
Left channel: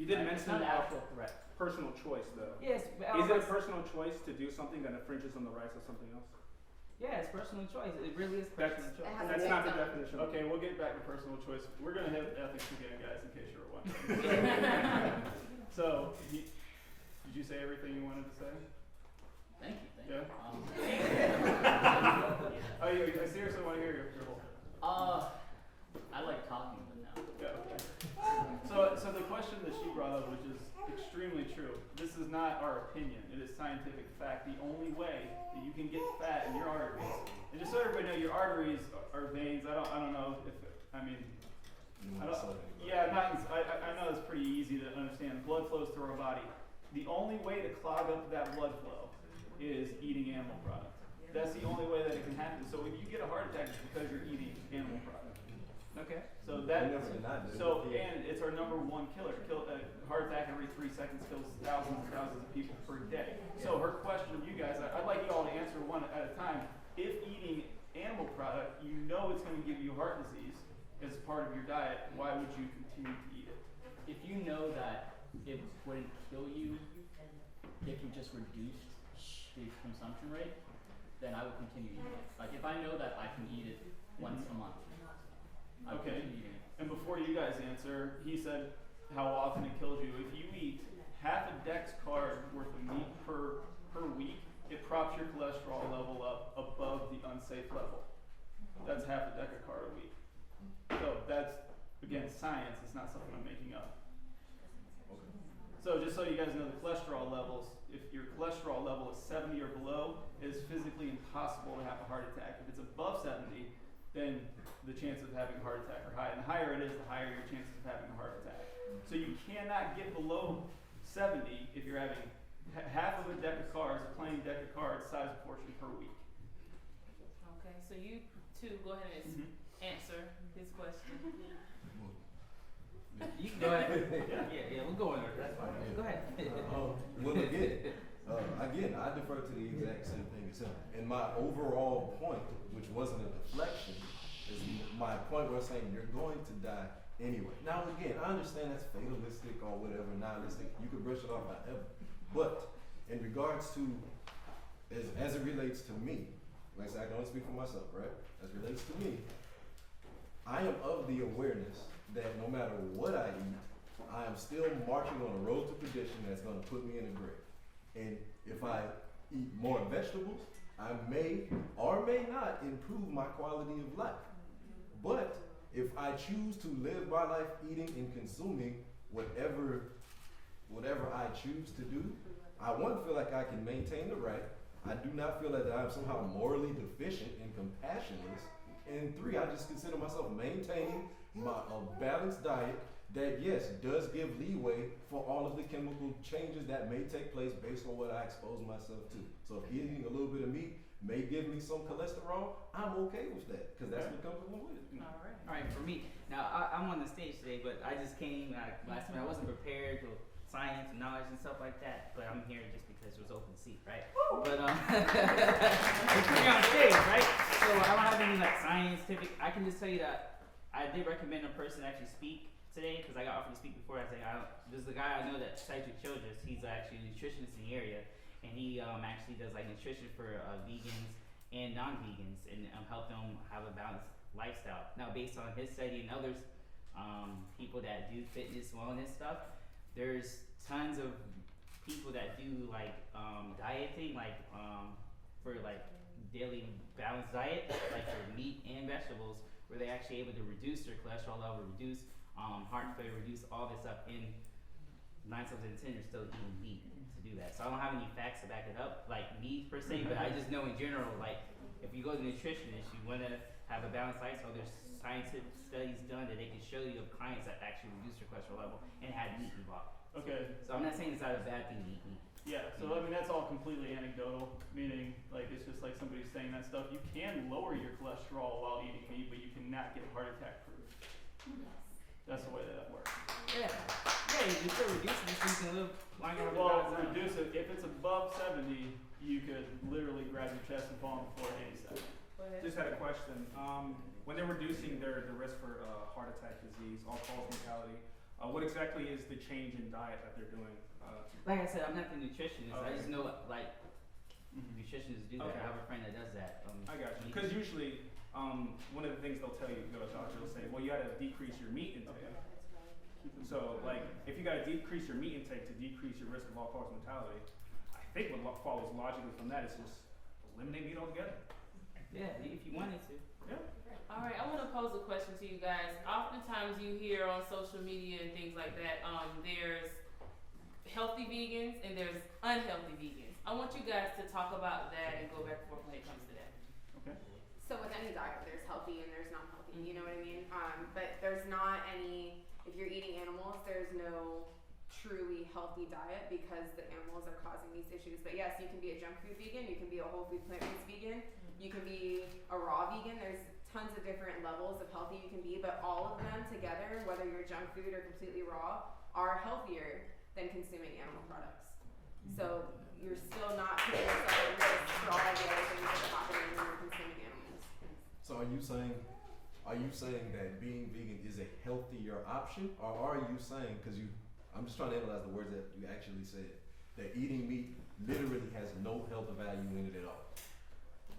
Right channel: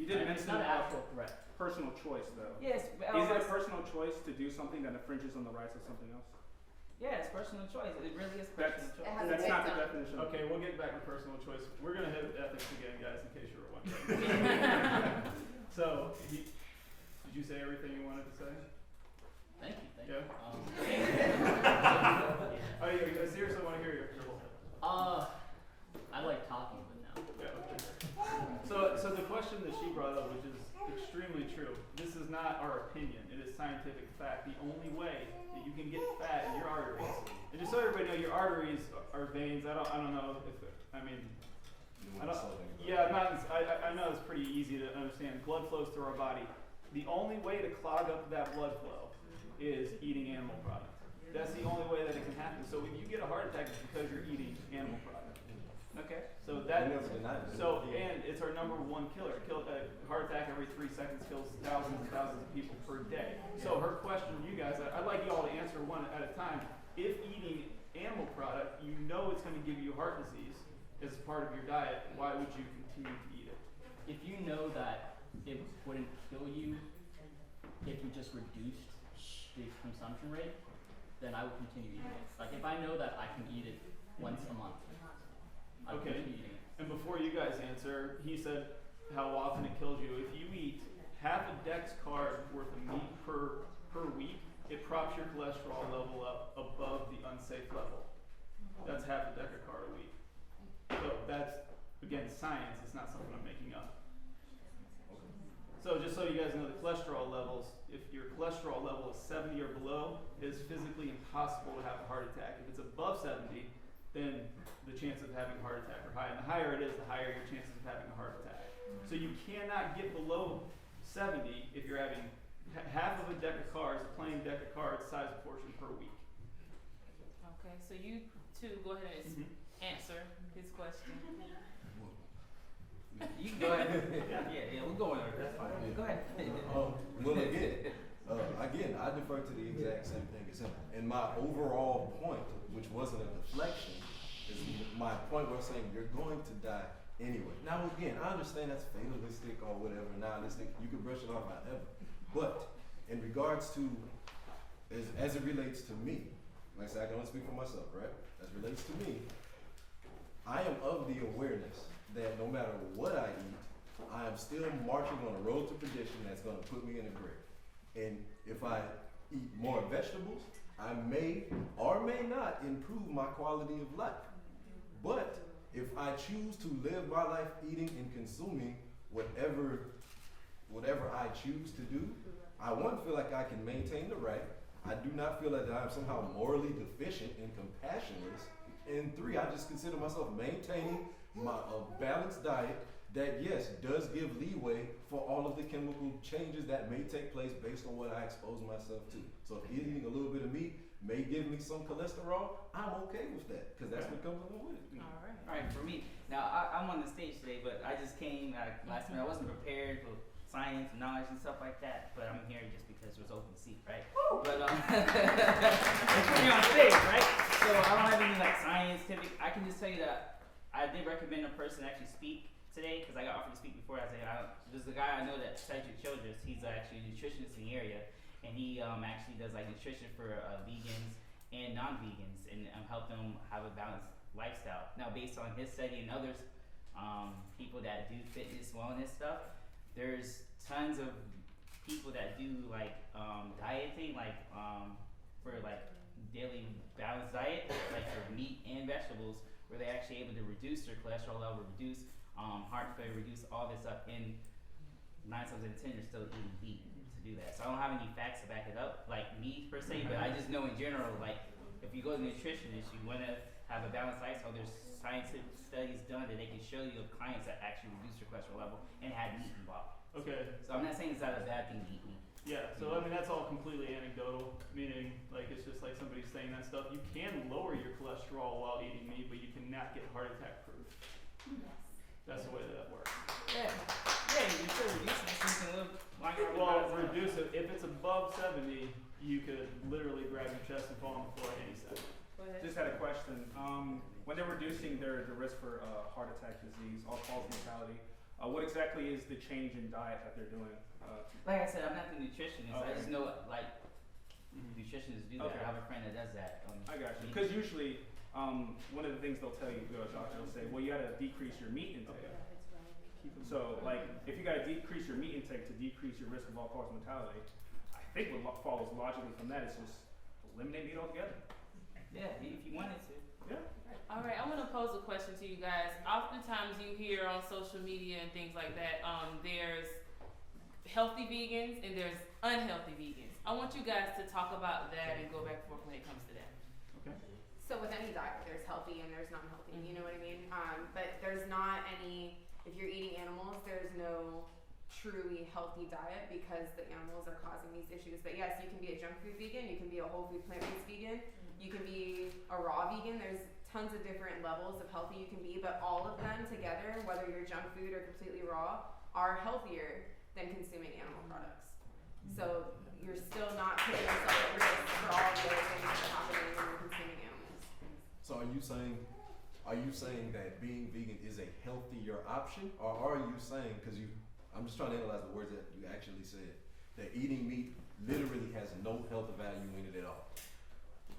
You did mention it's not an actual threat. personal choice though. Yes. Is it a personal choice to do something that infringes on the rights of something else? Yeah, it's personal choice. It really is personal choice. It has That's a not the victim. definition. Okay, we'll get back to personal choice. We're gonna hit ethics again, guys, in case you were wondering. So, did you say everything you wanted to say? Thank you. Yeah. I seriously want to hear your whole thing. I like talking with now. Yeah. Okay. So the question that she brought up, which is extremely true. This is not our opinion. It is scientific fact. The only way that you can get fat in your arteries, and just so everybody knows, your arteries are veins. I don't know if, I mean, I don't, yeah, I know it's pretty easy to understand. Blood flows through our body. The only way to clog up that blood flow is eating animal products. That's the only way that it can happen. So when you get a heart attack, it's because you're eating animal products. Okay, so that, so, and it's our number one killer. A heart attack every 3 seconds kills thousands and thousands of people per day. So her question to you guys, I'd like you all to answer one at a time. If eating animal product, you know it's going to give you heart disease as part of your diet, why would you continue to eat it? If you know that it wouldn't kill you if you just reduced the consumption rate, then I would continue eating it. Like if I know that I can eat it once a month, I would continue eating it. And before you guys answer, he said how often it kills you. If you eat half a dex card worth of meat per week, it props your cholesterol level up above the unsafe level. That's half a decacard a week. So that's, again, science. It's not something I'm making up. Okay. So just so you guys know the cholesterol levels, if your cholesterol level is 70 or below, it is physically impossible to have a heart attack. If it's above 70, then the chances of having a heart attack are high. And the higher it is, the higher your chances of having a heart attack. So you cannot get below 70 if you're having half of a deck of cards, a plain deck of cards, size portion per week. Okay, so you two go ahead and answer his question. You can go ahead. yeah, we'll go in order. That's fine. Go ahead. Well, again, I defer to the exact same thing as him. And my overall point, which wasn't a deflection, is my point where I'm saying you're going to die anyway. Now, again, I understand that's fatalistic or whatever, nihilistic. You can brush it off however. But in regards to, as it relates to me, like I said, I can only speak for myself, right? As it relates to me, I am of the awareness that no matter what I eat, I am still marching on a road to perdition that's going to put me in a grave. And if I eat more vegetables, I may or may not improve my quality of life. But if I choose to live my life eating and consuming whatever I choose to do, I feel like I can maintain the right. I do not feel like I'm somehow morally deficient and compassionless. And 3, I just consider myself maintaining a balanced diet that, yes, does give leeway for all of the chemical changes that may take place based on what I expose myself to. So if eating a little bit of meat may give me some cholesterol, I'm okay with that because that's what comes along with it. All right, for me, now I'm on the stage today, but I just came last minute. I wasn't prepared with science and knowledge and stuff like that, but I'm here just because it was open seat, right? But I'm on stage, right? So I don't have any like scientific. I can just tell you that I did recommend a person actually speak today because I got offered to speak before. There's a guy I know that studies with children. He's actually a nutritionist in the area, and he actually does like nutrition for vegans and non-vegans, and help them have a balanced lifestyle. Now, based on his study and others, people that do fitness, wellness stuff, there's tons of people that do like dieting, like for like daily balanced diet, like for meat and vegetables, where they're actually able to reduce their cholesterol level, reduce heart failure, reduce all this stuff. And 9 times out of 10, you're still eating meat to do that. So I don't have any facts to back it up, like me per se, but I just know in general, like if you go to a nutritionist, you want to have a balanced lifestyle. There's scientific studies done that they can show you of clients that actually reduced their cholesterol level and had meat involved. Okay. So I'm not saying it's not a bad thing to eat meat. Yeah, so I mean that's all completely anecdotal, meaning like it's just like somebody saying that stuff. You can lower your cholesterol while eating meat, but you cannot get heart attack proof. That's the way that works. Yeah, you still reduce it so you can live longer. Well, reduce it. If it's above 70, you could literally grab your chest and fall on the floor any second. Just had a question. When they're reducing the risk for heart attack disease, all-cause mortality, what exactly is the change in diet that they're doing? Like I said, I'm not the nutritionist. Okay. I just know like nutritionists do that. Okay. I have a friend that does that. I got you. Because usually, one of the things they'll tell you, you go to a doctor, they'll say, well, you got to decrease your meat intake. Okay. So, like, if you got to decrease your meat intake to decrease your risk of all-cause mortality, I think what follows logically from that is just eliminate meat altogether. Yeah, if you wanted to. Yeah. All right, I want to pose a question to you guys. Oftentimes you hear on social media and things like that, there's healthy vegans and there's unhealthy vegans. I want you guys to talk about that and go back and forth when it comes to that. Okay. So with any diet, there's healthy and there's not healthy. You know what I mean? But there's not any. If you're eating animals, there's no truly healthy diet because the animals are causing these issues. But yes, you can be a junk food vegan. You can be a whole food plant-based vegan. You can be a raw vegan. There's tons of different levels of healthy you can be, but all of them together, whether you're junk food or completely raw, are healthier than consuming animal products. So you're still not putting yourself at risk for all the other things that are happening when you're consuming animals. So are you saying that being vegan is a healthier option, or are you saying, because I'm just trying to analyze the words that you actually said, that eating meat literally has no health value in it at all?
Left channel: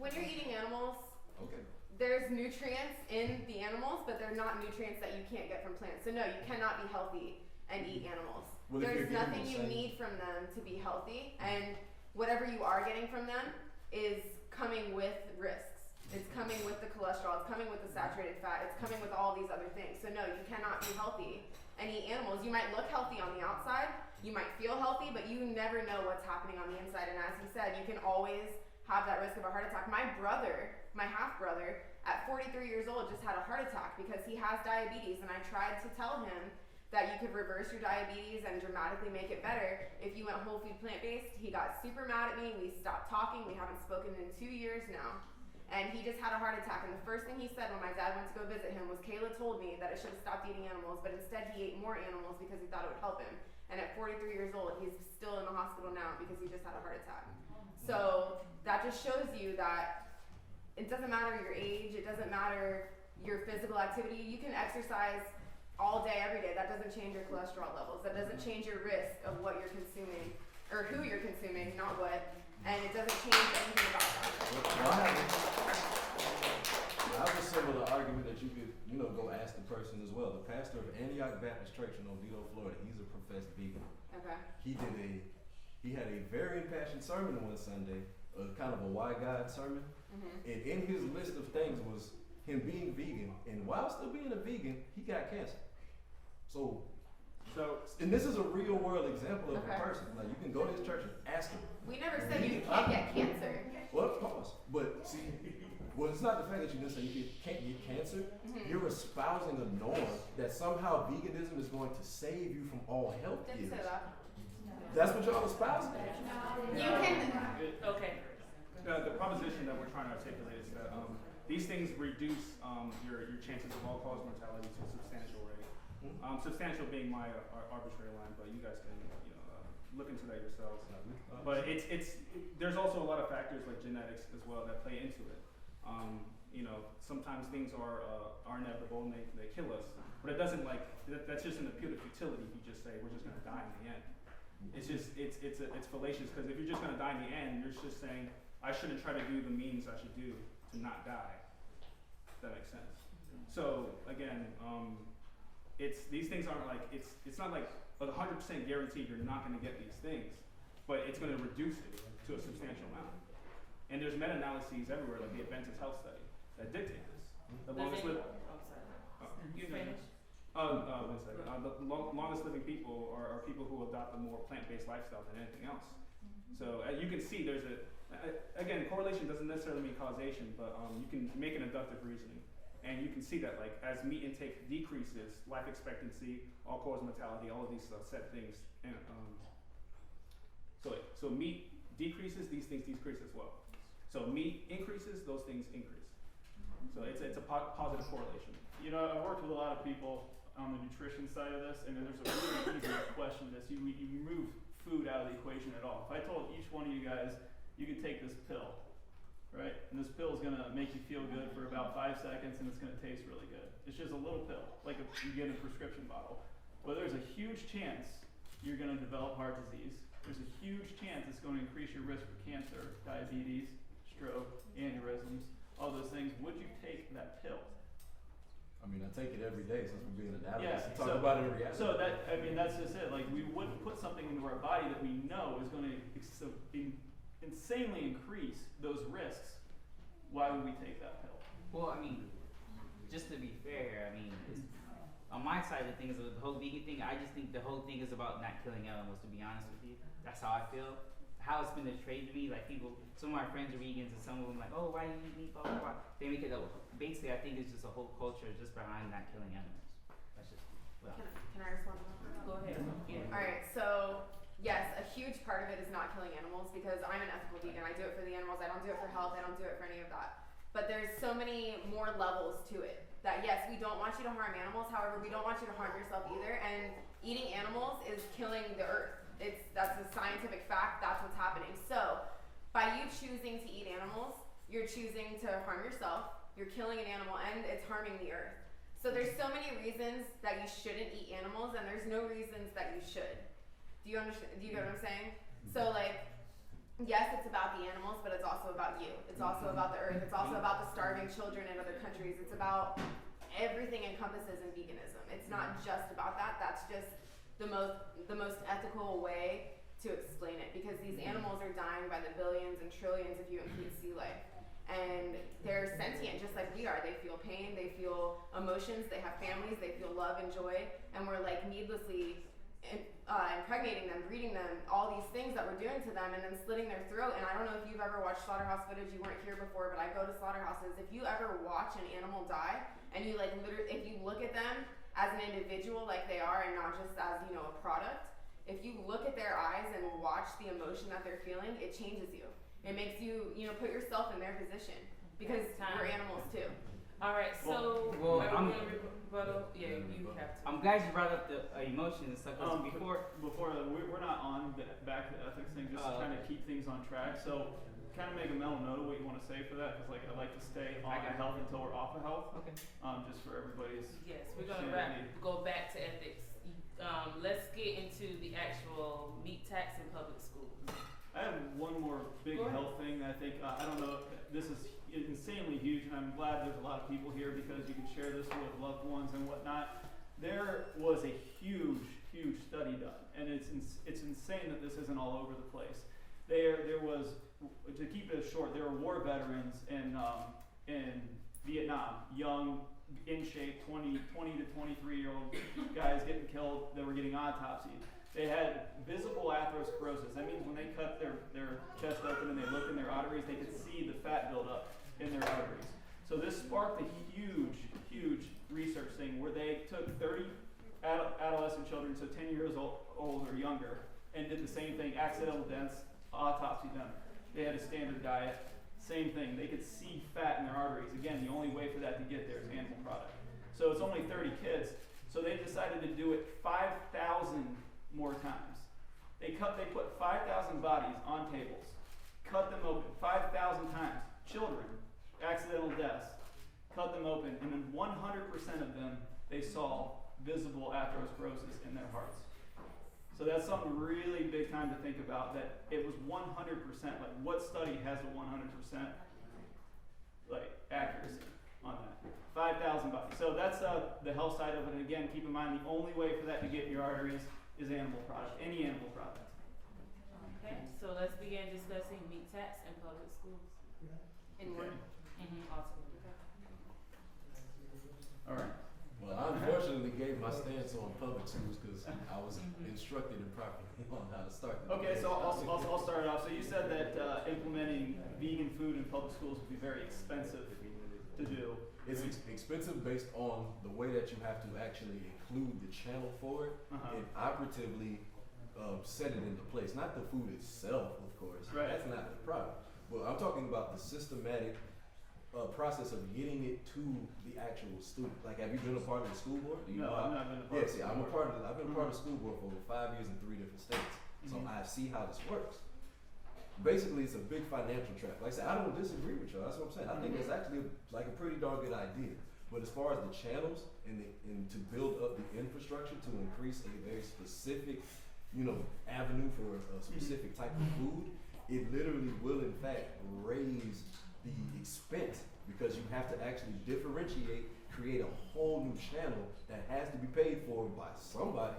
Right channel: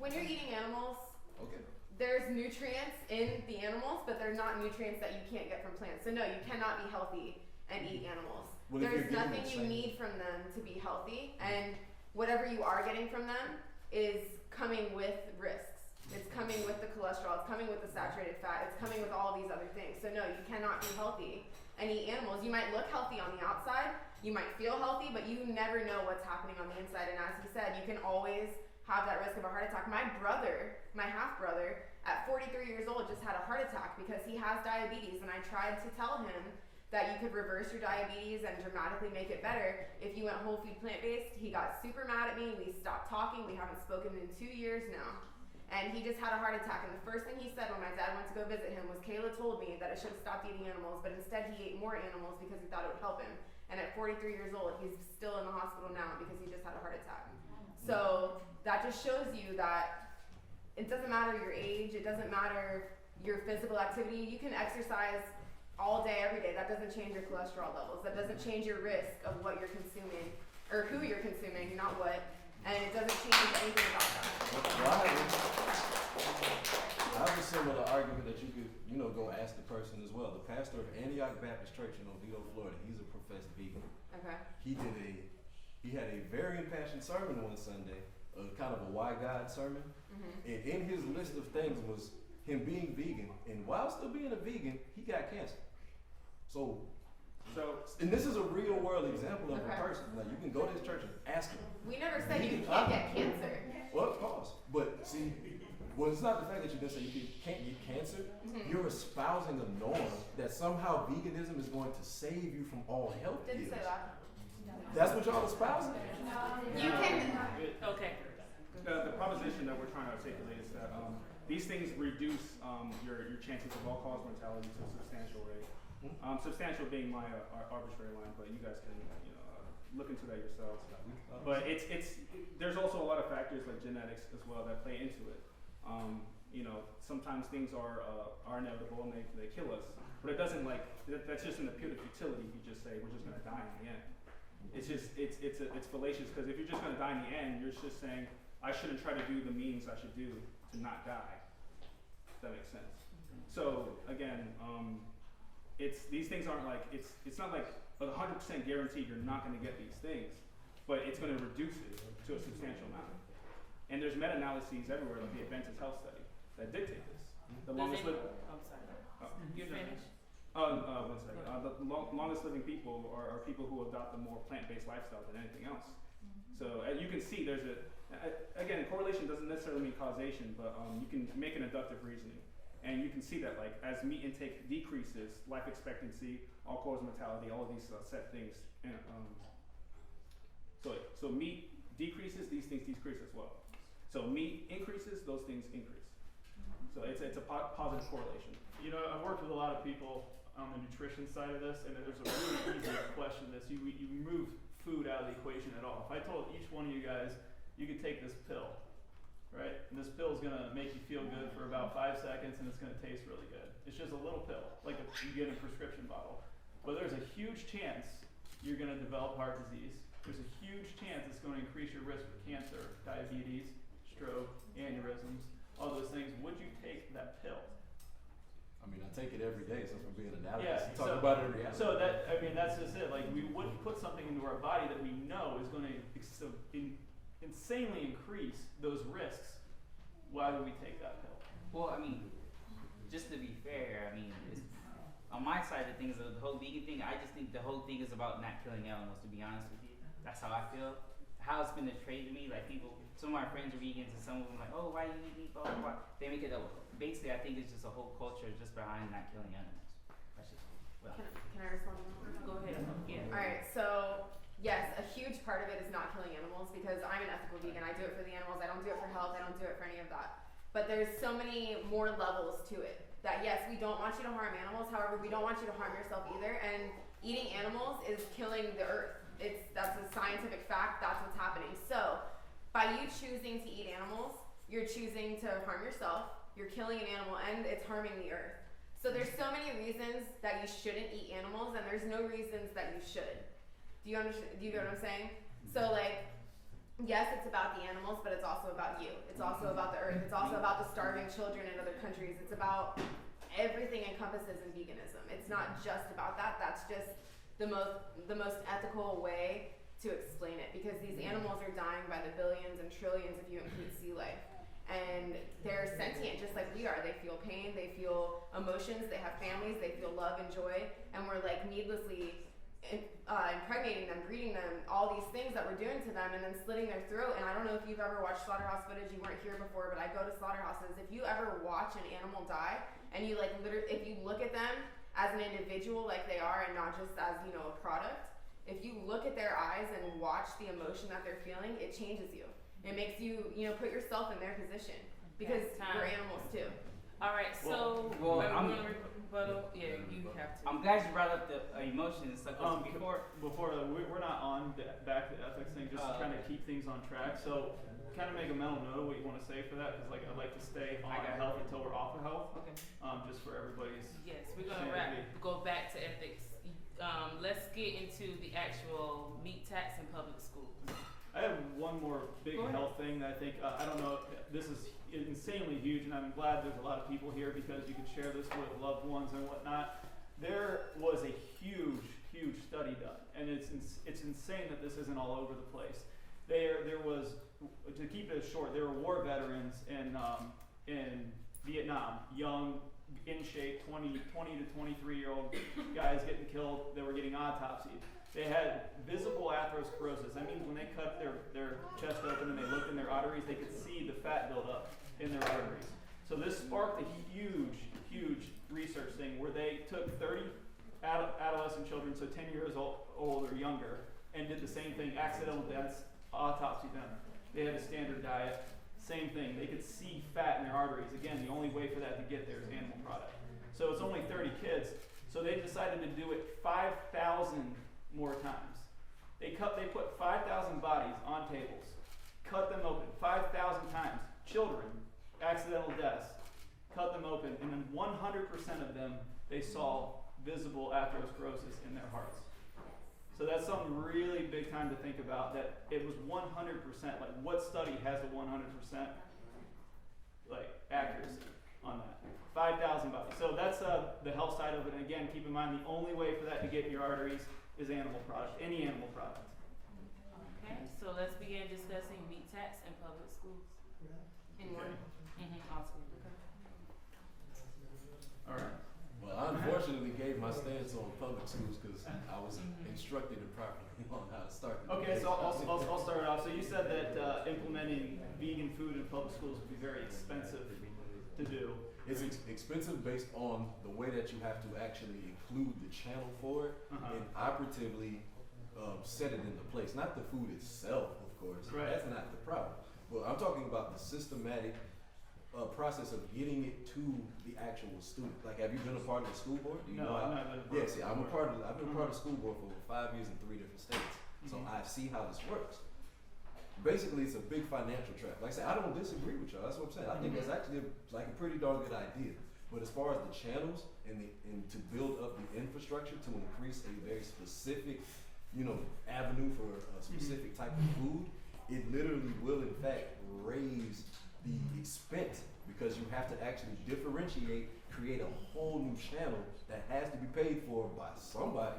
When you're eating animals, Okay. there's nutrients in the animals, but they're not nutrients that you can't get from plants. So no, you cannot be healthy and eat animals. Well, if you're There's getting nothing the you same- need from them to be healthy, and whatever you are getting from them is coming with risks. It's coming with the cholesterol, it's coming with the saturated fat, it's coming with all these other things. So no, you cannot be healthy and eat animals. You might look healthy on the outside, you might feel healthy, but you never know what's happening on the inside. And as he said, you can always have that risk of a heart attack. My brother, my half brother, at 43 years old just had a heart attack because he has diabetes, and I tried to tell him that you could reverse your diabetes and dramatically make it better if you went whole food plant-based. He got super mad at me. We stopped talking. We haven't spoken in 2 years now. And he just had a heart attack. And the first thing he said when my dad went to go visit him was, Kayla told me that I should have stopped eating animals, but instead he ate more animals because he thought it would help him. And at 43 years old, he's still in the hospital now because he just had a heart attack. So that just shows you that it doesn't matter your age, it doesn't matter your physical activity. You can exercise all day, every day. That doesn't change your cholesterol levels. That doesn't change your risk of what you're consuming, or who you're consuming, not what. And it doesn't change anything about that. I have a similar argument that you could, go ask the person as well. The pastor of Antioch Baptist Church in Oviedo, Florida, he's a professed vegan. Okay. He had a very impassioned sermon one Sunday, kind of a why God sermon. And in his list of things was him being vegan, and while still being a vegan, he got cancer. So, and this is a real world example of a person. Now you can go to his church and ask him. We never said you can't get cancer. Well, of course, but see, it's not the fact that you didn't say you can't get cancer. You're espousing a norm that somehow veganism is going to save you from all health Didn't ills. say that. That's what y'all espousing. You can. Okay. The proposition that we're trying to articulate is that these things reduce your chances of all-cause mortality to a substantial rate. Substantial being my arbitrary line, but you guys can look into that yourselves. But there's also a lot of factors like genetics as well that play into it. Sometimes things are inevitable and they kill us, but it doesn't that's just an appeal to futility if you just say we're just going to die in the end. It's fallacious, because if you're just going to die in the end, you're just saying I shouldn't try to do the means I should do to not die. If that makes sense. So again, these things aren't it's not like 100% guaranteed you're not going to get these things, but it's going to reduce it to a substantial amount. And there's meta-analyses everywhere, like the Adventist Health Study, that dictate this. The longest living. I'm sorry. You finished? One second. The longest living people are people who adopt a more plant-based lifestyle than anything else. So as you can see, there's again, correlation doesn't necessarily mean causation, but you can make an inductive reasoning. And you can see that as meat intake decreases, life expectancy, all-cause mortality, all of these set things. And, so meat decreases, these things decrease as well. So meat increases, those things increase. So it's a positive correlation. I've worked with a lot of people on the nutrition side of this, and there's a really easy question to this. You remove food out of the equation at all. If I told each one of you guys, you can take this pill, right? And this pill is gonna make you feel good for about 5 seconds, and it's gonna taste really good. It's just a little pill, like you get in a prescription bottle. But there's a huge chance you're gonna develop heart disease. There's a huge chance it's gonna increase your risk for cancer, diabetes, stroke, aneurysms, all those things. Would you take that pill? I mean, I take it every day since we're being analysis. Yeah, Talk about it in reality. So that's just it. Like, we wouldn't put something into our body that we know is going to insanely increase those risks. Why would we take that pill? Well, I mean, just to be fair, I mean, on my side of things, the whole vegan thing, I just think the whole thing is about not killing animals, to be honest with you. That's how I feel. How it's been portrayed to me, like people, some of my friends are vegans and some of them like, oh, why do you eat meat, blah, blah, blah. They make it, basically I think it's just a whole culture just behind not killing animals. That's just, well. Can I respond? Go ahead. Yeah. Alright, so yes, a huge part of it is not killing animals because I'm an ethical vegan. I do it for the animals, I don't do it for health, I don't do it for any of that. But there's so many more levels to it. That yes, we don't want you to harm animals, however, we don't want you to harm yourself either. And eating animals is killing the earth. That's a scientific fact, that's what's happening. So, by you choosing to eat animals, you're choosing to harm yourself, you're killing an animal, and it's harming the earth. So there's so many reasons that you shouldn't eat animals, and there's no reasons that you should. Do you understand? Do you get what I'm saying? So like, yes, it's about the animals, but it's also about you. It's also about the earth. It's also about the starving children in other countries. It's about everything encompasses in veganism. It's not just about that. That's just the most ethical way to explain it, because these animals are dying by the billions and trillions if you include sea life. And they're sentient just like we are. They feel pain, they feel emotions, they have families, they feel love and joy, and we're like needlessly impregnating them, breeding them, all these things that we're doing to them, and then slitting their throat. And I don't know if you've ever watched slaughterhouse footage, you weren't here before, but I go to slaughterhouses. If you ever watch an animal die, and you like literally, if you look at them as an individual like they are and not just as, you know, a product, if you look at their eyes and watch the emotion that they're feeling, it changes you. It makes you, you know, put yourself in their position, because we're animals too. All right, so Well, yeah, you have to. I'm glad you brought up the emotions and stuff. 'Cause We're not on back to the ethics thing, just trying to keep things on track. So kind of make a mental note of what you want to say for that, because like I'd like to stay on health until we're off of health. Okay. Just for everybody's. Yes, we're gonna go back to ethics. Let's get into the actual meat tax in public schools. I have one more big health thing that I think, I don't know, this is insanely huge, and I'm glad there's a lot of people here because you can share this with loved ones and whatnot. There was a huge study done, and it's insane that this isn't all over the place. There was, to keep it short, there were war veterans in Vietnam, young, in shape, 20 to 23-year-old guys getting killed that were getting autopsied. They had visible atherosclerosis. That means when they cut their chest open and they looked in their arteries, they could see the fat build up in their arteries. So this sparked a huge research thing where they took 30 adolescent children, so 10 years old or younger, and did the same thing, accidental deaths, autopsied them. They had a standard diet, same thing. They could see fat in their arteries. Again, the only way for that to get there is animal product. So it's only 30 kids. So they decided to do it 5,000 more times. They put 5,000 bodies on tables, cut them open 5,000 times. Children, accidental deaths, cut them open, and in 100% of them, they saw visible atherosclerosis in their hearts. So that's something really big time to think about, that it was 100%, like what study has a 100% like accuracy on that? 5,000 bodies. So that's the health side of it, and again, keep in mind the only way for that to get in your arteries is animal product, any animal product. Okay, so let's begin discussing meat tax in public schools. Awesome. All right. Well, I unfortunately gave my stance on public schools because I was instructed improperly on how to start the Okay, debate. so I'll start it off. So you said that implementing vegan food in public schools would be very expensive to do. It's expensive based on the way that you have to actually include the channel for it and operatively set it into place. Not the food itself, of course. Right. That's not the problem. Well, I'm talking about the systematic process of getting it to the actual student. Like, have you been a part of the school board? Do you know I've not been a part of the school board. I've been a part of the school board for 5 years in 3 different states. So I see how this works. Basically, it's a big financial trap. Like I said, I don't disagree with y'all. That's what I'm saying. I think that's actually a pretty darn good idea. But as far as the channels and to build up the infrastructure to increase a very specific, avenue for a specific type of food, it literally will in fact raise the expense, because you have to actually differentiate, create a whole new channel that has to be paid for by somebody,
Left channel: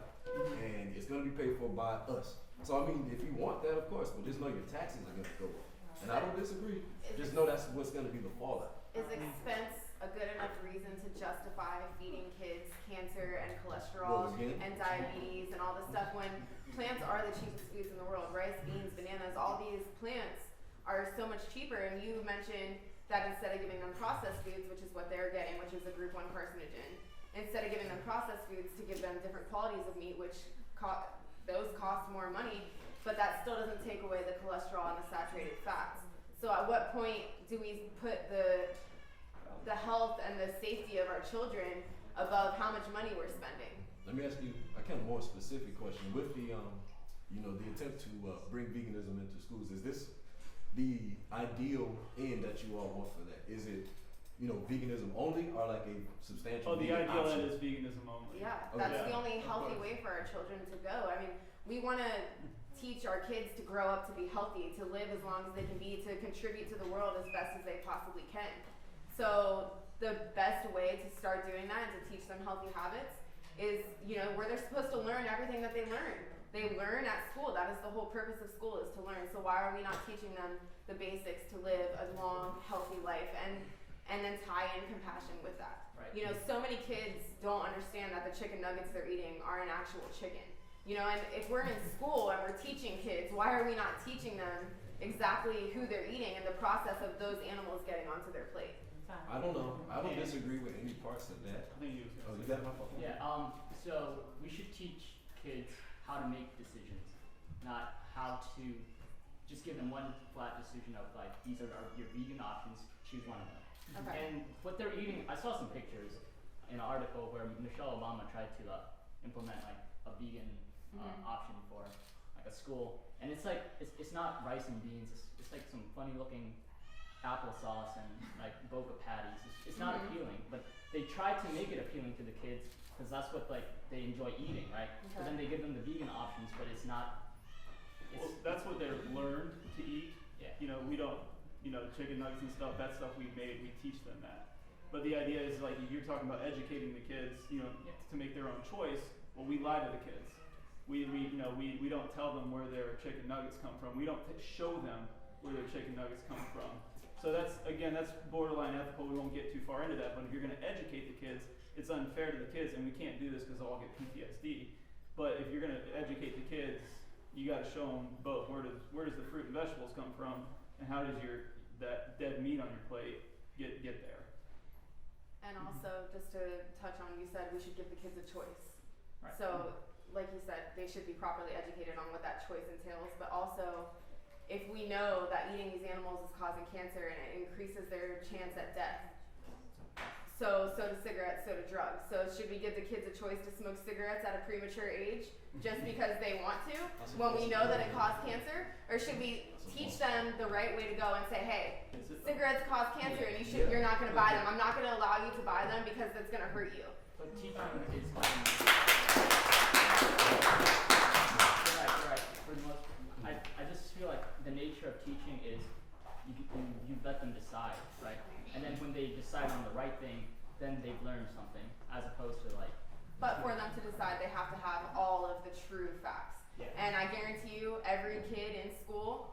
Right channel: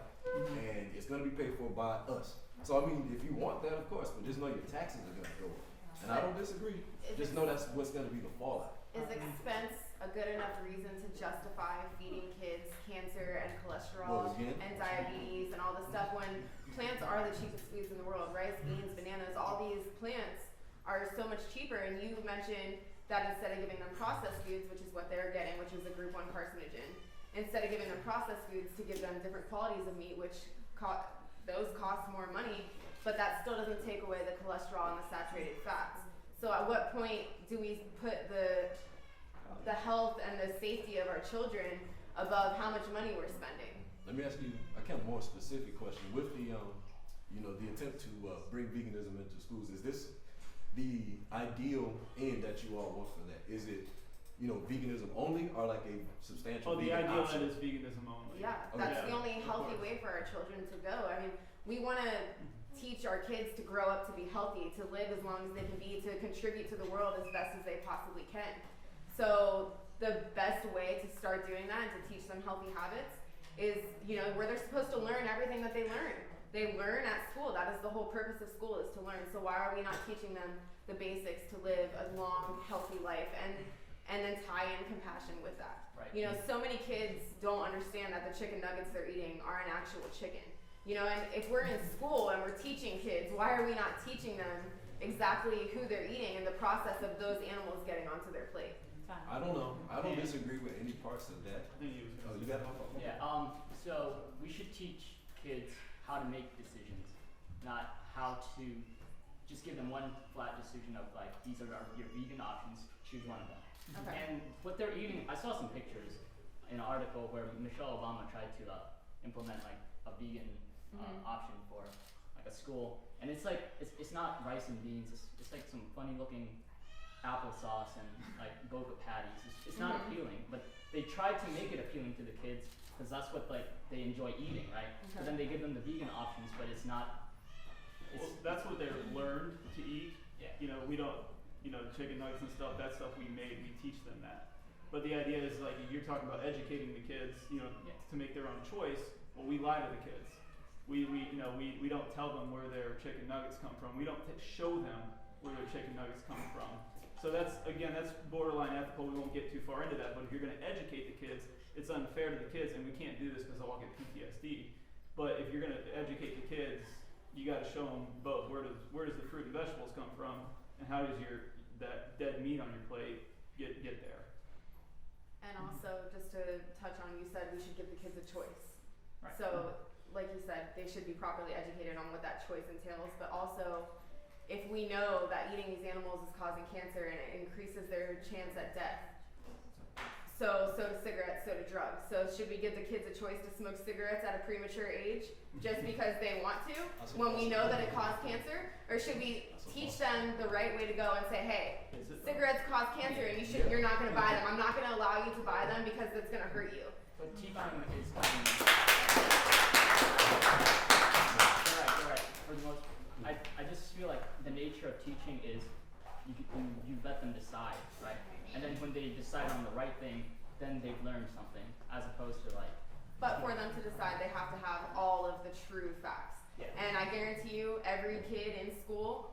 and it's going to be paid for by us. So I mean, if you want that, of course, but just know your taxes are going to go up. And I don't disagree. Just know that's what's going to be the fallout. Is expense a good enough reason to justify feeding kids cancer and cholesterol What, again? and diabetes and all this stuff when plants are the cheapest foods in the world. Rice, beans, bananas, all these plants are so much cheaper. And you mentioned that instead of giving them processed foods, which is what they're getting, which is a group 1 carcinogen, instead of giving them processed foods, to give them different qualities of meat, which those cost more money, but that still doesn't take away the cholesterol and the saturated fats. So at what point do we put the health and the safety of our children above how much money we're spending? Let me ask you a kind of more specific question. With the, the attempt to bring veganism into schools, is this the ideal end that you all want for that? Is it, veganism only, or like a substantial The vegan ideal option? end is veganism only. Yeah, Okay. that's the only Of healthy course. way for our children to go. I mean, we want to teach our kids to grow up to be healthy, to live as long as they can be, to contribute to the world as best as they possibly can. So the best way to start doing that and to teach them healthy habits is, where they're supposed to learn everything that they learn. They learn at school. That is the whole purpose of school, is to learn. So why are we not teaching them the basics to live a long, healthy life and then tie in compassion with that? Right. So many kids don't understand that the chicken nuggets they're eating are an actual chicken. And if we're in school and we're teaching kids, why are we not teaching them exactly who they're eating and the process of those animals getting onto their plate? I don't know. I don't disagree with any parts of that. I think you was Oh, gonna you say got my phone? Yeah, so we should teach kids how to make decisions, not how to just give them one flat decision of like, these are your vegan options, choose one of them. Okay. And what they're eating, I saw some pictures in an article where Michelle Obama tried to implement like a vegan option for like a school, and it's like it's not rice and beans. It's like some funny looking applesauce and like boca patties. It's not appealing, but they tried to make it appealing to the kids because that's what like they enjoy eating, right? So then they give them the vegan options, but it's not. Well, that's what they're learned to eat. Yeah. We don't, chicken nuggets and stuff, that stuff we made, we teach them that. But the idea is like, you're talking about educating the kids, to make their own choice. Well, we lie to the kids. We don't tell them where their chicken nuggets come from. We don't show them where their chicken nuggets come from. So that's borderline ethical. We won't get too far into that, but if you're gonna educate the kids, it's unfair to the kids, and we can't do this because they'll all get PTSD. But if you're gonna educate the kids, you got to show them both. Where does the fruit and vegetables come from, and how does that dead meat on your plate get there? And also, just to touch on, you said we should give the kids a choice. Right. So, like you said, they should be properly educated on what that choice entails, but also, if we know that eating these animals is causing cancer and it increases their chance at death, so do cigarettes, so do drugs. So should we give the kids a choice to smoke cigarettes at a premature age just because they want to, when we know that it causes cancer? Or should we teach them the right way to go and say, hey, cigarettes cause cancer and you're not gonna buy them. I'm not gonna allow you to buy them because it's gonna hurt you. But teaching is coming. You're right. For the most, I just feel like the nature of teaching is you let them decide, right? And then when they decide on the right thing, then they've learned something, as opposed to like. But for them to decide, they have to have all of the true facts. Yeah. And I guarantee you, every kid in school,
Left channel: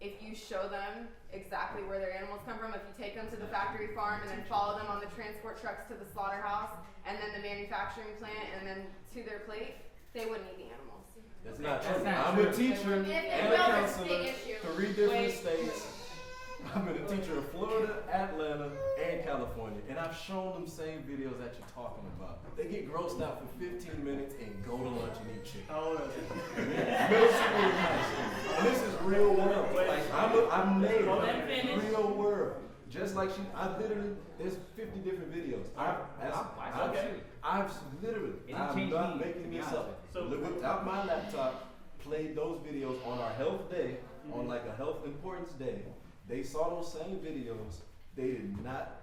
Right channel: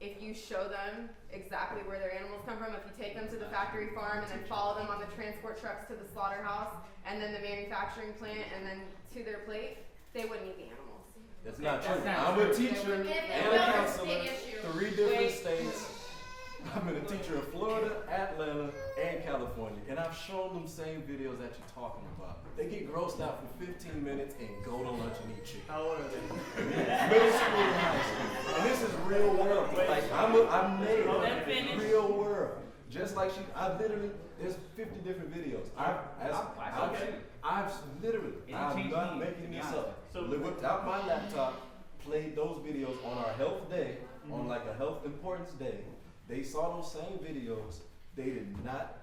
if you show them exactly where their animals come from, if you take them to the factory farm and then follow them on the transport trucks to the slaughterhouse, and then the manufacturing plant, and then to their plate, they wouldn't eat the animals. That's not true. That's not I'm a teacher If they and a will, there's a counselor, big issue. 3 different states. I've been a teacher in Florida, Atlanta, and California, and I've shown them same videos that you're talking about. They get grossed out for 15 minutes and go to lunch and eat chicken. How old are they? Middle school and high school. And this is real world. Like, I'm made Let him finish. real world. Just like I've literally, there's 50 different videos. I've literally, It I'm changed not me, making to be this honest. up. So- Whipped out my laptop, played those videos on our health day, on like a health importance day. They saw those same videos. They did not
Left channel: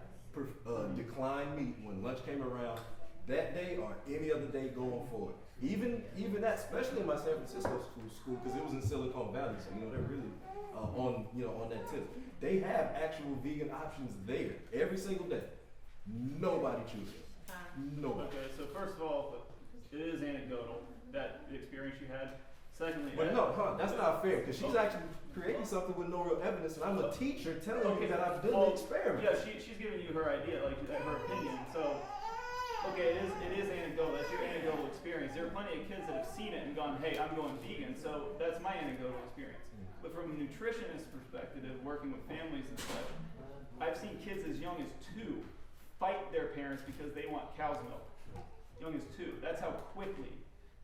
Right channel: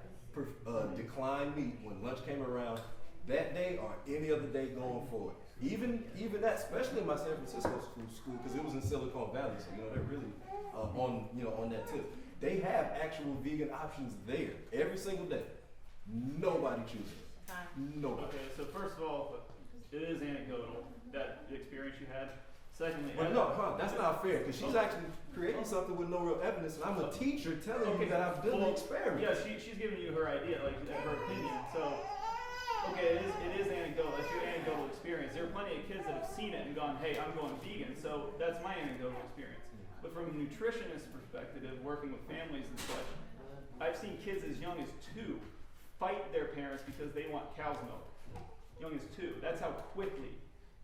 decline meat when lunch came around that day or any other day going forward. Even that, especially in my San Francisco school, because it was in Silicon Valley, so they're really on that tip. They have actual vegan options there every single day. Nobody chooses. Nobody. Okay, so first of all, it is anecdotal, that experience you had. Secondly, But no, that's not fair because she's actually creating something with no real evidence, and I'm a teacher telling you that I've done the experiment. Yeah, she's giving you her idea, like her opinion. So, okay, it is anecdotal. That's your anecdotal experience. There are plenty of kids that have seen it and gone, "Hey, I'm going vegan." So that's my anecdotal experience. But from a nutritionist perspective, working with families and such, I've seen kids as young as 2 fight their parents because they want cow's milk. Young as 2. That's how quickly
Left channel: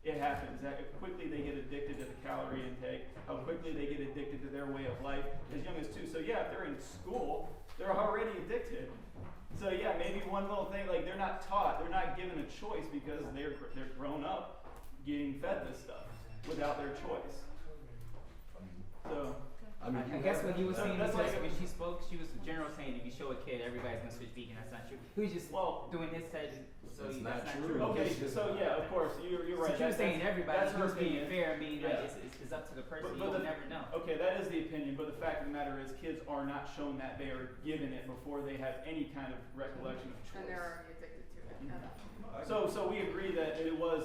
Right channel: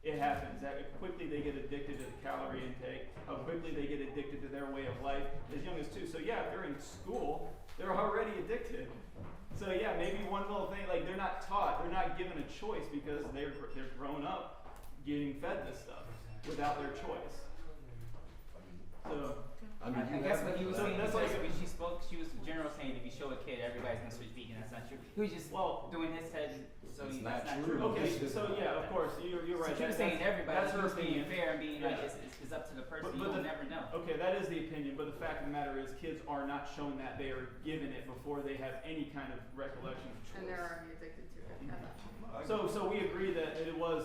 it happens. That quickly they get addicted to the calorie intake. How quickly they get addicted to their way of life as young as 2. So yeah, if they're in school, they're already addicted. So yeah, maybe one little thing, like they're not taught, they're not given a choice because they're grown up getting fed this stuff without their choice. So I mean, I guess what he was So saying that's was like- when she spoke, she was in general saying if you show a kid everybody's gonna switch vegan. That's not true. He was just doing his head, so It's that's not not true. true. okay, so yeah, of course, you're right. So she was saying everybody. That's She her was being opinion. fair and being like Yeah. it's up to the person. But You'll never know. Okay, that is the opinion, but the fact of the matter is kids are not shown that. They are given it before they have any kind of recollection of choice. And they're already addicted to it. Yeah. So we agree that it was,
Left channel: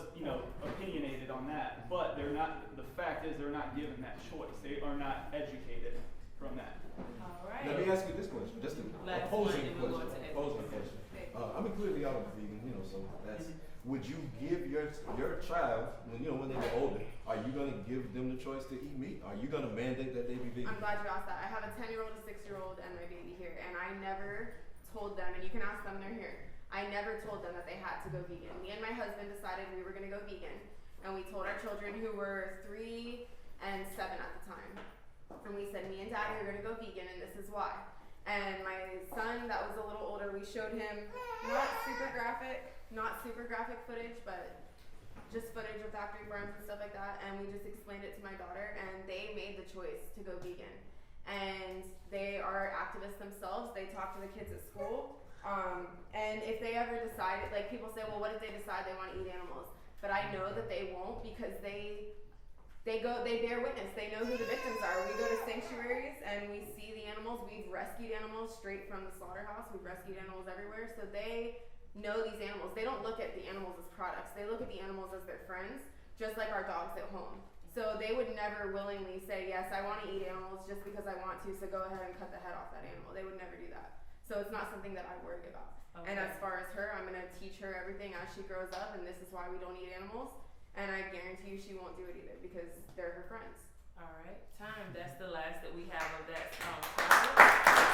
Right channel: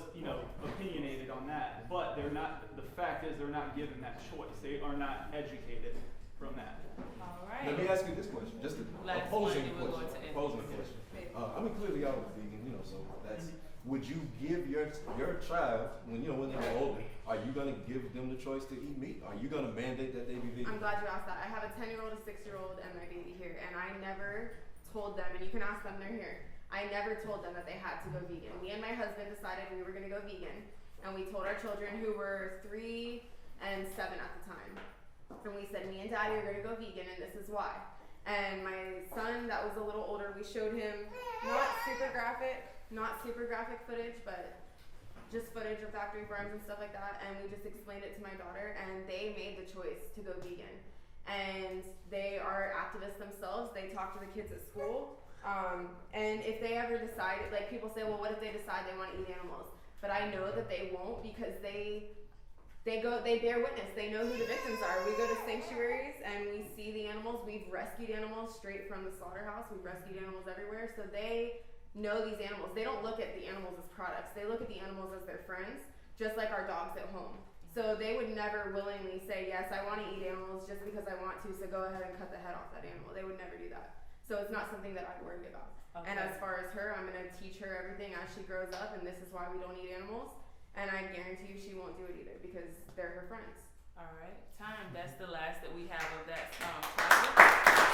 opinionated on that, but they're not, the fact is they're not given that choice. They are not educated from that. All right. Let me ask you this question, just an Last opposing one, then we'll go question. to Opposing question. I mean, clearly I was vegan, so that's. Would you give your child when they get older? Are you gonna give them the choice to eat meat? Are you gonna mandate that they be vegan? I'm glad you asked that. I have a 10-year-old, a 6-year-old, and my baby here, and I never told them, and you can ask them, they're here. I never told them that they had to go vegan. Me and my husband decided we were gonna go vegan, and we told our children who were 3 and 7 at the time. And we said, me and Daddy are gonna go vegan, and this is why. And my son, that was a little older, we showed him not super graphic footage, but just footage of factory farms and stuff like that. And we just explained it to my daughter, and they made the choice to go vegan. And they are activists themselves. They talk to the kids at school. And if they ever decide, like people say, well, what if they decide they want to eat animals? But I know that they won't because they bear witness. They know who the victims are. We go to sanctuaries and we see the animals. We've rescued animals straight from the slaughterhouse. We've rescued animals everywhere. So they know these animals. They don't look at the animals as products. They look at the animals as their friends, just like our dogs at home. So they would never willingly say, yes, I want to eat animals just because I want to, so go ahead and cut the head off that animal. They would never do that. So it's not something that I worry about. Okay. And as far as her, I'm going to teach her everything as she grows up, and this is why we don't eat animals. And I guarantee you she won't do it either because they're her friends. All right, time. That's the last that we have of that topic.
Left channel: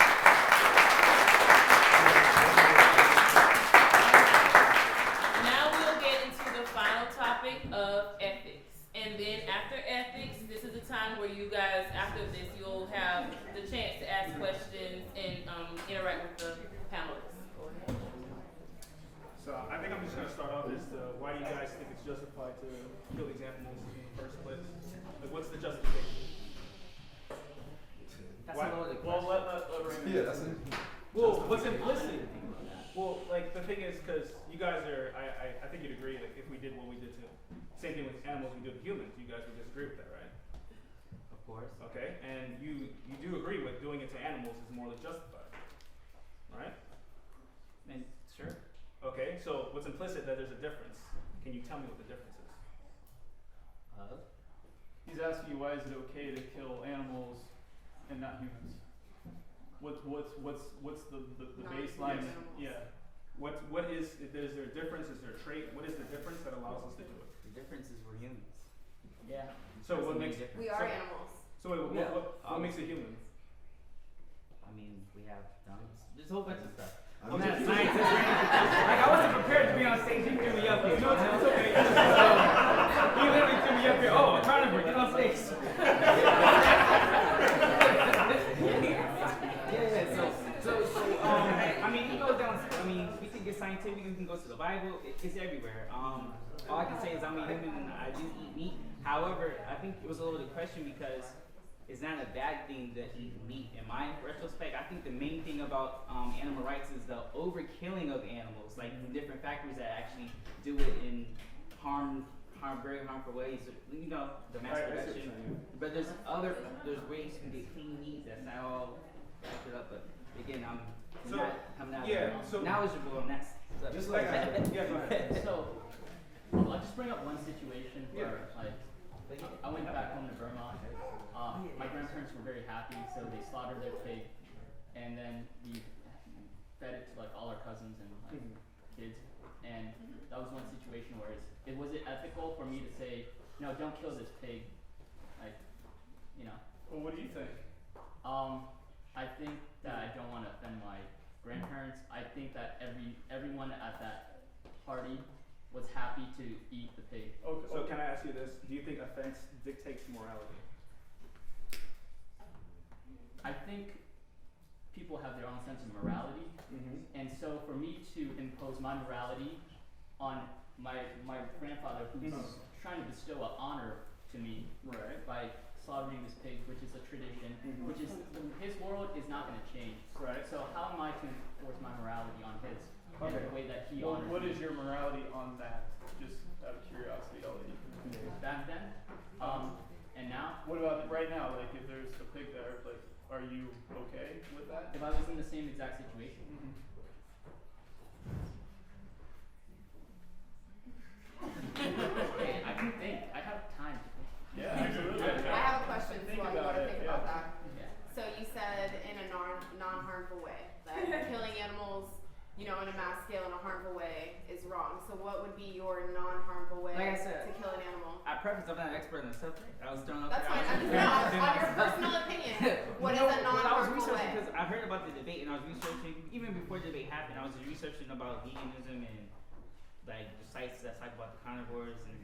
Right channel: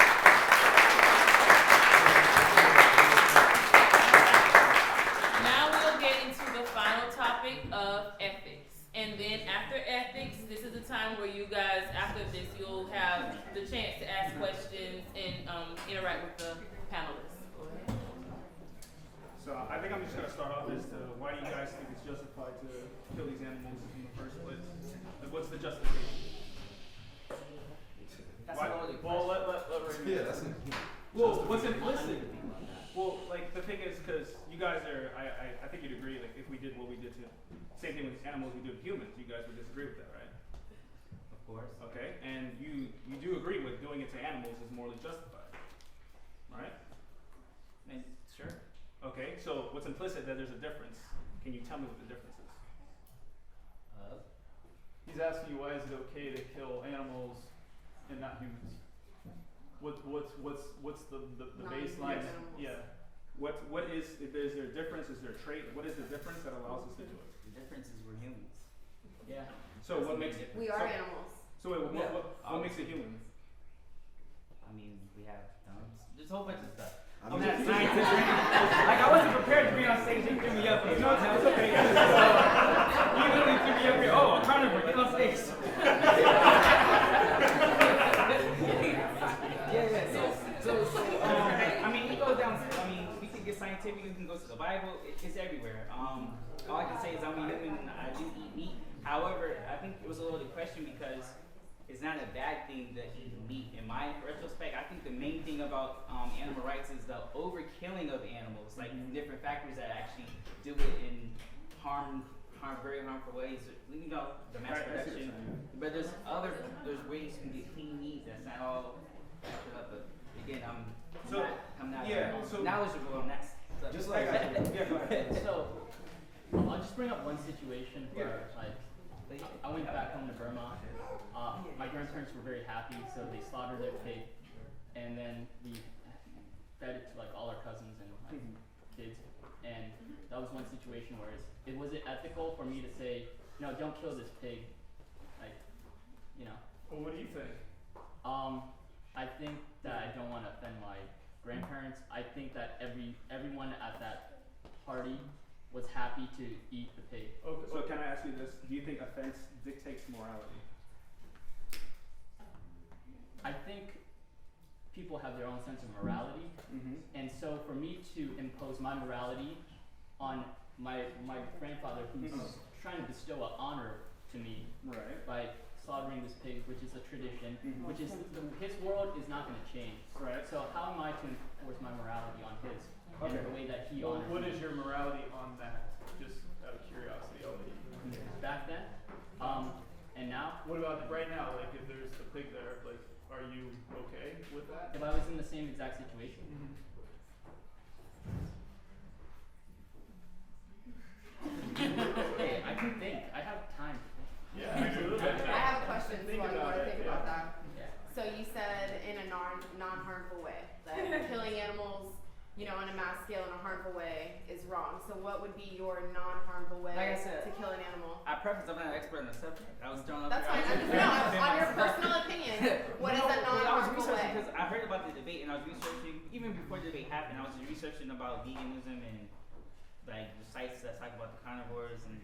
Now we'll get into the final topic of ethics. And then after ethics, this is the time where you guys, after this, you'll have the chance to ask questions and interact with the panelists. Go ahead. So I think I'm just gonna start off as to why do you guys think it's justified to kill these animals in the first place? Like, what's the justification? That's Why? not really. Well, let Raymond. Yeah, that's it. Well, what's I implicit? didn't even think about that. Well, like the thing is, because you guys are, I think you'd agree that if we did what we did to, same thing with animals we do to humans, you guys would disagree with that, right? Of course. Okay, and you do agree with doing it to animals is morally justified, right? And sure. Okay, so what's implicit that there's a difference? Can you tell me what the difference is? He's asking you why is it okay to kill animals and not humans? What's the baseline? Non-animals. Yeah. What is there a difference? Is there a trait? What is the difference that allows us to do it? The difference is we're humans. Yeah. So That's what the main makes difference. We are animals. so wait, Yeah. what makes a human? I mean, we have thumbs. There's a whole bunch of stuff. I I'm mean, not a scientist. Like, I wasn't prepared to be on stage. You threw me up here. You know what's okay? You literally threw me up here. Oh, carnivore, get on stage. I mean, you go down. I mean, we can get scientific. You can go to the Bible. It's everywhere. All I can say is I'm a human and I do eat meat. However, I think it was a loaded question because it's not a bad thing to eat meat. In my retrospect, I think the main thing about animal rights is the overkilling of animals, like different factors that actually do it in very harmful ways. You know, the mass production. But there's ways you can get clean meat that's not all fucked up. But again, I'm not knowledgeable on that. Just like go ahead. So, I'll just bring up one situation where, like, I went back home to Vermont. My grandparents were very happy, so they slaughtered their pig, and then we fed it to like all our cousins and like kids. And that was one situation where was it ethical for me to say, no, don't kill this pig, like, you know. Well, what do you think? I think that I don't want to offend my grandparents. I think that everyone at that party was happy to eat the pig. Okay. So can I ask you this? Do you think offense dictates morality? I think people have their own sense of morality, and so for me to impose my morality on my grandfather, who's trying to bestow an honor to me Right. by slaughtering this pig, which is a tradition, which is his world is not going to change. Right. So how am I to enforce my morality on his and the way that he honors What me? is your morality on that? Just out of curiosity, I'll let you. Back then, and now, What about right now? Like, if there's a pig there, like, are you okay with that? if I was in the same exact situation, okay, I can think. I have time to think. Yeah, absolutely. I have a question, so Think I about want to it, think yeah. about that. Yeah. So you said in a non-harmful way, that killing animals, you know, on a mass scale in a harmful way is wrong. So what would be your non-harmful way Like I said, to kill an animal? I preface, I'm not an expert on the subject. I was thrown up That's there. fine. On your personal opinion, what is a I was non-harmful researching way? because I heard about the debate and I was researching, even before the debate happened, I was researching about veganism and like the sites that talk about the carnivores and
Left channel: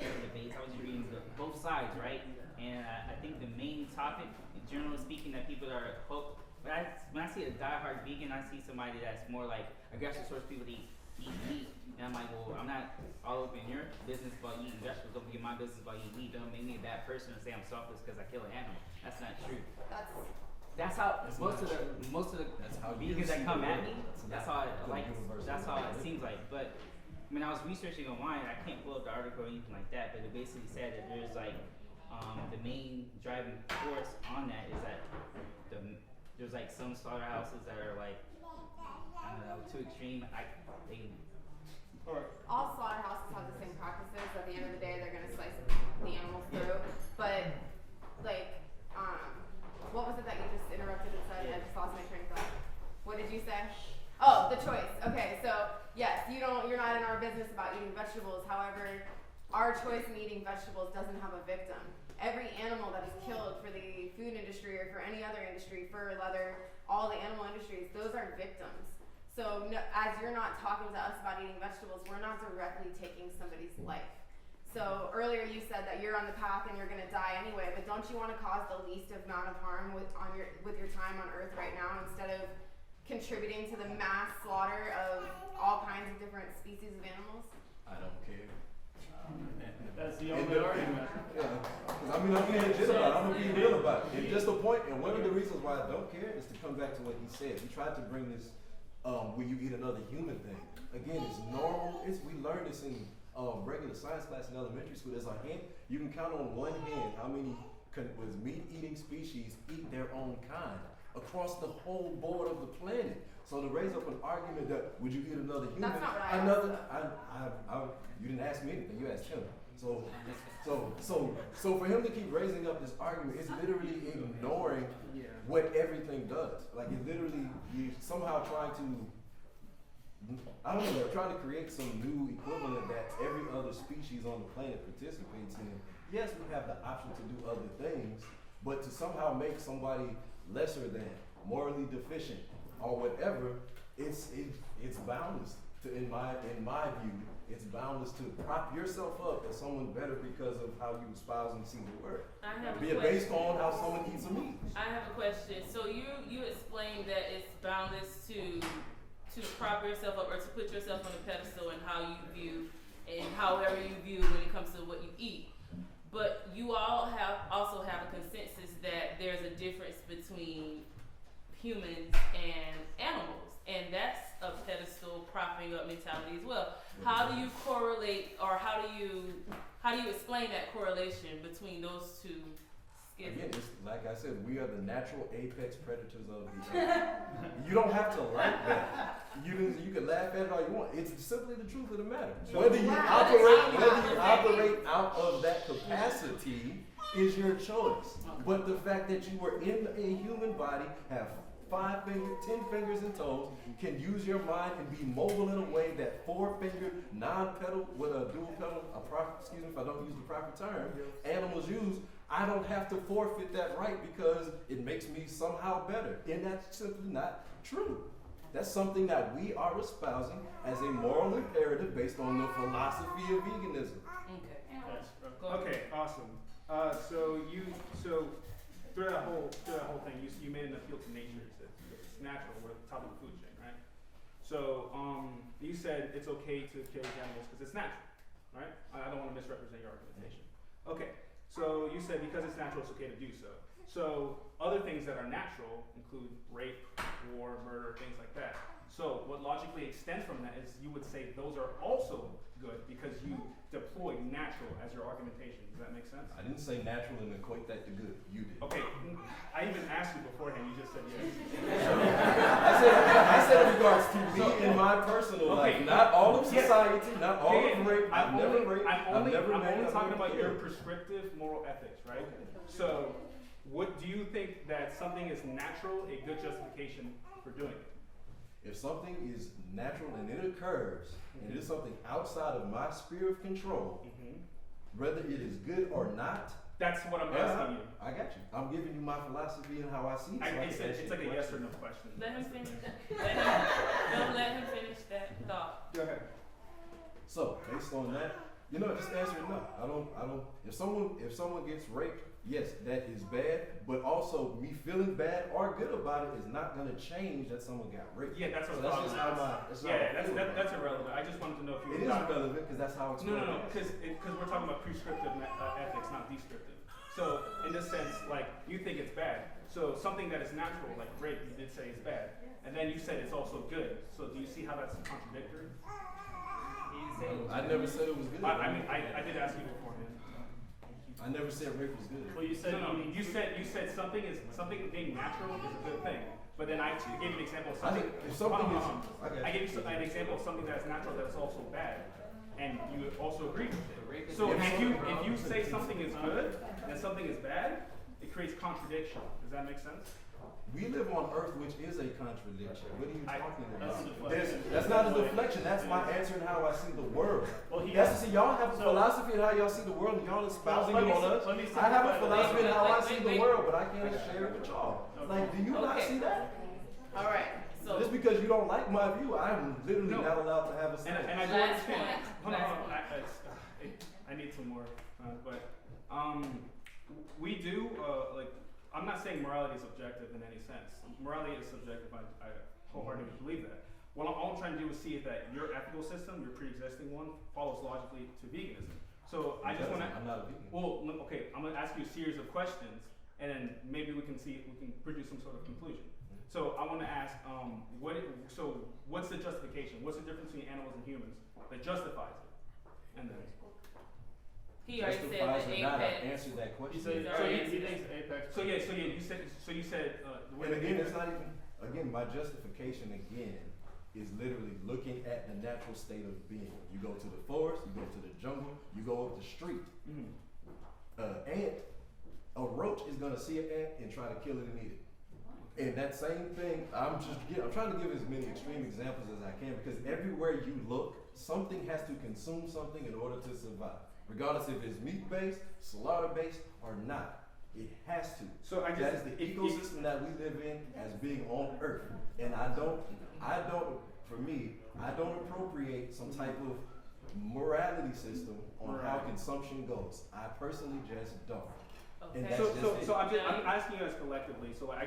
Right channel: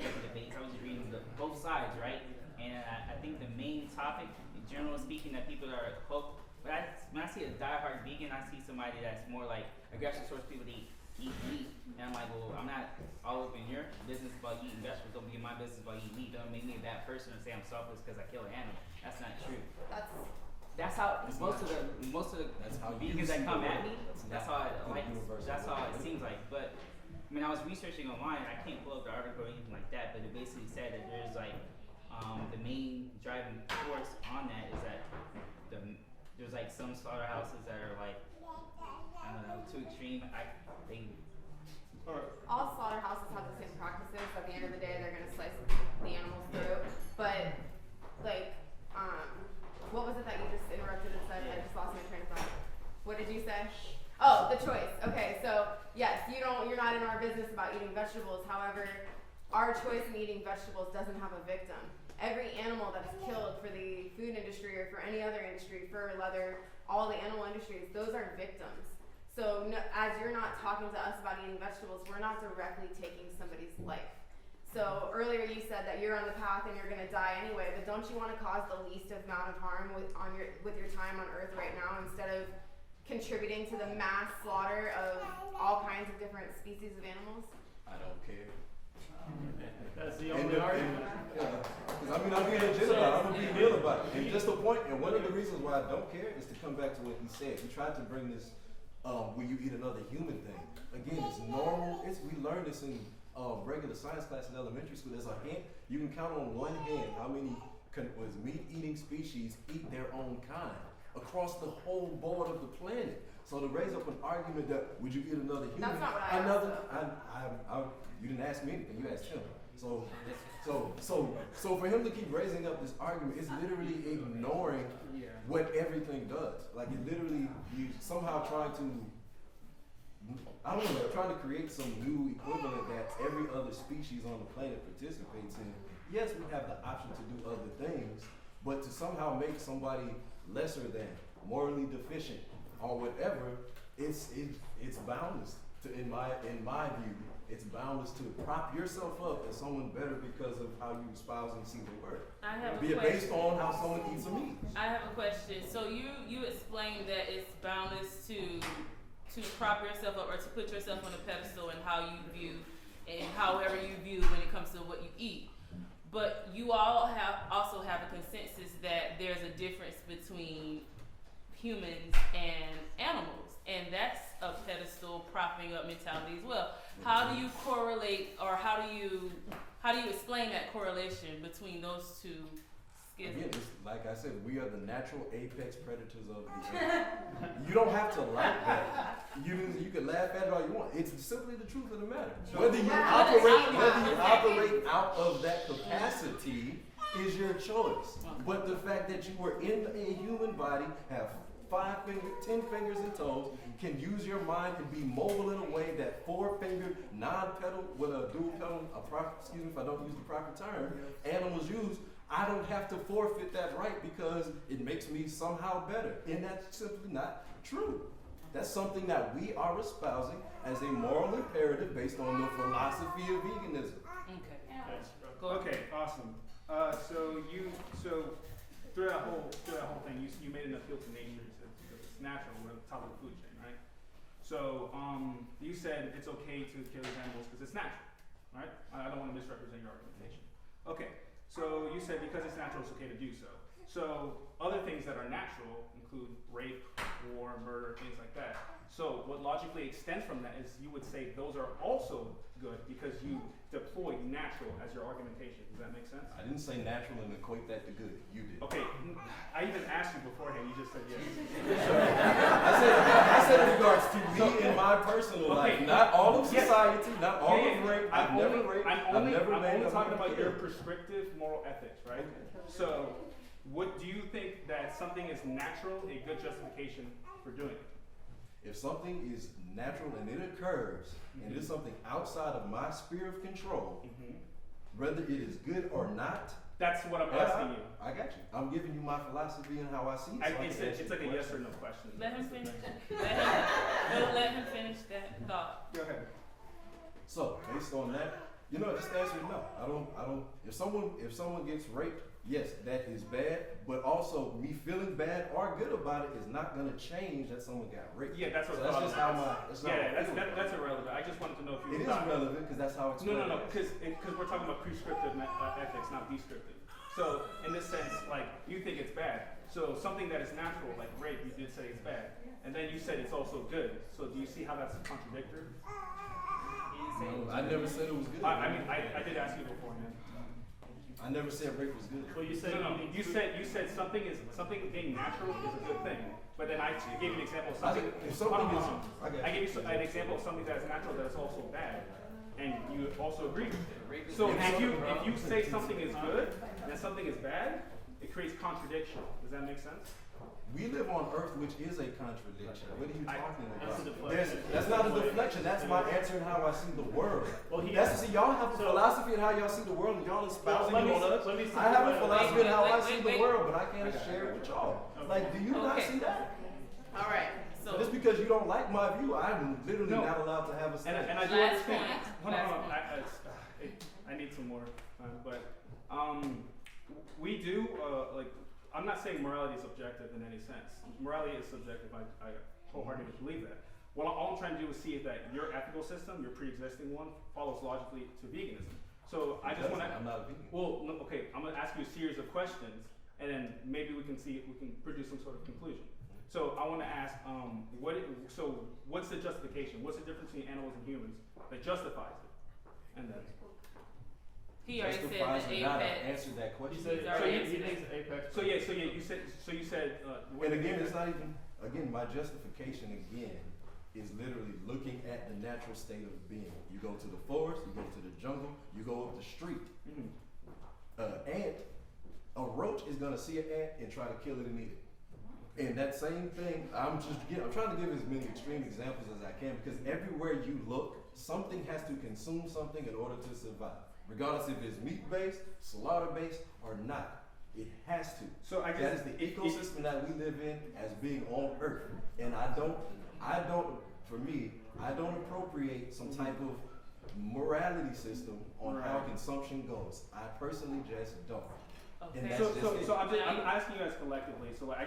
the debates. I was reading both sides, right? And I think the main topic, generally speaking, that people are hooked. When I see a diehard vegan, I see somebody that's more like aggressive towards people to eat meat. And I'm like, well, I'm not all up in your business about eating vegetables. Don't be in my business about eating meat. Don't make me a bad person or say I'm selfless because I kill an animal. That's not true. That's how most of the vegans that come at me. That's how it seems like. But I mean, I was researching online. I can't pull up the article or anything like that. But it basically said that there's like the main driving force on that is that there's like some slaughterhouses that are like I don't know too extreme. All slaughterhouses have the same practices. At the end of the day, they're going to slice the animals through. But, like, what was it that you just interrupted and said? I just lost my train of thought. What did you say? Oh, the choice. Okay, so yes, you're not in our business about eating vegetables. However, our choice in eating vegetables doesn't have a victim. Every animal that is killed for the food industry or for any other industry, fur, leather, all the animal industries, those are victims. So no, as you're not talking to us about eating vegetables, we're not directly taking somebody's life. So earlier you said that you're on the path and you're going to die anyway, but don't you want to cause the least amount of harm with your time on Earth right now instead of contributing to the mass slaughter of all kinds of different species of animals? I don't care. That's the only argument. Yeah, 'cause I mean, I'm being legit about it. I'm gonna be real about it. And just the point, and one of the reasons why I don't care is to come back to what he said. He tried to bring this, when you eat another human thing. Again, it's normal. We learned this in regular science class in elementary school. There's a hand. You can count on one hand how many meat-eating species eat their own kind across the whole board of the planet. So to raise up an argument that would you eat another human? That's not what I asked. You didn't ask me anything. You asked him. So for him to keep raising up this argument, it's literally ignoring what everything does. Like it literally, you somehow trying to, I don't know, trying to create some new equivalent that every other species on the planet participates in. Yes, we have the option to do other things, but to somehow make somebody lesser than, morally deficient, or whatever, it's boundless. In my view, it's boundless to prop yourself up as someone better because of how you espouse and see the world. I have Be a it question. based on how someone eats a meat. I have a question. So you explained that it's boundless to prop yourself up or to put yourself on a pedestal and how you view and however you view when it comes to what you eat. But you all also have a consensus that there's a difference between humans and animals, and that's a pedestal propping up mentality as well. How do you correlate, or how do you explain that correlation between those two Excuse Again, me. it's like I said, we are the natural apex predators of the earth. You don't have to like that. You can laugh at it all you want. It's simply the truth of the matter. Whether you operate out of that capacity is your choice. But the fact that you were in a human body, have 5 fingers, 10 fingers and toes, can use your mind and be mobile in a way that 4-fingered, non-pedal with a dual pedal, excuse me if I don't use the proper term, animals use. I don't have to forfeit that right because it makes me somehow better. And that's simply not true. That's something that we are espousing as a moral imperative based on the philosophy of veganism. Okay. Go Okay, awesome. So through that whole thing, you made an appeal to nature. It's natural. We're at the top of the food chain, right? So you said it's okay to kill these animals because it's natural, right? I don't want to misrepresent your argumentation. Okay. So you said because it's natural, it's okay to do so. So other things that are natural include rape, war, murder, things like that. So what logically extends from that is you would say those are also good because you deploy natural as your argumentation. Does that make sense? I didn't say natural and equate that to good. You did. Okay, I even asked you beforehand. You just said yes. I said in regards to me and my personal life, not all of society, not all of rape. I've never raped. I'm only I've talking about your killed. prescriptive moral ethics, right? So, what do you think that something is natural, a good justification for doing it? If something is natural and it occurs, and it is something outside of my sphere of control, whether it is good or not. That's what I'm asking you. I got you. I'm giving you my philosophy and how I see it. It's like a yes or no question. Let him finish. Let him finish that thought. Go ahead. So based on that, just answer no. I don't. If someone gets raped, yes, that is bad. But also, me feeling bad or good about it is not going to change that someone got raped. Yeah, that's what. So that's just how my. That's irrelevant. I just wanted to know if you. It is relevant because that's how it's. No, because we're talking about prescriptive ethics, not descriptive. So in this sense, like you think it's bad. So something that is natural, like rape, you did say is bad, and then you said it's also good. So do you see how that's contradictory? I never said it was good. I did ask you beforehand. I never said rape was good. Well, you said you said something being natural is a good thing, but then I gave you an example of something. I gave you an example of something that is natural that is also bad, and you also agree with it. So if you say something is good and something is bad, it creates contradiction. Does that make sense? We live on Earth, which is a contradiction. What are you talking That's a about? deflection. That's not a deflection. That's my answer and how I see the world. Well, Y'all have a philosophy and how y'all see the world, and y'all espousing it on us. let me I have a simplify philosophy and how I see the wait. world, but I can't share it with y'all. Like, do you not Okay. see that? All right. So Just because you don't like my view, I'm literally not allowed to have a And say. I do Last understand. point. Hold on. I need some more, but we do like. I'm not saying morality is objective in any sense. Morality is subjective. I wholeheartedly believe that. What all I'm trying to do is see is that your ethical system, your pre-existing one, follows logically to veganism. So I just want to. I'm not a vegan. Well, no, okay. I'm going to ask you a series of questions, and then maybe we can produce some sort of conclusion. So I want to ask, what's the justification? What's the difference between animals and humans that justifies it? And then. he already said Justifies the or not, I apex. answered that question. He said He's already he thinks apex. You said. And again, it's not even. Again, my justification again is literally looking at the natural state of being. You go to the forest, you go to the jungle, you go up the street. A roach is gonna see an ant and try to kill it and eat it. And that same thing, I'm trying to give as many extreme examples as I can because everywhere you look, something has to consume something in order to survive. Regardless if it's meat-based, slaughter-based, or not. It has to. So that is the ecosystem that we live in as being on Earth. And I don't appropriate some type of morality system on how consumption goes. I personally just don't. And that's So I'm asking you guys collectively. So like,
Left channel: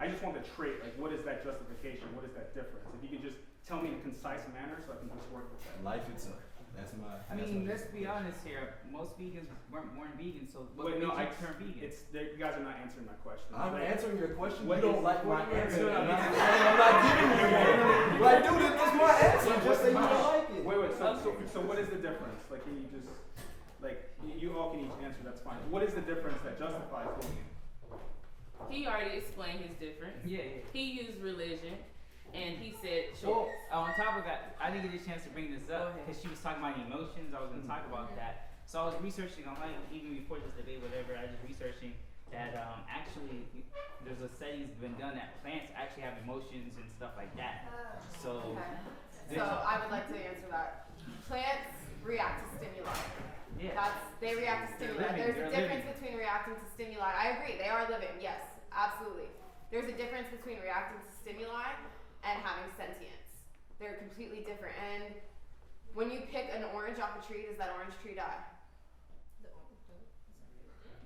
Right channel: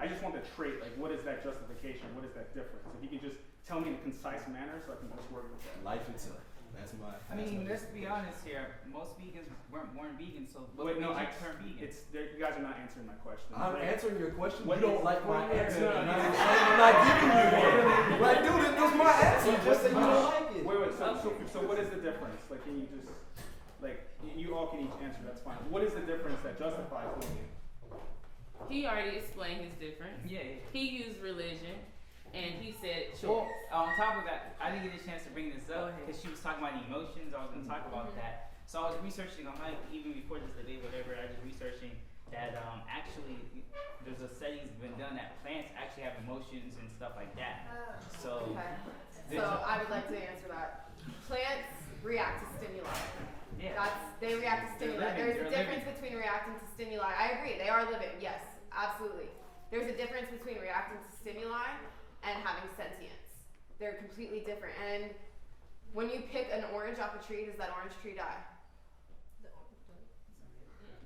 I just want the trait. Like, what is that justification? What is that difference? If you could just tell me in a concise manner, so I can just work with that. Life itself. That's my. Let's be honest here. Most vegans weren't born vegan, so what Wait, no, made you turn vegan? You guys are not answering my question. I'm answering your question. What You don't is- like my what is- answer. I'm not giving you one. Like, dude, this is my answer. Just say you don't like it. Wait. So what is the difference? Like, can you just you all can each answer? That's fine. What is the difference that justifies doing it? he already explained his difference. Yeah. He used religion, and he said choice. Well, on top of that, I didn't get a chance to bring this up Go ahead. because she was talking about emotions. I was going to talk about that. So I was researching online, even before this debate, whatever. I was researching that actually there's a study's been done that plants actually have emotions and stuff like that. So, So I would like to answer that. Plants react to stimuli. yeah. They react to stimuli. There's a difference between reacting to stimuli. I agree, they are living, yes, absolutely. There's a difference between reacting to stimuli and having sentience. They're completely different. And when you pick an orange off a tree, does that orange tree die?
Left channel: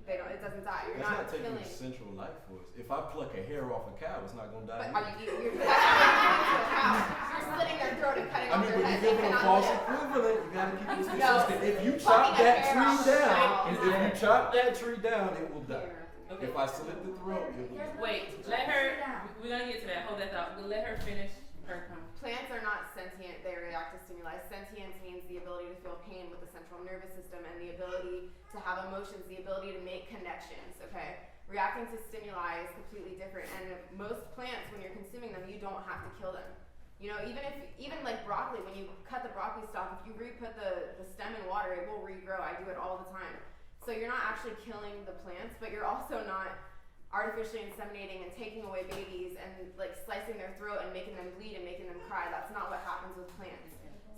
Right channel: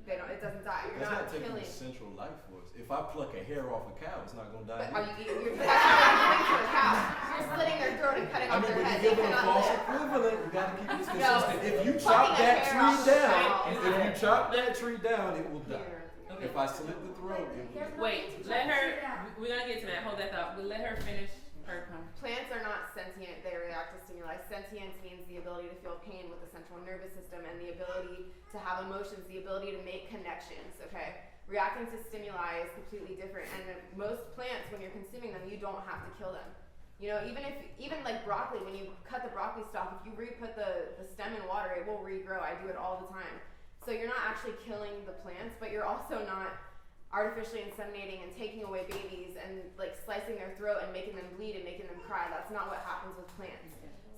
It doesn't die. You're That's not not taking killing. the central life force. If I pluck a hair off a cow, it's not gonna die. But are you eating? That's not giving to a cow. You're slitting their throat and cutting I off mean, their but head. you're They giving a cannot false live. equivalent. You gotta keep this No. consistent. If you Plucking chop a that hair tree off a down, cow if is you not- chop that tree down, it will die. Okay. If I slit the throat, it will die. Wait, let her. We're gonna get to that. Hold that thought. Let her finish her comment. Plants are not sentient, they react to stimuli. Sentience means the ability to feel pain with the central nervous system and the ability to have emotions, the ability to make connections, okay? Reacting to stimuli is completely different, and most plants, when you're consuming them, you don't have to kill them. You know, even like broccoli, when you cut the broccoli stalk, if you re-put the stem in water, it will regrow. I do it all the time. So you're not actually killing the plants, but you're also not artificially inseminating and taking away babies and like slicing their throat and making them bleed and making them cry. That's not what happens with plants.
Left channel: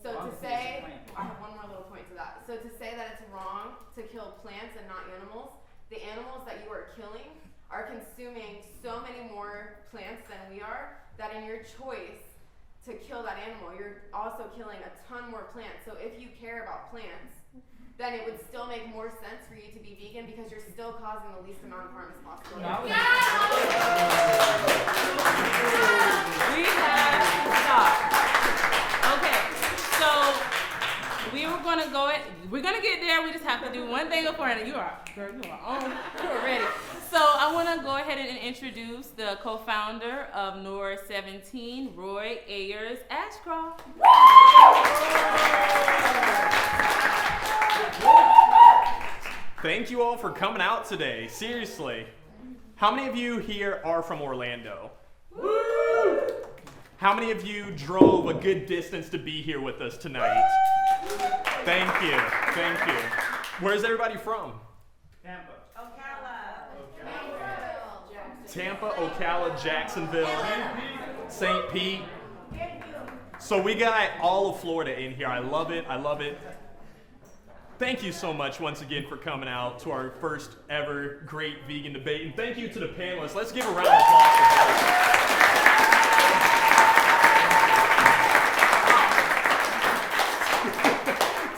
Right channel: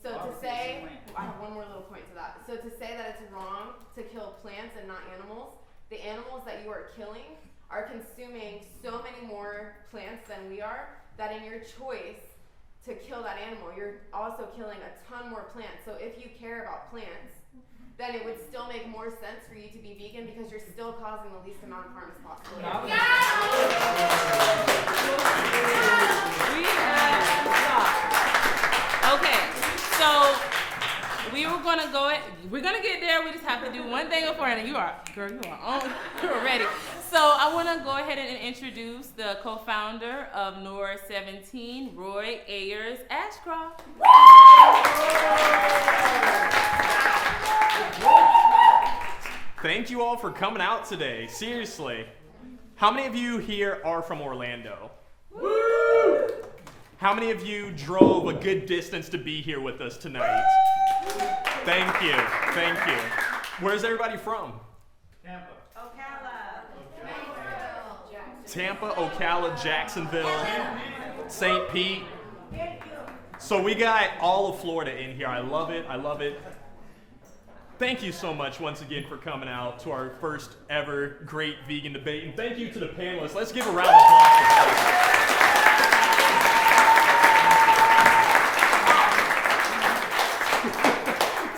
So to say, I have one more little point to that. So to say that it's wrong to kill plants and not animals, the animals that you are killing are consuming so many more plants than we are, that in your choice to kill that animal, you're also killing a ton more plants. So if you care about plants, then it would still make more sense for you to be vegan because you're still causing the least amount of harm as possible. We have to stop. Okay, so we were gonna go. We're gonna get there. We just have to do one thing before, and you are on. You're ready. So I want to go ahead and introduce the co-founder of NOOR 17, Roy Ayers Ashcroft. Thank you all for coming out today. Seriously. How many of you here are from Orlando? How many of you drove a good distance to be here with us tonight? Thank you. Thank you. Where's everybody from? Tampa, Ocala, Jacksonville, St. Pete. So we got all of Florida in here. I love it. I love it. Thank you so much once again for coming out to our first ever great vegan debate. And thank you to the panelists. Let's give a round of applause.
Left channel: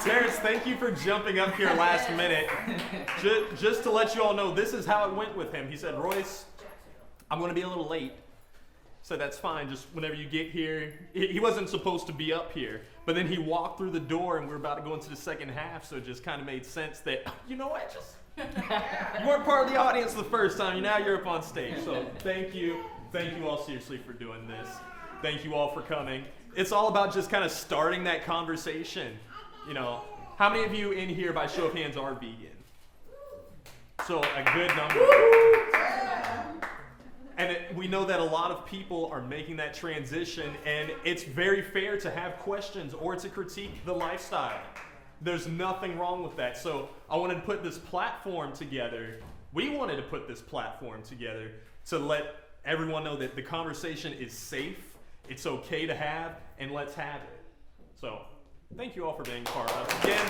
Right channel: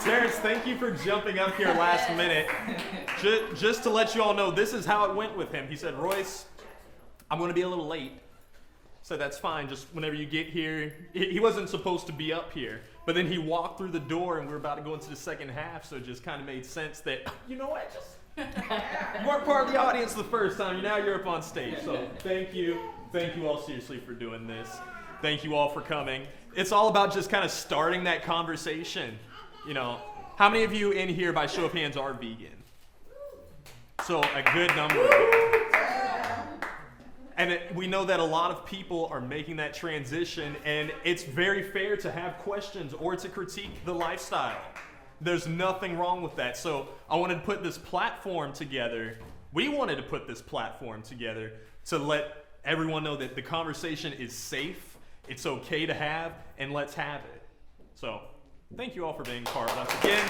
Terrence, thank you for jumping up here last minute. Just to let you all know, this is how it went with him. He said, Royce, I'm going to be a little late. So that's fine, just whenever you get here. He wasn't supposed to be up here, but then he walked through the door and we're about to go into the second half, so it just kind of made sense that, you know what, you weren't part of the audience the first time, now you're up on stage. So thank you all seriously for doing this. Thank you all for coming. It's all about just kind of starting that conversation. You know, how many of you in here by show of hands are vegan? So a good number. And we know that a lot of people are making that transition, and it's very fair to have questions or to critique the lifestyle. There's nothing wrong with that. So I wanted to put this platform together. We wanted to put this platform together to let everyone know that the conversation is safe, it's okay to have, and let's have it. So thank you all for being a part once again.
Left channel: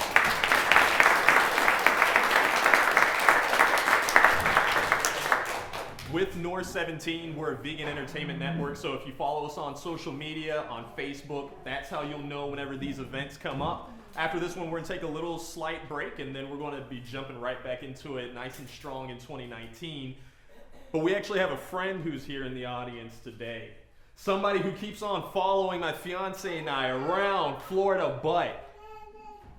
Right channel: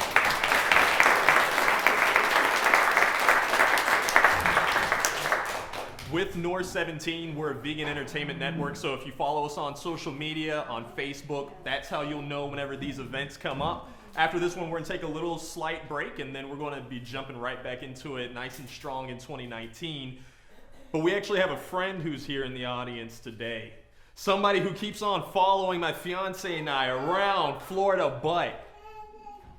With NOOR 17, we're a vegan entertainment network, so if you follow us on social media, on Facebook, that's how you'll know whenever these events come up. After this one, we're gonna take a little slight break, and then we're gonna be jumping right back into it nice and strong in 2019. But we actually have a friend who's here in the audience today. Somebody who keeps on following my fiance and I around Florida, but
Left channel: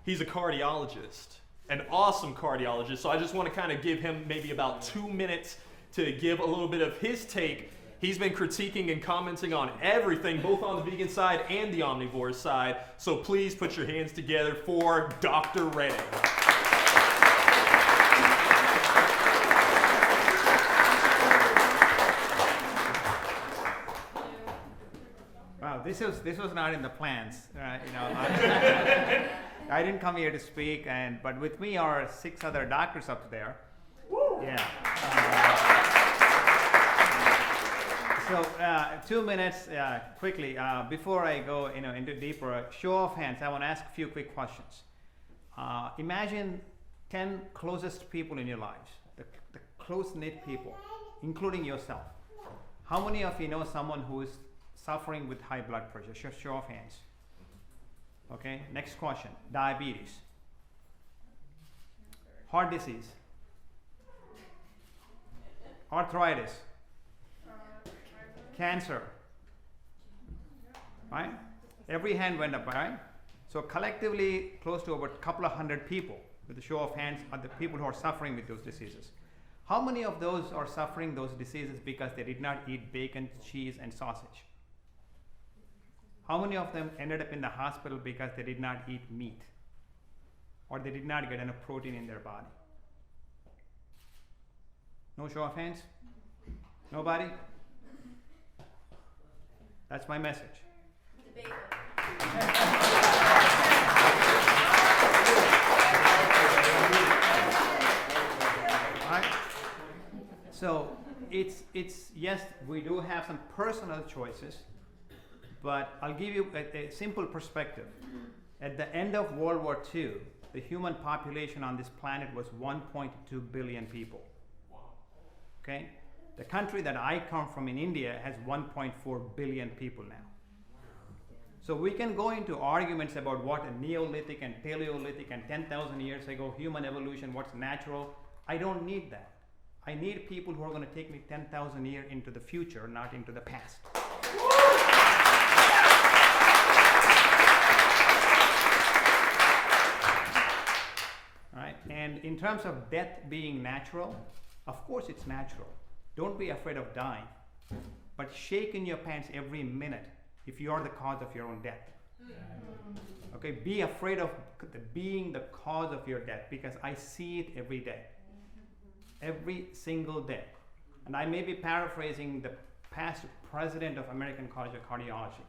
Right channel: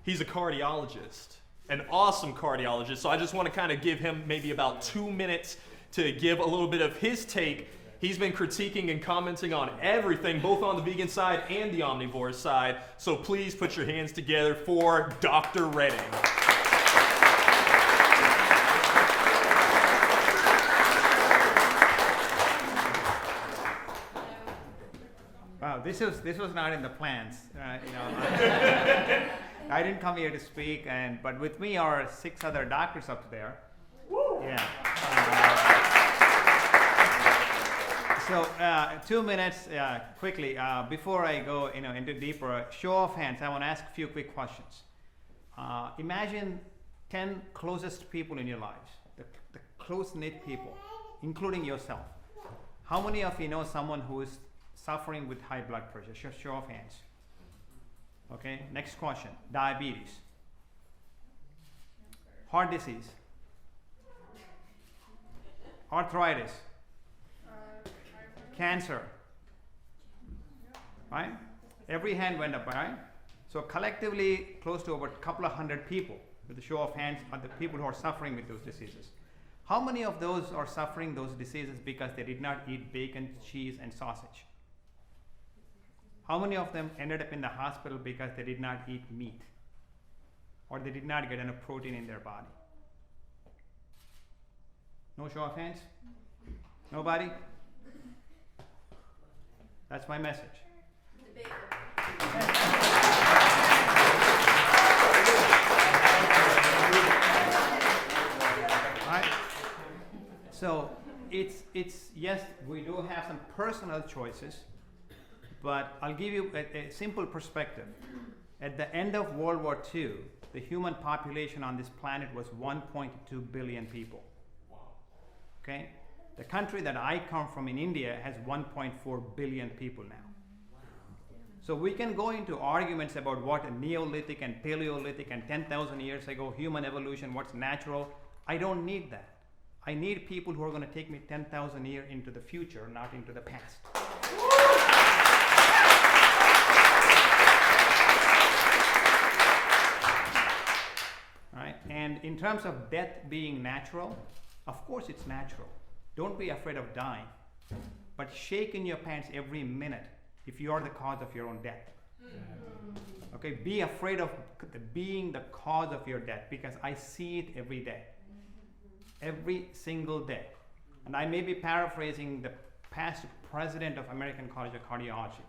he's a cardiologist, an awesome cardiologist. So I just wanna kind of give him maybe about 2 minutes to give a little bit of his take. He's been critiquing and commenting on everything, both on the vegan side and the omnivore side. So please put your hands together for Dr. Redding. this was not in the plans. I didn't come here to speak, but with me are 6 other doctors up there. Yeah. So 2 minutes quickly before I go into deeper show of hands. I want to ask a few quick questions. Imagine 10 closest people in your lives, the close-knit people, including yourself. How many of you know someone who is suffering with high blood pressure? Show of hands. Okay, next question. Diabetes, heart disease, arthritis, cancer, right? Every hand went up, right? So collectively, close to over a couple of hundred people, with a show of hands, are the people who are suffering with those diseases. How many of those are suffering those diseases because they did not eat bacon, cheese, and sausage? How many of them ended up in the hospital because they did not eat meat, or they did not get enough protein in their body? No show of hands? Nobody? That's my message. Right? So it's yes, we do have some personal choices, but I'll give you a simple perspective. At the end of World War II, the human population on this planet was 1.2 billion people. Okay? The country that I come from in India has 1.4 billion people now. So we can go into arguments about what a Neolithic and Paleolithic and 10,000 years ago human evolution, what's natural. I don't need that. I need people who are going to take me 10,000 years into the future, not into the past. Right? And in terms of death being natural, of course it's natural. Don't be afraid of dying, but shake in your pants every minute if you are the cause of your own death. Okay, be afraid of being the cause of your death, because I see it every day. Every single day. And I may be paraphrasing the past president of American College of Cardiology,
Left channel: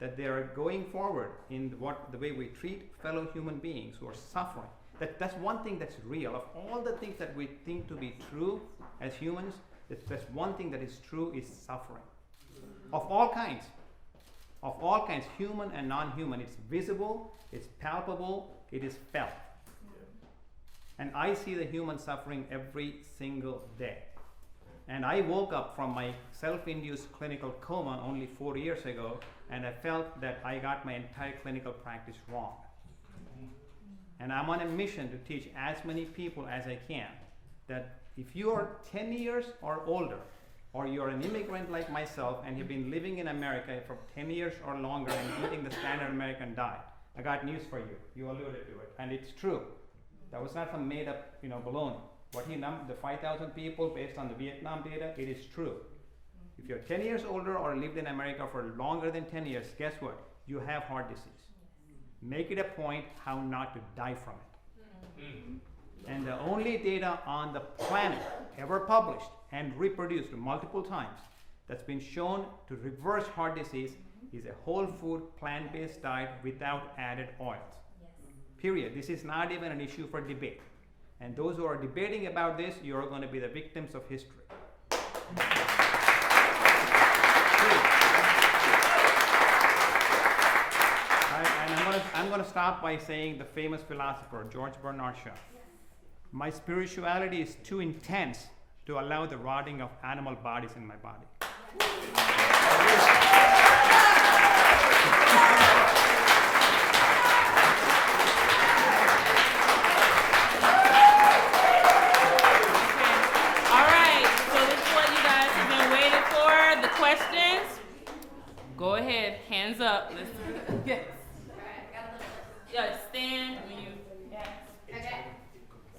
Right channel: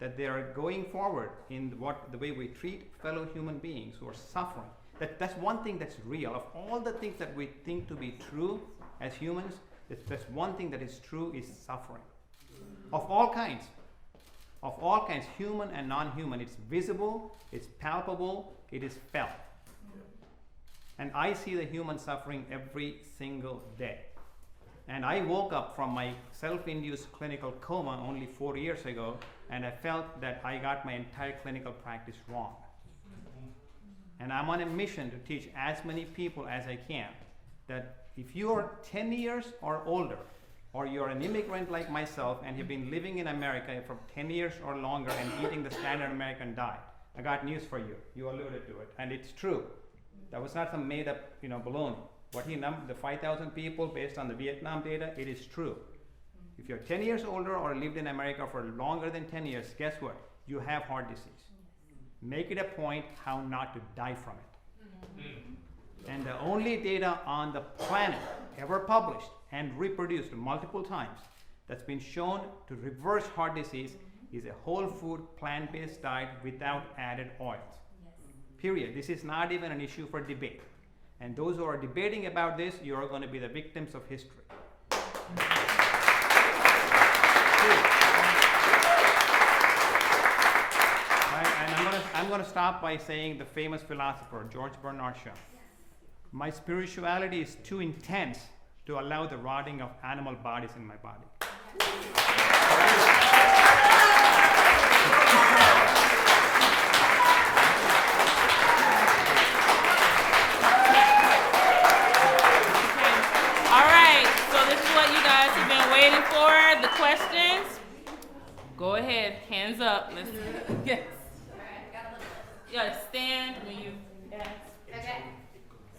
that they are going forward in the way we treat fellow human beings who are suffering. That's one thing that's real. Of all the things that we think to be true as humans, there's one thing that is true, is suffering. Of all kinds, human and non-human. It's visible, it's palpable, it is felt. And I see the human suffering every single day. And I woke up from my self-induced clinical coma only 4 years ago, and I felt that I got my entire clinical practice wrong. And I'm on a mission to teach as many people as I can that if you are 10 years or older, or you're an immigrant like myself and have been living in America for 10 years or longer and eating the standard American diet, I got news for you. You alluded to it, and it's true. That was not some made up, baloney. What he numbered, the 5,000 people based on the Vietnam data, it is true. If you're 10 years older or lived in America for longer than 10 years, guess what? You have heart disease. Make it a point how not to die from it. And the only data on the planet ever published and reproduced multiple times that's been shown to reverse heart disease is a whole food, plant-based diet without added oils. Period. This is not even an issue for debate. And those who are debating about this, you're going to be the victims of history. And I'm going to stop by saying the famous philosopher, George Bernard Shaw. My spirituality is too intense to allow the rotting of animal bodies in my body. Questions? Go ahead, hands up. Yes. Yeah, stand when you ask. Okay.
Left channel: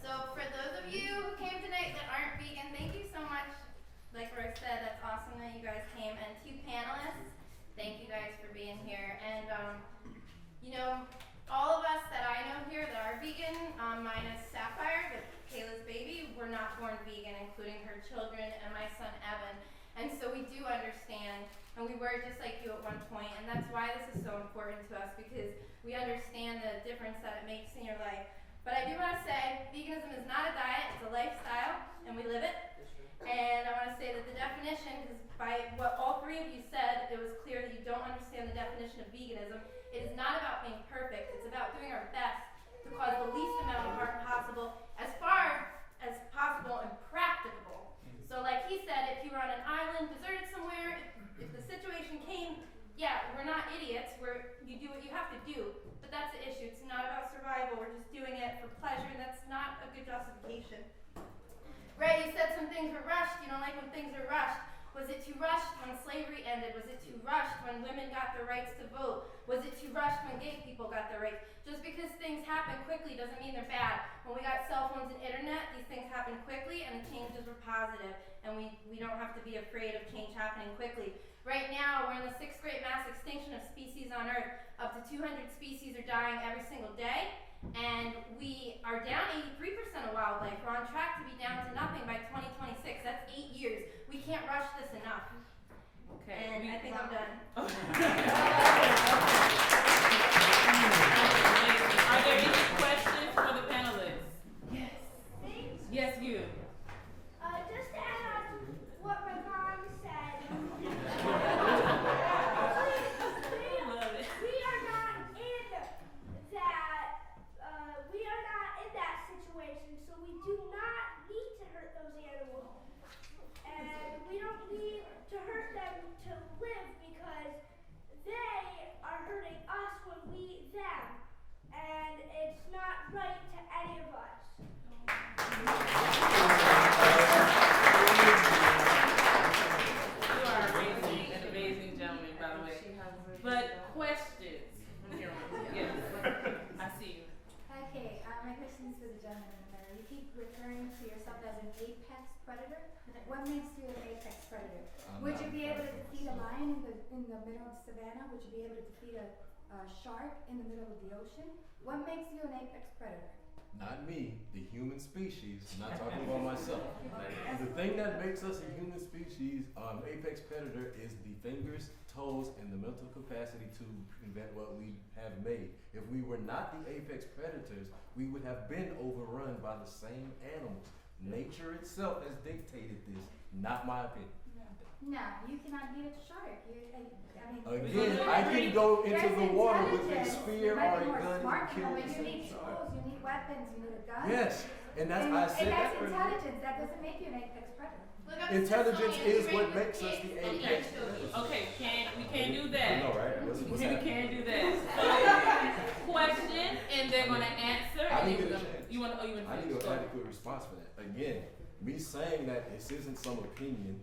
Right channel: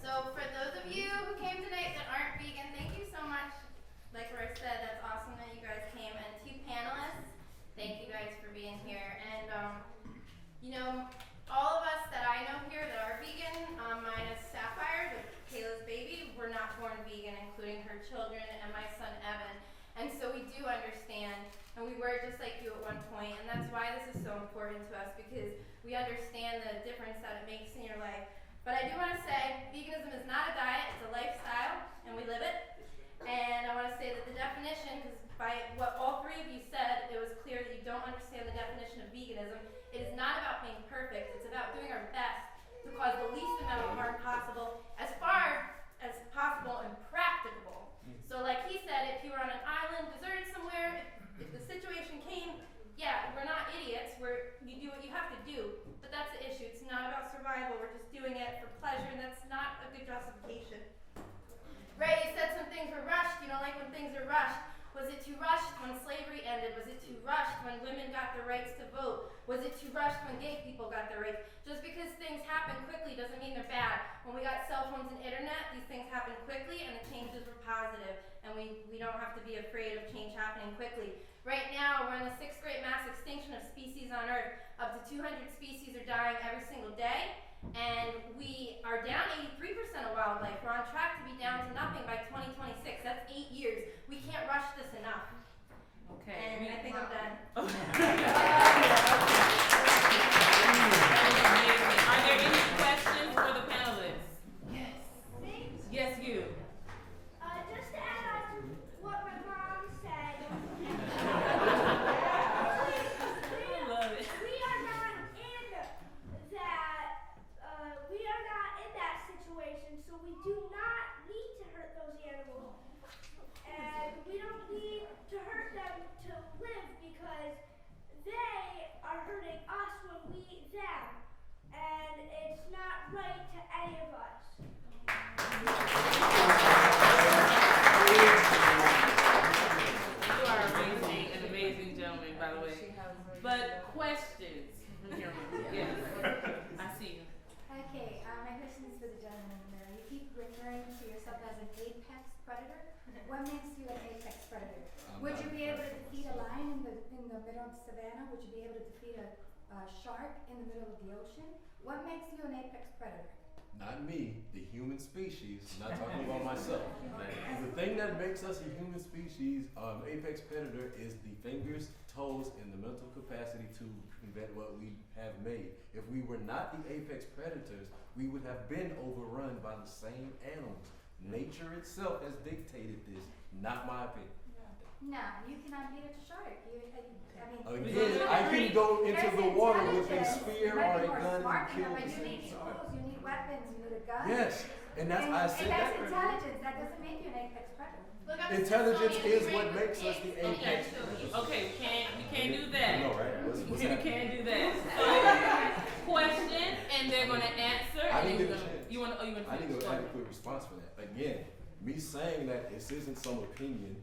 So for those of you who came tonight that aren't vegan, thank you so much. Like Roy said, that's awesome that you guys came. And 2 panelists, thank you guys for being here. And all of us that I know here that are vegan, minus Sapphire, Kayla's baby, were not born vegan, including her children and my son Evan. And so we do understand and we were just like you at one point, and that's why this is so important to us, because we understand the difference that it makes in your life. But I do want to say, veganism is not a diet, it's a lifestyle, and we live it. And I want to say that the definition, because by what all three of you said, it was clear that you don't understand the definition of veganism. It is not about being perfect, it's about doing our best to cause the least amount of harm possible, as far as possible and practicable. So like he said, if you were on an island, deserted somewhere, if the situation came, yeah, we're not idiots, you do what you have to do, but that's the issue. It's not about survival, we're just doing it for pleasure, and that's not a good justification. Right, you said some things were rushed, you don't like when things are rushed. Was it too rushed when slavery ended? Was it too rushed when women got their rights to vote? Was it too rushed when gay people got their rights? Just because things happen quickly doesn't mean they're bad. When we got cell phones and internet, these things happen quickly and the changes were positive. And we don't have to be afraid of change happening quickly. Right now, we're in the 6th great mass extinction of species on Earth. Up to 200 species are dying every single day. And we are down 83% of wildlife. We're on track to be down to nothing by 2026. That's 8 years. We can't rush this enough. Okay. And I think I'm done. Are there any questions for the panelists? Yes. Yes, you. Just to add on to what my mom said, we are not in that situation, so we do not need to hurt those animals, and we don't need to hurt them to live, because they are hurting us when we eat them, and it's not right to any of us. You are an amazing gentleman, by the way. But questions? Yes. I see you. Okay, my question is for the gentleman in the middle. You keep referring to yourself as an apex predator. What makes you an apex predator? Would you be able to defeat a lion in the middle of the savannah? Would you be able to defeat a shark in the middle of the ocean? What makes you an apex predator? Not me, the human species, not talking about myself. The thing that makes us a human species, apex predator, is the fingers, toes, and the mental capacity to invent what we have made. If we were not the apex predators, we would have been overrun by the same animals. Nature itself has dictated this, not my opinion. No, you cannot beat a shark. Again, I can go into the water with a spear or a gun and kill but the you same need shark. tools, you need weapons, you need a gun. Yes, and that's I said that's that. intelligence. That doesn't make you an apex predator. Intelligence is what makes us the apex predator. Okay, we can't do that. You know, right? What's We happening? can't do that. Question, and they're gonna answer. I didn't and get a chance. You wanna I didn't get an adequate response for that. Again, me saying that this isn't some opinion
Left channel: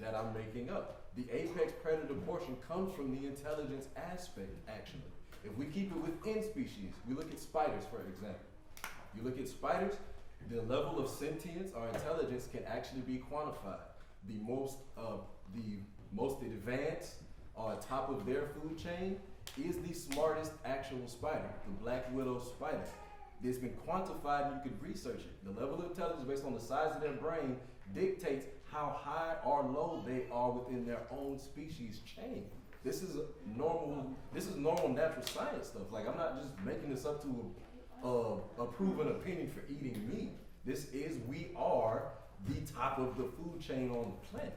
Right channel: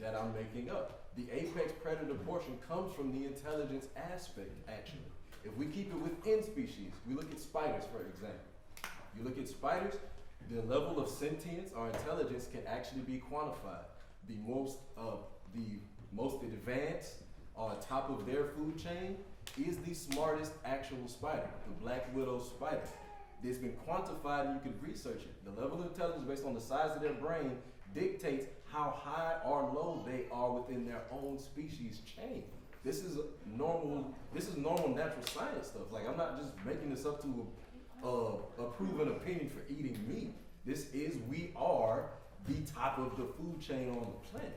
that I'm making up. The apex predator portion comes from the intelligence aspect, actually. If we keep it within species, we look at spiders, for example. You look at spiders, the level of sentience or intelligence can actually be quantified. The most advanced or top of their food chain is the smartest actual spider, the black widow spider. It's been quantified and you can research it. The level of intelligence based on the size of their brain dictates how high or low they are within their own species chain. This is normal natural science stuff. Like, I'm not just making this up to a proven opinion for eating meat. We are the top of the food chain on the planet.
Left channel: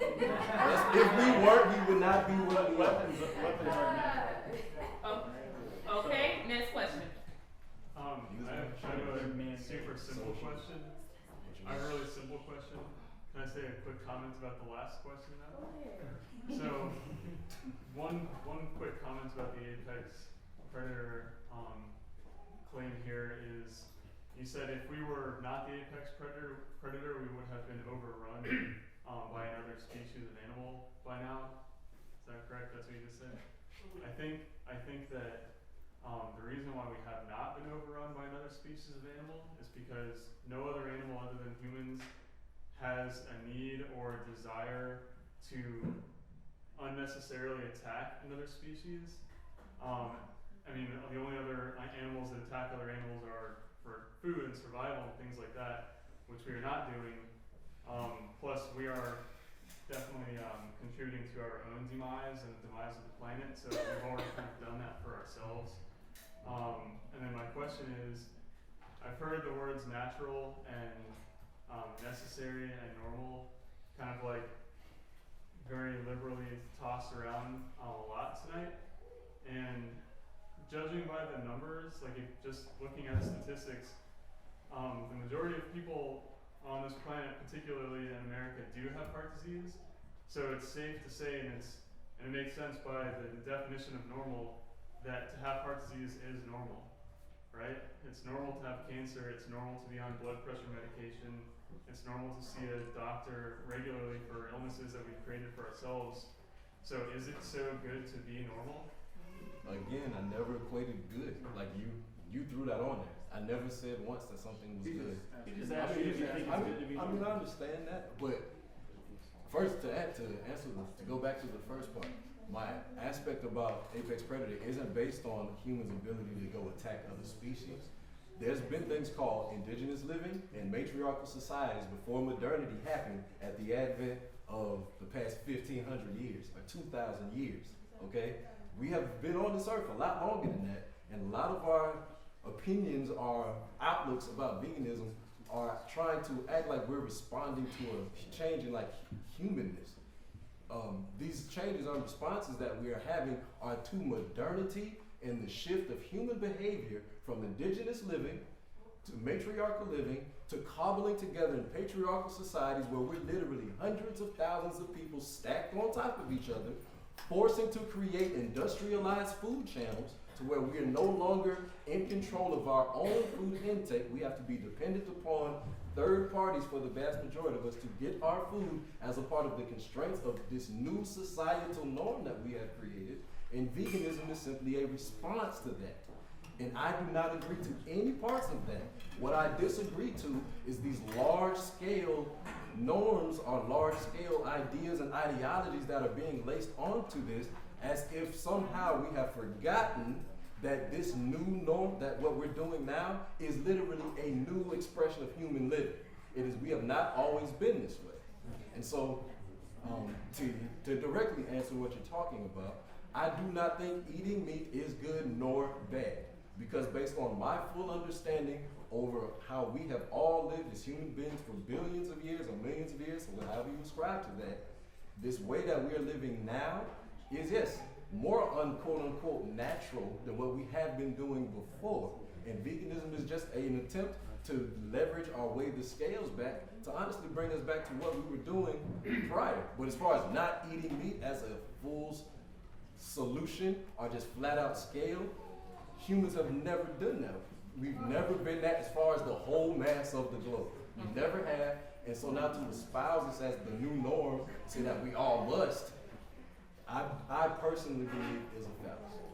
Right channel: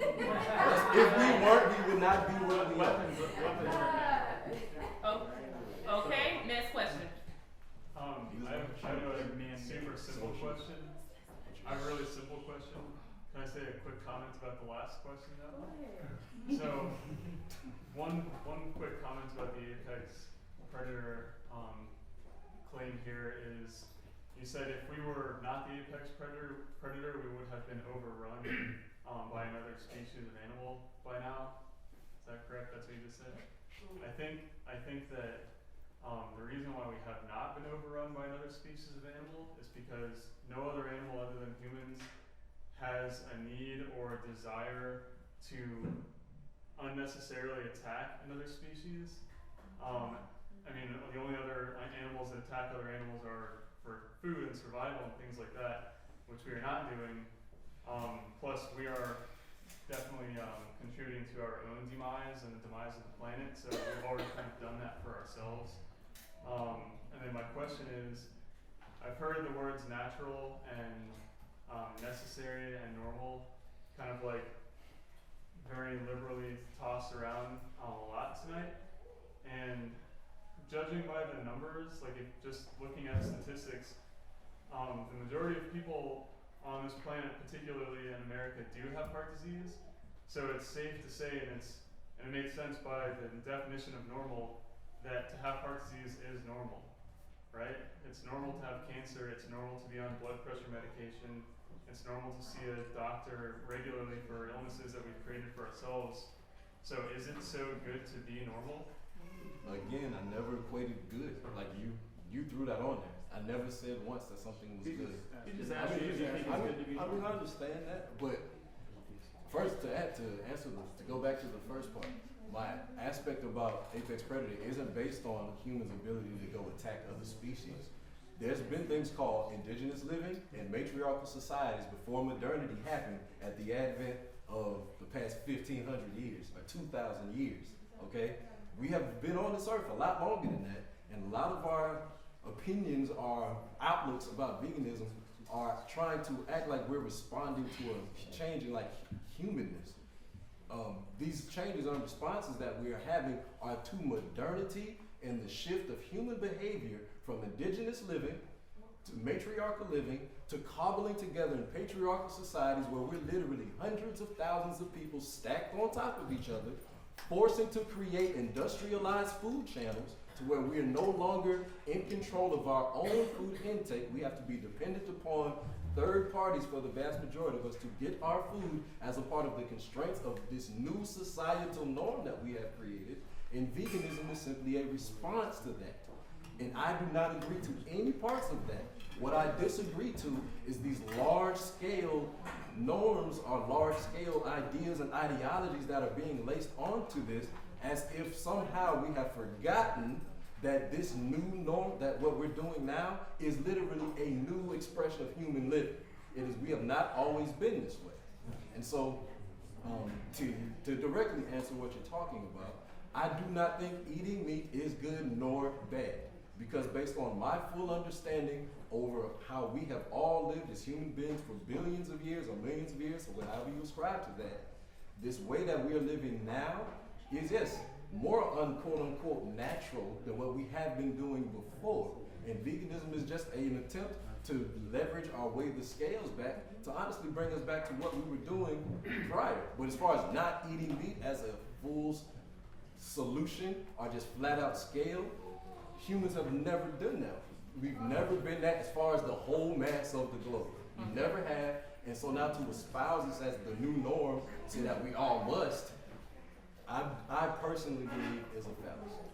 If we weren't, we would not be what we are. Okay, next question. I have a super simple question. I have a really simple question. Can I say a quick comment about the last question though? So, one quick comment about the apex predator claim here is, you said if we were not the apex predator, we would have been overrun by another species of animal by now. Is that correct? That's what you just said. I think that the reason why we have not been overrun by another species of animal is because no other animal other than humans has a need or a desire to unnecessarily attack another species. The only other animals that attack other animals are for food and survival and things like that, which we are not doing. Plus, we are definitely contributing contributing to our own demise and the demise of the planet. So we've already kind of done that for ourselves. And then my question is, I've heard the words natural and necessary and normal kind of like very liberally tossed around a lot tonight. And judging by the numbers, like if just looking at statistics, the majority of people on this planet, particularly in America, do have heart disease. So it's safe to say, and it makes sense by the definition of normal, that to have heart disease is normal, right? It's normal to have cancer, it's normal to be on blood pressure medication, it's normal to see a doctor regularly for illnesses that we've created for ourselves. So is it so good to be normal? Again, I never equated good. Like you threw that on there. I never said once that something was good. I mean, I understand that, but first to go back to the first part, my aspect about apex predator isn't based on humans' ability to go attack other species. There's been things called indigenous living and matriarchal societies before modernity happened at the advent of the past 1,500 years or 2,000 years, okay? We have been on this earth a lot longer than that, and a lot of our opinions, our outlooks about veganism are trying to act like we're responding to a change in like humanness. These changes and responses that we are having are to modernity and the shift of human behavior from indigenous living to matriarchal living to cobbling together in patriarchal societies where we're literally hundreds of thousands of people stacked on top of each other, forcing to create industrialized food channels to where we are no longer in control of our own food intake. We have to be dependent upon third parties for the vast majority of us to get our food as a part of the constraints of this new societal norm that we have created. And veganism is simply a response to that. And I do not agree to any parts of that. What I disagree to is these large-scale norms or large-scale ideas and ideologies that are being laced onto this as if somehow we have forgotten that this new norm, that what we're doing now is literally a new expression of human living. It is, we have not always been this way. And so, to directly answer what you're talking about, I do not think eating meat is good nor bad. Because based on my full understanding over how we have all lived as human beings for billions of years or millions of years, or however you ascribe to that, this way that we are living now is, yes, more unquote unquote natural than what we have been doing before. And veganism is just an attempt to leverage our way the scales back to honestly bring us back to what we were doing prior. But as far as not eating meat as a full solution or just flat out scale, humans have never done that. We've never been that as far as the whole mass of the globe. We never have. And so now to espouse this as the new norm, so that we all must, I personally believe is a fallacy.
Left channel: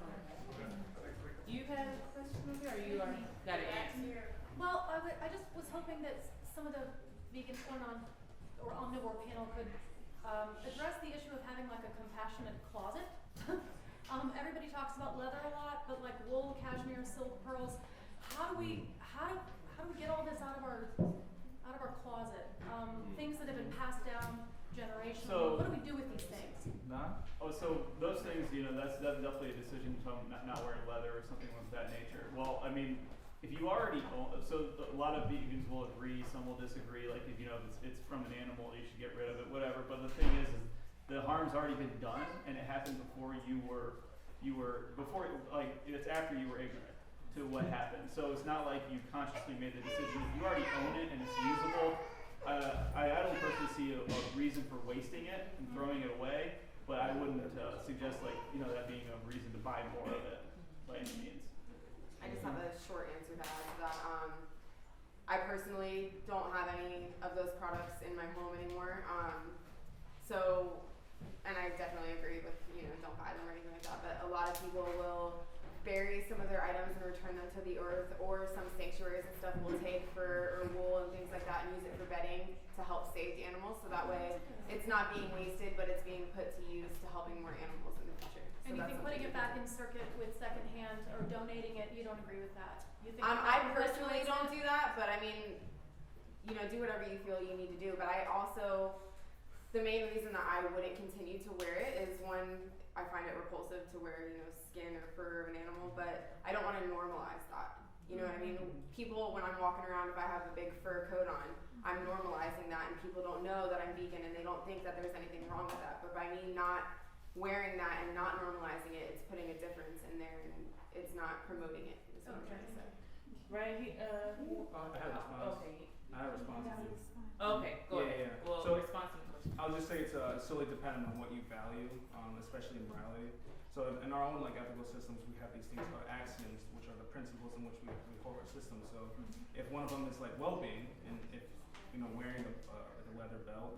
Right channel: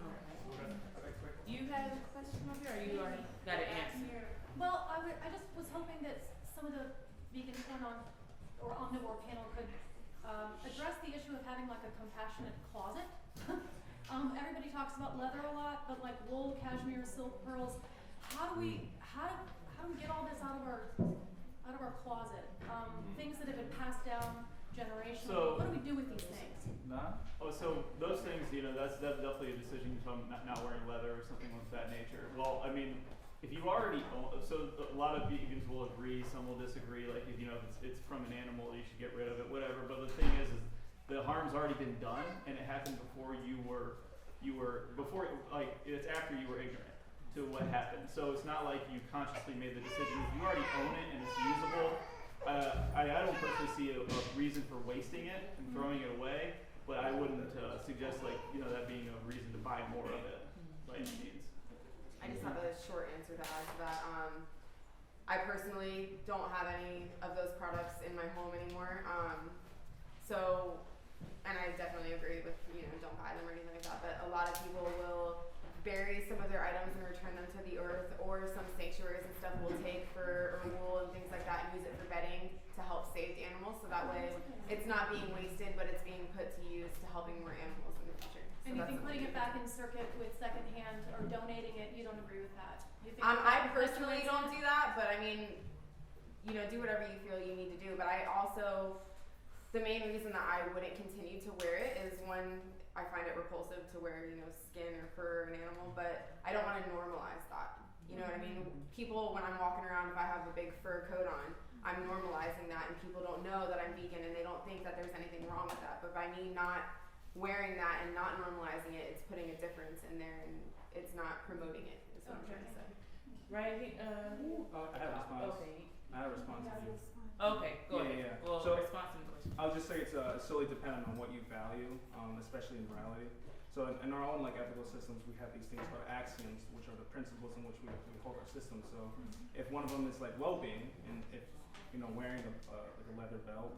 Do you have a question over here, or you already got an answer? Well, I just was hoping that some of the vegans on the NOOR panel could address the issue of having like a compassionate closet. Everybody talks about leather a lot, but like wool, cashmere, silk, pearls. How do we get all this out of our closet? Things that have been passed down generationally. So, what do we do with these things? So those things, that's definitely a decision from not wearing leather or something of that nature. Well, I mean, if you already own, so a lot of vegans will agree, some will disagree. Like if it's from an animal, you should get rid of it, whatever. But the thing is the harm's already been done, and it happened before it's after you were ignorant to what happened. So it's not like you consciously made the decision. You already own it and it's usable. I don't personally see a reason for wasting it and throwing it away, but I wouldn't suggest that being a reason to buy more of it by any means. I just have a short answer to add to that. I personally don't have any of those products in my home anymore. And I definitely agree with, don't buy them or anything like that, but a lot of people will bury some of their items and return them to the earth, or some sanctuaries and stuff will take or wool and things like that and use it for bedding to help save the animals, so that way it's not being wasted, but it's being put to use to helping more animals in the future. And you think putting it back in circuit with secondhand or donating it, you don't agree with that? You think I personally don't do that, but I mean, do whatever you feel you need to do. But I also the main reason that I wouldn't continue to wear it is one, I find it repulsive to wear, you know, skin or fur of an animal, but I don't want to normalize that. You know what I mean? People, when I'm walking around, if I have a big fur coat on, I'm normalizing that, and people don't know that I'm vegan, and they don't think that there's anything wrong with that. But by me not wearing that and not normalizing it, it's putting a difference in there, and it's not promoting it. Is what I'm trying to say. Right? I have a response. Okay. I have a response to you. Okay, go ahead. Yeah. Well, So response to the question. I'll just say it's solely dependent on what you value, especially in morality. So in our own like ethical systems, we have these things called axioms, which are the principles in which we hold our system. So if one of them is like well-being, and if you know wearing a leather belt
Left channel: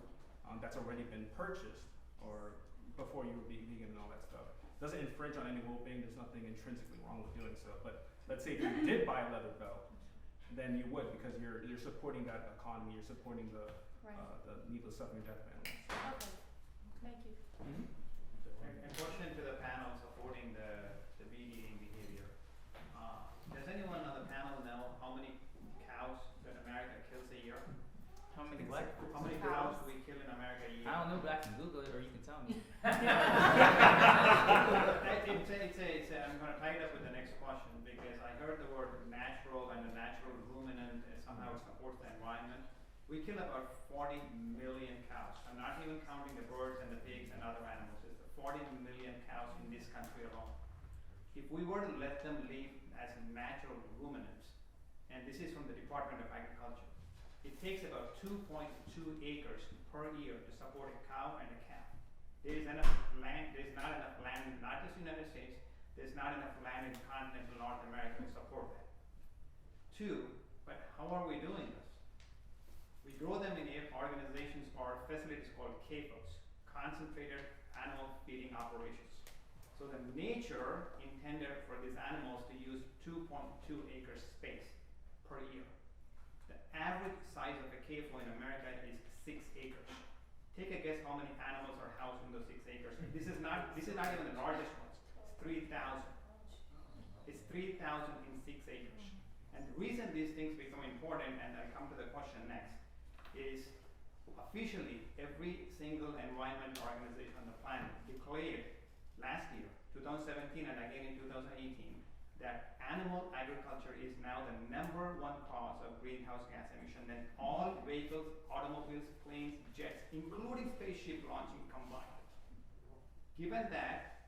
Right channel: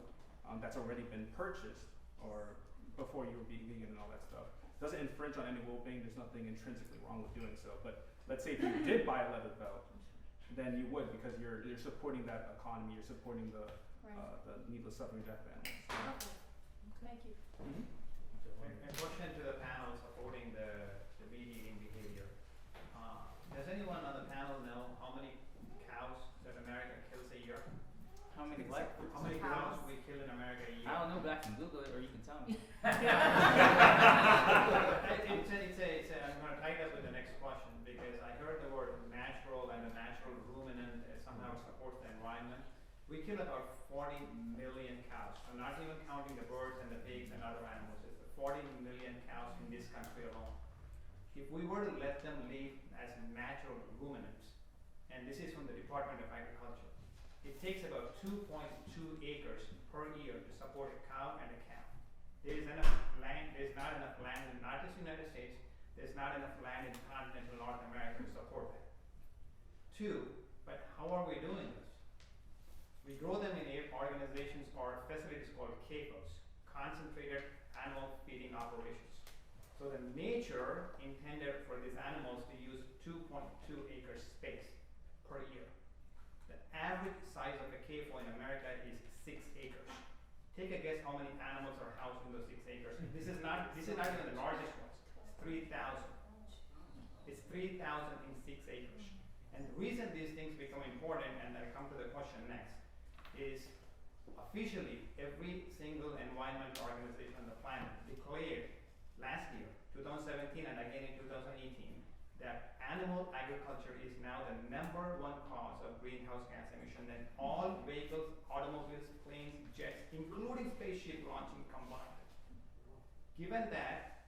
that's already been purchased or before you were vegan and all that stuff, doesn't infringe on any well-being. There's nothing intrinsically wrong with doing so. But let's say if you did buy a leather belt, then you would, because you're supporting that economy. You're supporting the needless suffering death of animals. Okay, thank you. A question to the panel supporting the meat eating behavior. Does anyone on the panel know how many cows that America kills a year? How many what? How many cows we kill in America a year? I don't know, but I can Google it or you can tell me. I'm going to tie it up with the next question because I heard the word natural and the natural ruminant somehow supports the environment. We kill about 40 million cows. I'm not even counting the birds and the pigs and other animals. It's 40 million cows in this country alone. If we were to let them live as natural ruminants, and this is from the Department of Agriculture, it takes about 2.2 acres per year to support a cow and a calf. There is enough land, there's not enough land in not just the United States, there's not enough land in continental North America to support that. Two, but how are we doing this? We grow them in organizations or facilities called CAFOs, concentrated animal feeding operations. So the nature intended for these animals to use 2.2 acres space per year. The average size of a CAFO in America is 6 acres. Take a guess how many animals are housed in those 6 acres. This is not even the largest ones. It's 3,000. It's 3,000 in 6 acres. And the reason these things become important, and I come to the question next, is officially every single environmental organization on the planet declared last year, 2017 and again in 2018, that animal agriculture is now the #1 cause of greenhouse gas emission than all vehicles, automobiles, planes, jets, including spaceship launching combined. Given that,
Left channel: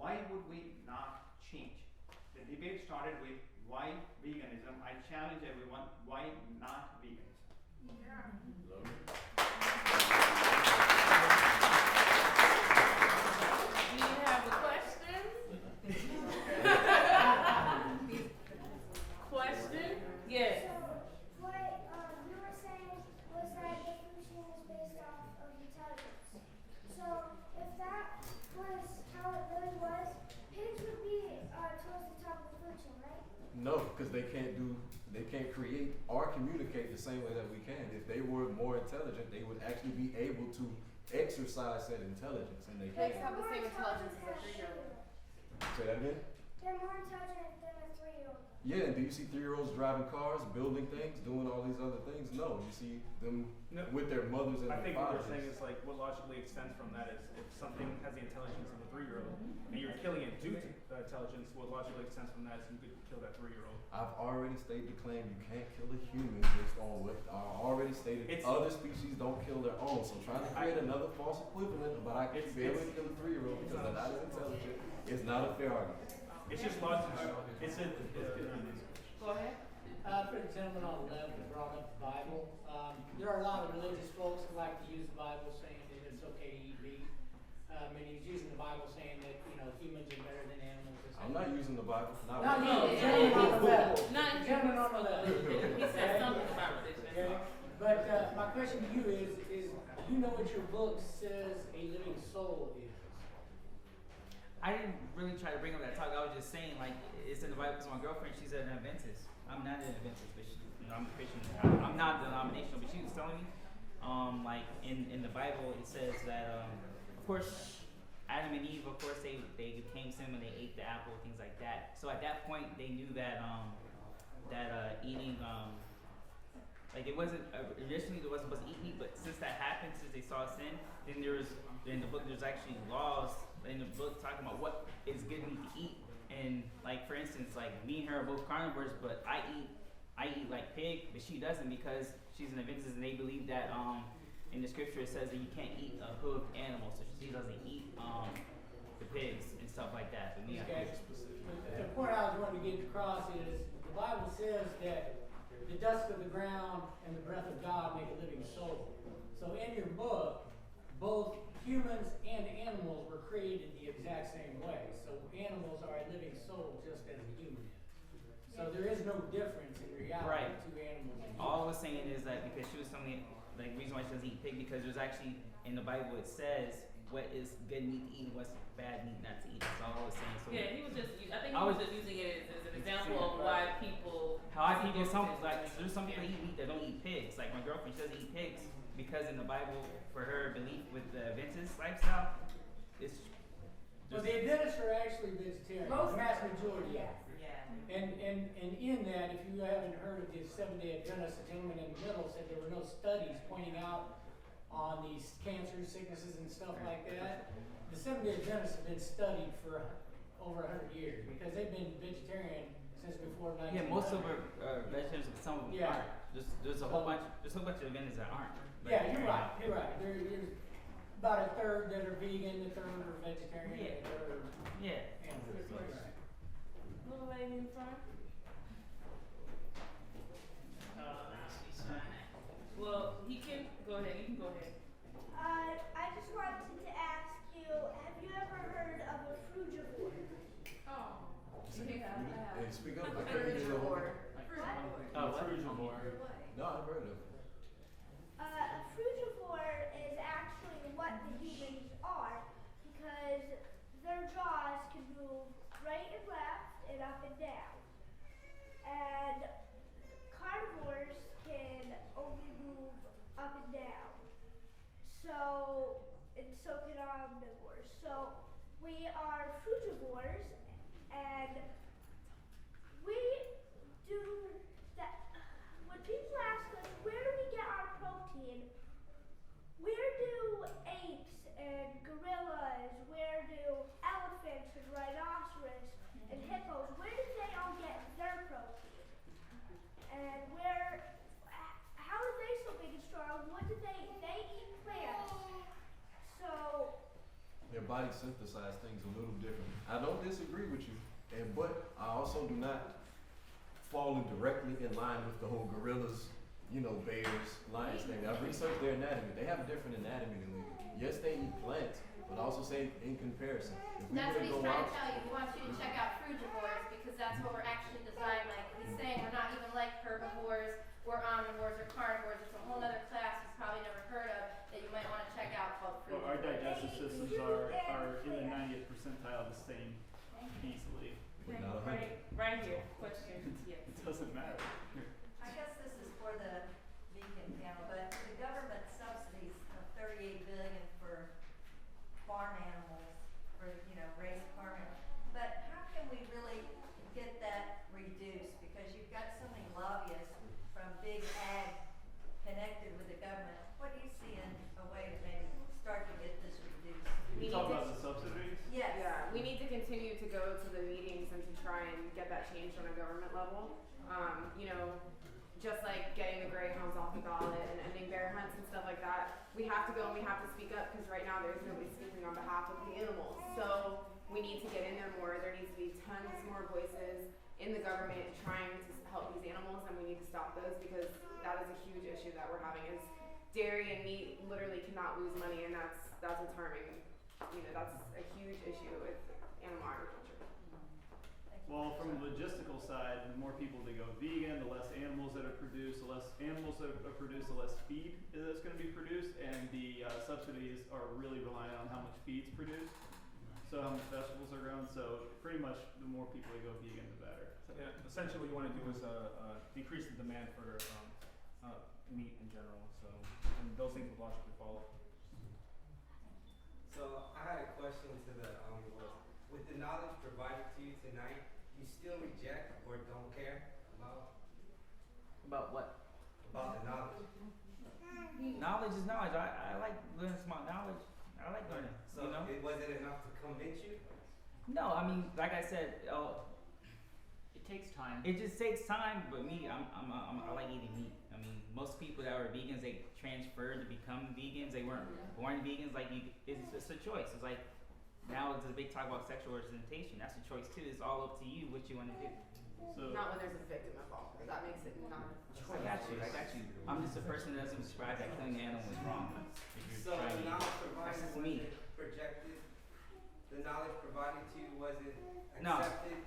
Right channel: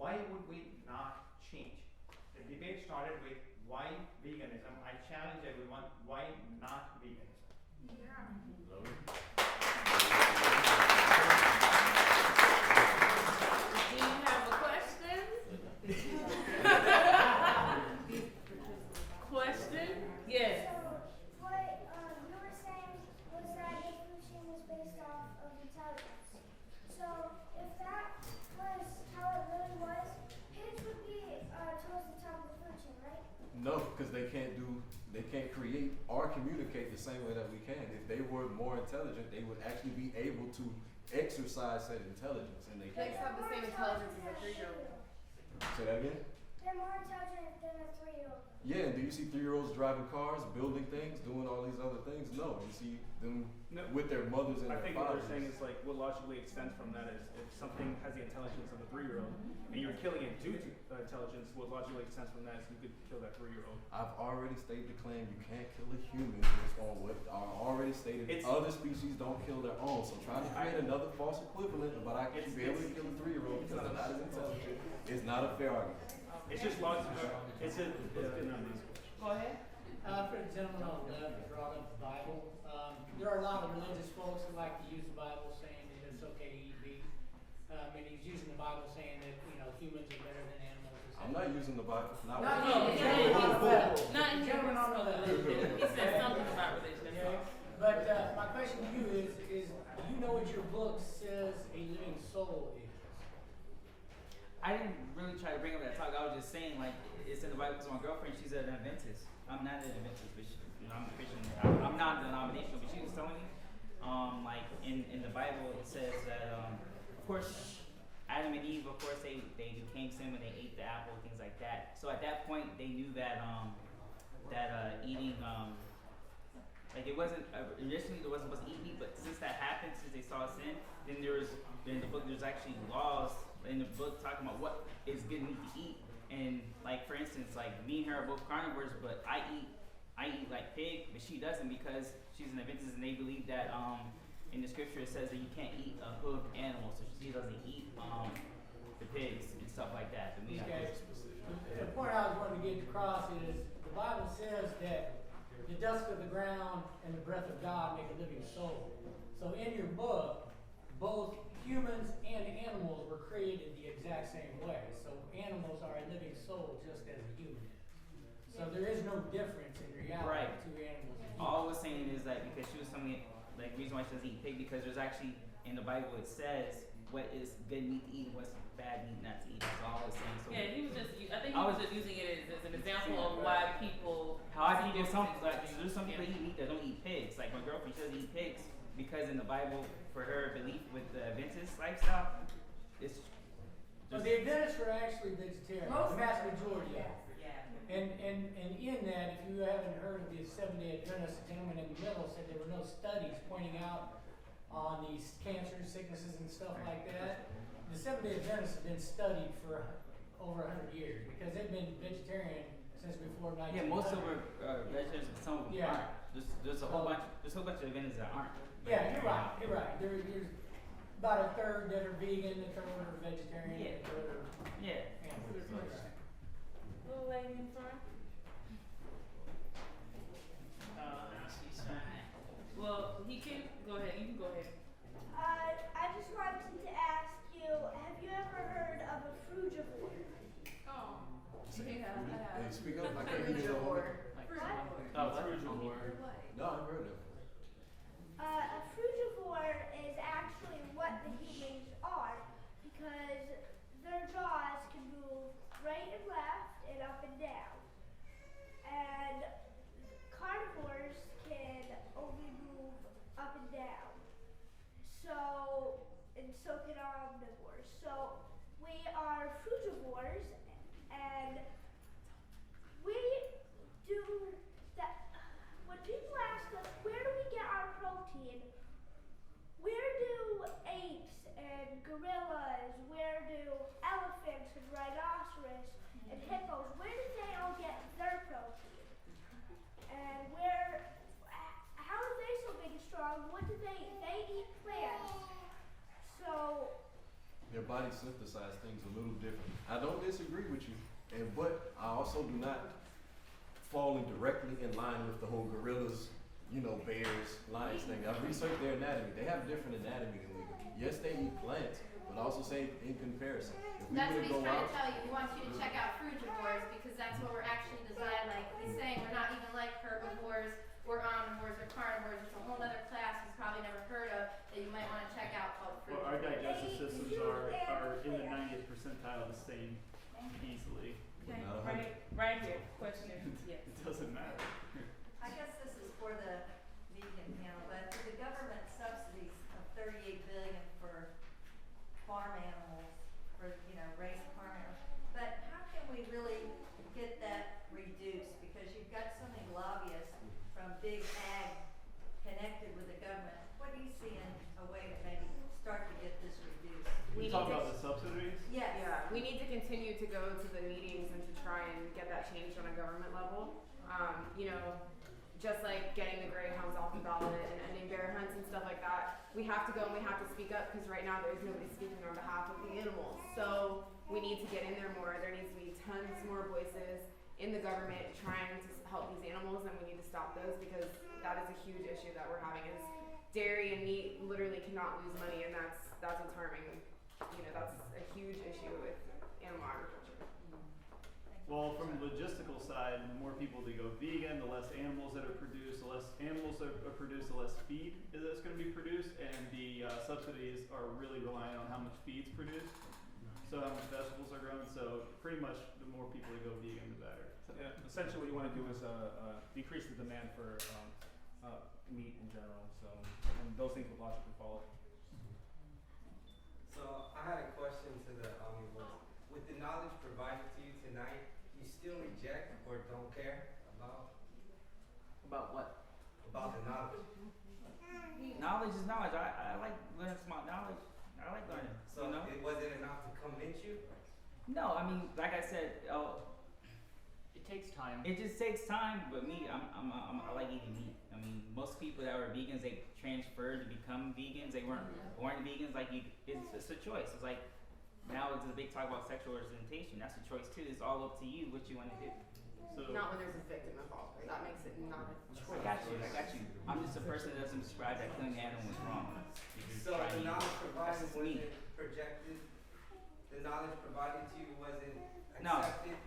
why would we not change? The debate started with why veganism. I challenge everyone, why not veganism? Yeah. Do you have a question? Question? Yes. So, what you were saying was that evolution is based off of intelligence. So, if that was how it really was, pigs would be towards the top of the food chain, right? No, because they can't create or communicate the same way that we can. If they were more intelligent, they would actually be able to exercise that intelligence, and they Pigs can't. have the same intelligence as a 3-year-old. Say that again? They're more intelligent than a 3-year-old. Yeah, and do you see 3-year-olds driving cars, building things, doing all these other things? No, you see them with their mothers and I their think what fathers. we're saying is like what logically extends from that is if something has the intelligence of a 3-year-old and you're killing it due to the intelligence, what logically extends from that is you could kill that 3-year-old. I've already stated the claim you can't kill a human based on what I already stated. Other species don't kill their own. So trying to create another false equivalent about I can be able to kill a 3-year-old because they're not as intelligent is not a fair argument. It's just logical. It's a Go ahead. For the gentleman on the left that brought up the Bible, there are a lot of religious folks who like to use the Bible saying that it's okay to eat meat. And he's using the Bible saying that, you know, humans are better than animals. Or I'm not using the Bible. Not you, the gentleman on the left. Not The gentleman on the left. He said something about religion. But my question to you is you know what your book says a living soul is? I didn't really try to bring up that talk. I was just saying, like, it's in the Bible because my girlfriend, she's an Adventist. I'm not an Adventist, but I'm a Christian. I'm not denominational, but she was telling me, like, in the Bible, it says that, of course, Adam and Eve, of course, they became sin when they ate the apple, things like that. So at that point, they knew that eating Like it wasn't initially they wasn't supposed to eat meat, but since that happened, since they saw sin, then in the book there's actually laws in the book talking about what is good meat to eat. And like for instance, like me and her are both carnivores, but I eat like pig, but she doesn't because she's an Adventist, and they believe that in the scripture it says that you can't eat a hoofed animal, so she doesn't eat the pigs and stuff like that. But me, I Okay. do. The point I was wanting to get across is the Bible says that the dust of the ground and the breath of God make a living soul. So in your book, both humans and animals were created the exact same way. So animals are a living soul just as a human is. So there is no difference in reality Right. to animals and humans. All I was saying is that because she was telling me like the reason why she doesn't eat pig because there's actually in the Bible it says what is good meat to eat and what's bad meat not to eat. That's all I was saying. So Yeah, he was just. I think he was just using it as an example of why people. How people there's some people eat meat that don't eat pigs. Like my girlfriend, she doesn't eat pigs because in the Bible, for her belief with the Adventist lifestyle, it's. So the Adventists are actually vegetarian. Most the mass of them, majority. yes. And in that, if you haven't heard of the Seventh-day Adventists, the gentleman in the middle said there were no studies pointing out on these cancers, sicknesses, and stuff like that. The Seventh-day Adventists have been studied for over 100 years because they've been vegetarian since before 1900. Yeah, most of our vegetarians, some of them aren't. There's a whole bunch of Adventists that aren't. Yeah, you're right. You're right. There's about a third that are vegan, a third are vegetarian, Yeah. a third are animal. Little lady in front. Well, he can go ahead. You can go ahead. I just wanted to ask you, have you ever heard of a frugivore? Oh. Hey, speak up. I can't hear you. Oh, frugivore. No, I've heard of it. A frugivore is actually what the humans are because their jaws can move right and left and up and down. And carnivores can only move up and down. And so can omnivores. So we are frugivores and we do that. When people ask us, where do we get our protein? Where do apes and gorillas, where do elephants and rhinoceros and hippos, where do they all get their protein? And how are they so big and strong? What do they eat plants. So Their body synthesize things a little different. I don't disagree with you, but I also do not fall directly in line with the whole gorillas, bears, lions thing. I've researched their anatomy. They have different anatomy than we do. Yes, they eat plants, but also say in comparison. If we That's were what to he's go trying out, to tell you. He wants you to check out frugivores because that's what we're actually designed like. He's saying we're not even like herbivores or omnivores or carnivores. It's a whole other class he's probably never heard of that you might want to check out called Well, our frugivores. digestive systems are in the 90th percentile the same easily. Okay, Not a hundred. right here. Question. Yes. It doesn't matter. I guess this is for the vegan panel, but the government subsidies of $38 billion for farm animals, for raised farm animals. But how can we really get that reduced? Because you've got so many lobbyists from big ag connected with the government. What do you see in a way to maybe start to get this reduced? You talk about the subsidies? Yes. Yeah, we need to continue to go to the meetings and to try and get that changed on a government level. Just like getting the greyhounds off the ballot and ending bear hunts and stuff like that, we have to go and we have to speak up because right now there's nobody speaking on behalf of the animals. So we need to get in there more. There needs to be tons more voices in the government trying to help these animals, and we need to stop those because that is a huge issue that we're having. Is dairy and meat literally cannot lose money, and that's what's harming. That's a huge issue with animal agriculture. Well, from the logistical side, the more people that go vegan, the less animals that are produced, the less animals that are produced, the less feed that's going to be produced, and the subsidies are really relying on how much feed's produced, so how much vegetables are grown. So pretty much the more people that go vegan, the better. So, Yeah, essentially what you want to do is decrease the demand for meat in general. So, and those things will logically follow. So I had a question to the omnivores. With the knowledge provided to you tonight, you still reject or don't care about About what? about the knowledge. Knowledge is knowledge. I like learning smart knowledge. I like learning. So You know? was it enough to convince you? No, I mean, like I said, It takes time. it just takes time. But me, I like eating meat. I mean, most people that were vegans, they transferred to become vegans. They weren't born vegans. Like it's a choice. It's like now it's a big talk about sexual orientation. That's a choice too. It's all up to you what you want to do. So Not when there's a victim involved. That makes it not a choice. I got you. I'm just a person that doesn't describe that killing an animal is wrong. So the knowledge provided That's just me. wasn't projected. The knowledge provided to you wasn't No. accepted.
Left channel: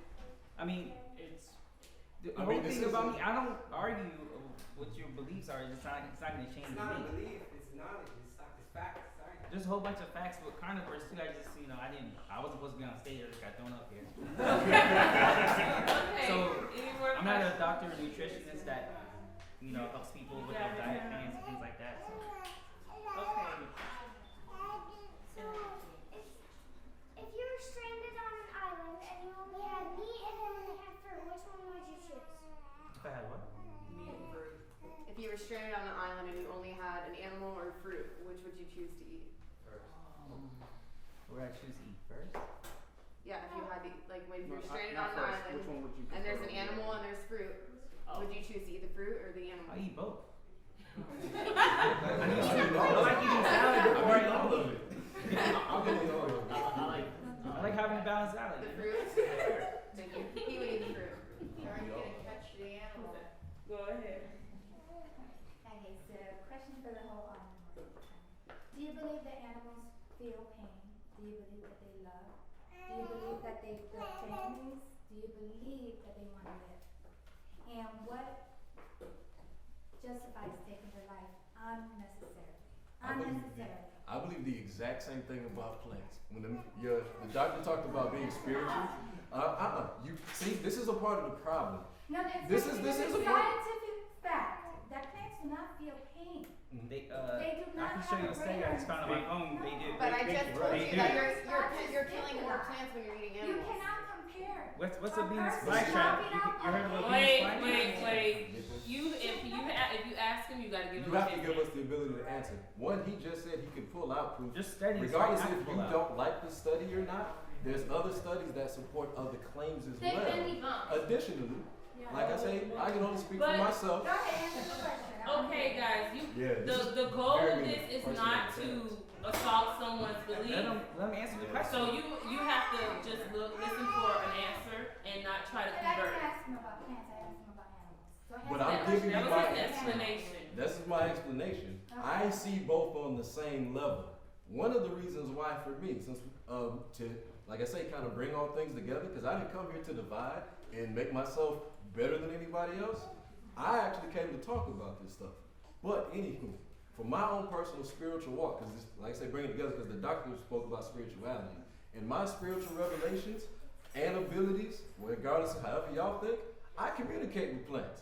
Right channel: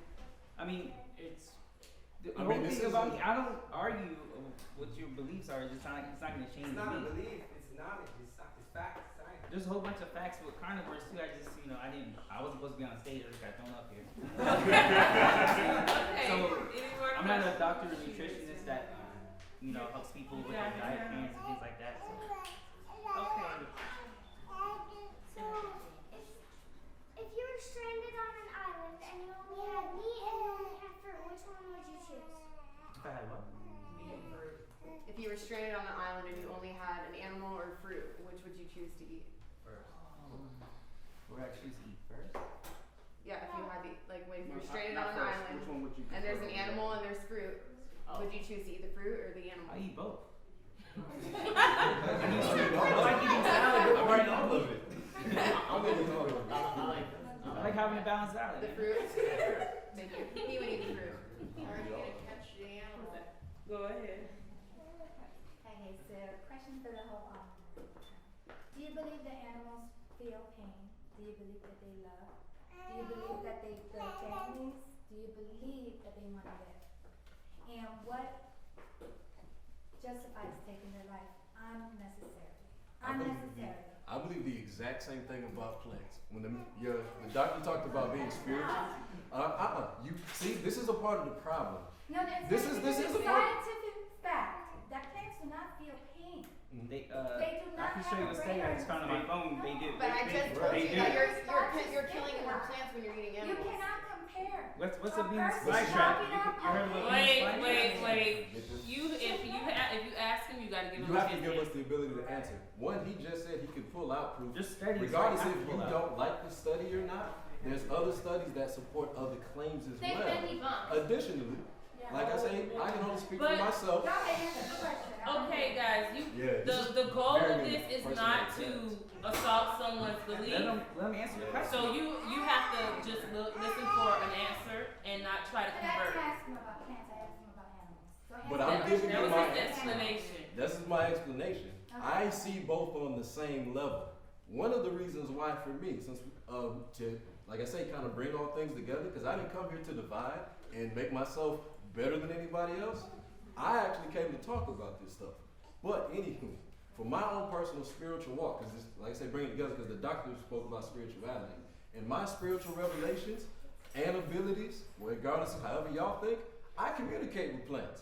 I mean, the I whole mean, this thing is about me. I don't argue what your beliefs are. It's not going to change It's not a me. belief. It's knowledge. It's facts. Science. There's a whole bunch of facts with carnivores too. I just, I wasn't supposed to be on stage. I just got thrown up here. So I'm not a doctor or nutritionist that helps people with their diet plans and things like that. So. Okay. So, if you were stranded on an island and you only had meat and you only had fruit, which one would you choose? If I had what? Meat and fruit. If you were stranded on an island and you only had an animal or fruit, which would you choose to eat? Would I choose to eat first? Yeah, if you had to, like when you're stranded Not on an first. island Which one would you and there's an prefer? animal and there's fruit, would you choose to eat the fruit or the animal? I eat both. I like eating salad before I eat meat. I like having a balanced salad. The fruit? He would eat the fruit. Or are you gonna catch the animal? Go ahead. Okay, so question for the whole audience. Do you believe that animals feel pain? Do you believe that they love? Do you believe that they build families? Do you believe that they want to live? And what justifies taking their life unnecessarily? I believe the exact same thing about plants. When the doctor talked about being spiritual, you see, this is a part of the problem. No, This is a a part. scientific fact that plants do not feel pain. They do I not can show you have a a study I just found on my phone. They do. But I just told They you do. that you're killing more plants when you're eating You animals. cannot compare. What's a Venus person flytrap? chopping You up heard of a Venus Wait. flytrap? If you ask him, you gotta give him. You have to give us the ability to answer. One, he just said he could pull out proof. Just studies. Regardless I if have to you pull out. don't like the study or not, there's other studies that support other claims as They've well. been debunked. Additionally, like I say, I can only speak for But- myself. Okay, guys, Yeah, this is the goal of very this is personal not to attacks. assault someone's belief. Let me answer the question. So you have to just listen for an answer and not try to I convert. didn't ask him about plants, I asked him about animals. So But I'm giving That you was my his answer. explanation. This is my explanation. I see both on the same level. One of the reasons why for me, since to, like I say, kind of bring all things together, because I didn't come here to divide and make myself better than anybody else. I actually came to talk about this stuff. But anywho, for my own personal spiritual walk, because like I say, bring it together because the doctor spoke about spirituality. And my spiritual revelations and abilities, regardless of however y'all think, I communicate with plants.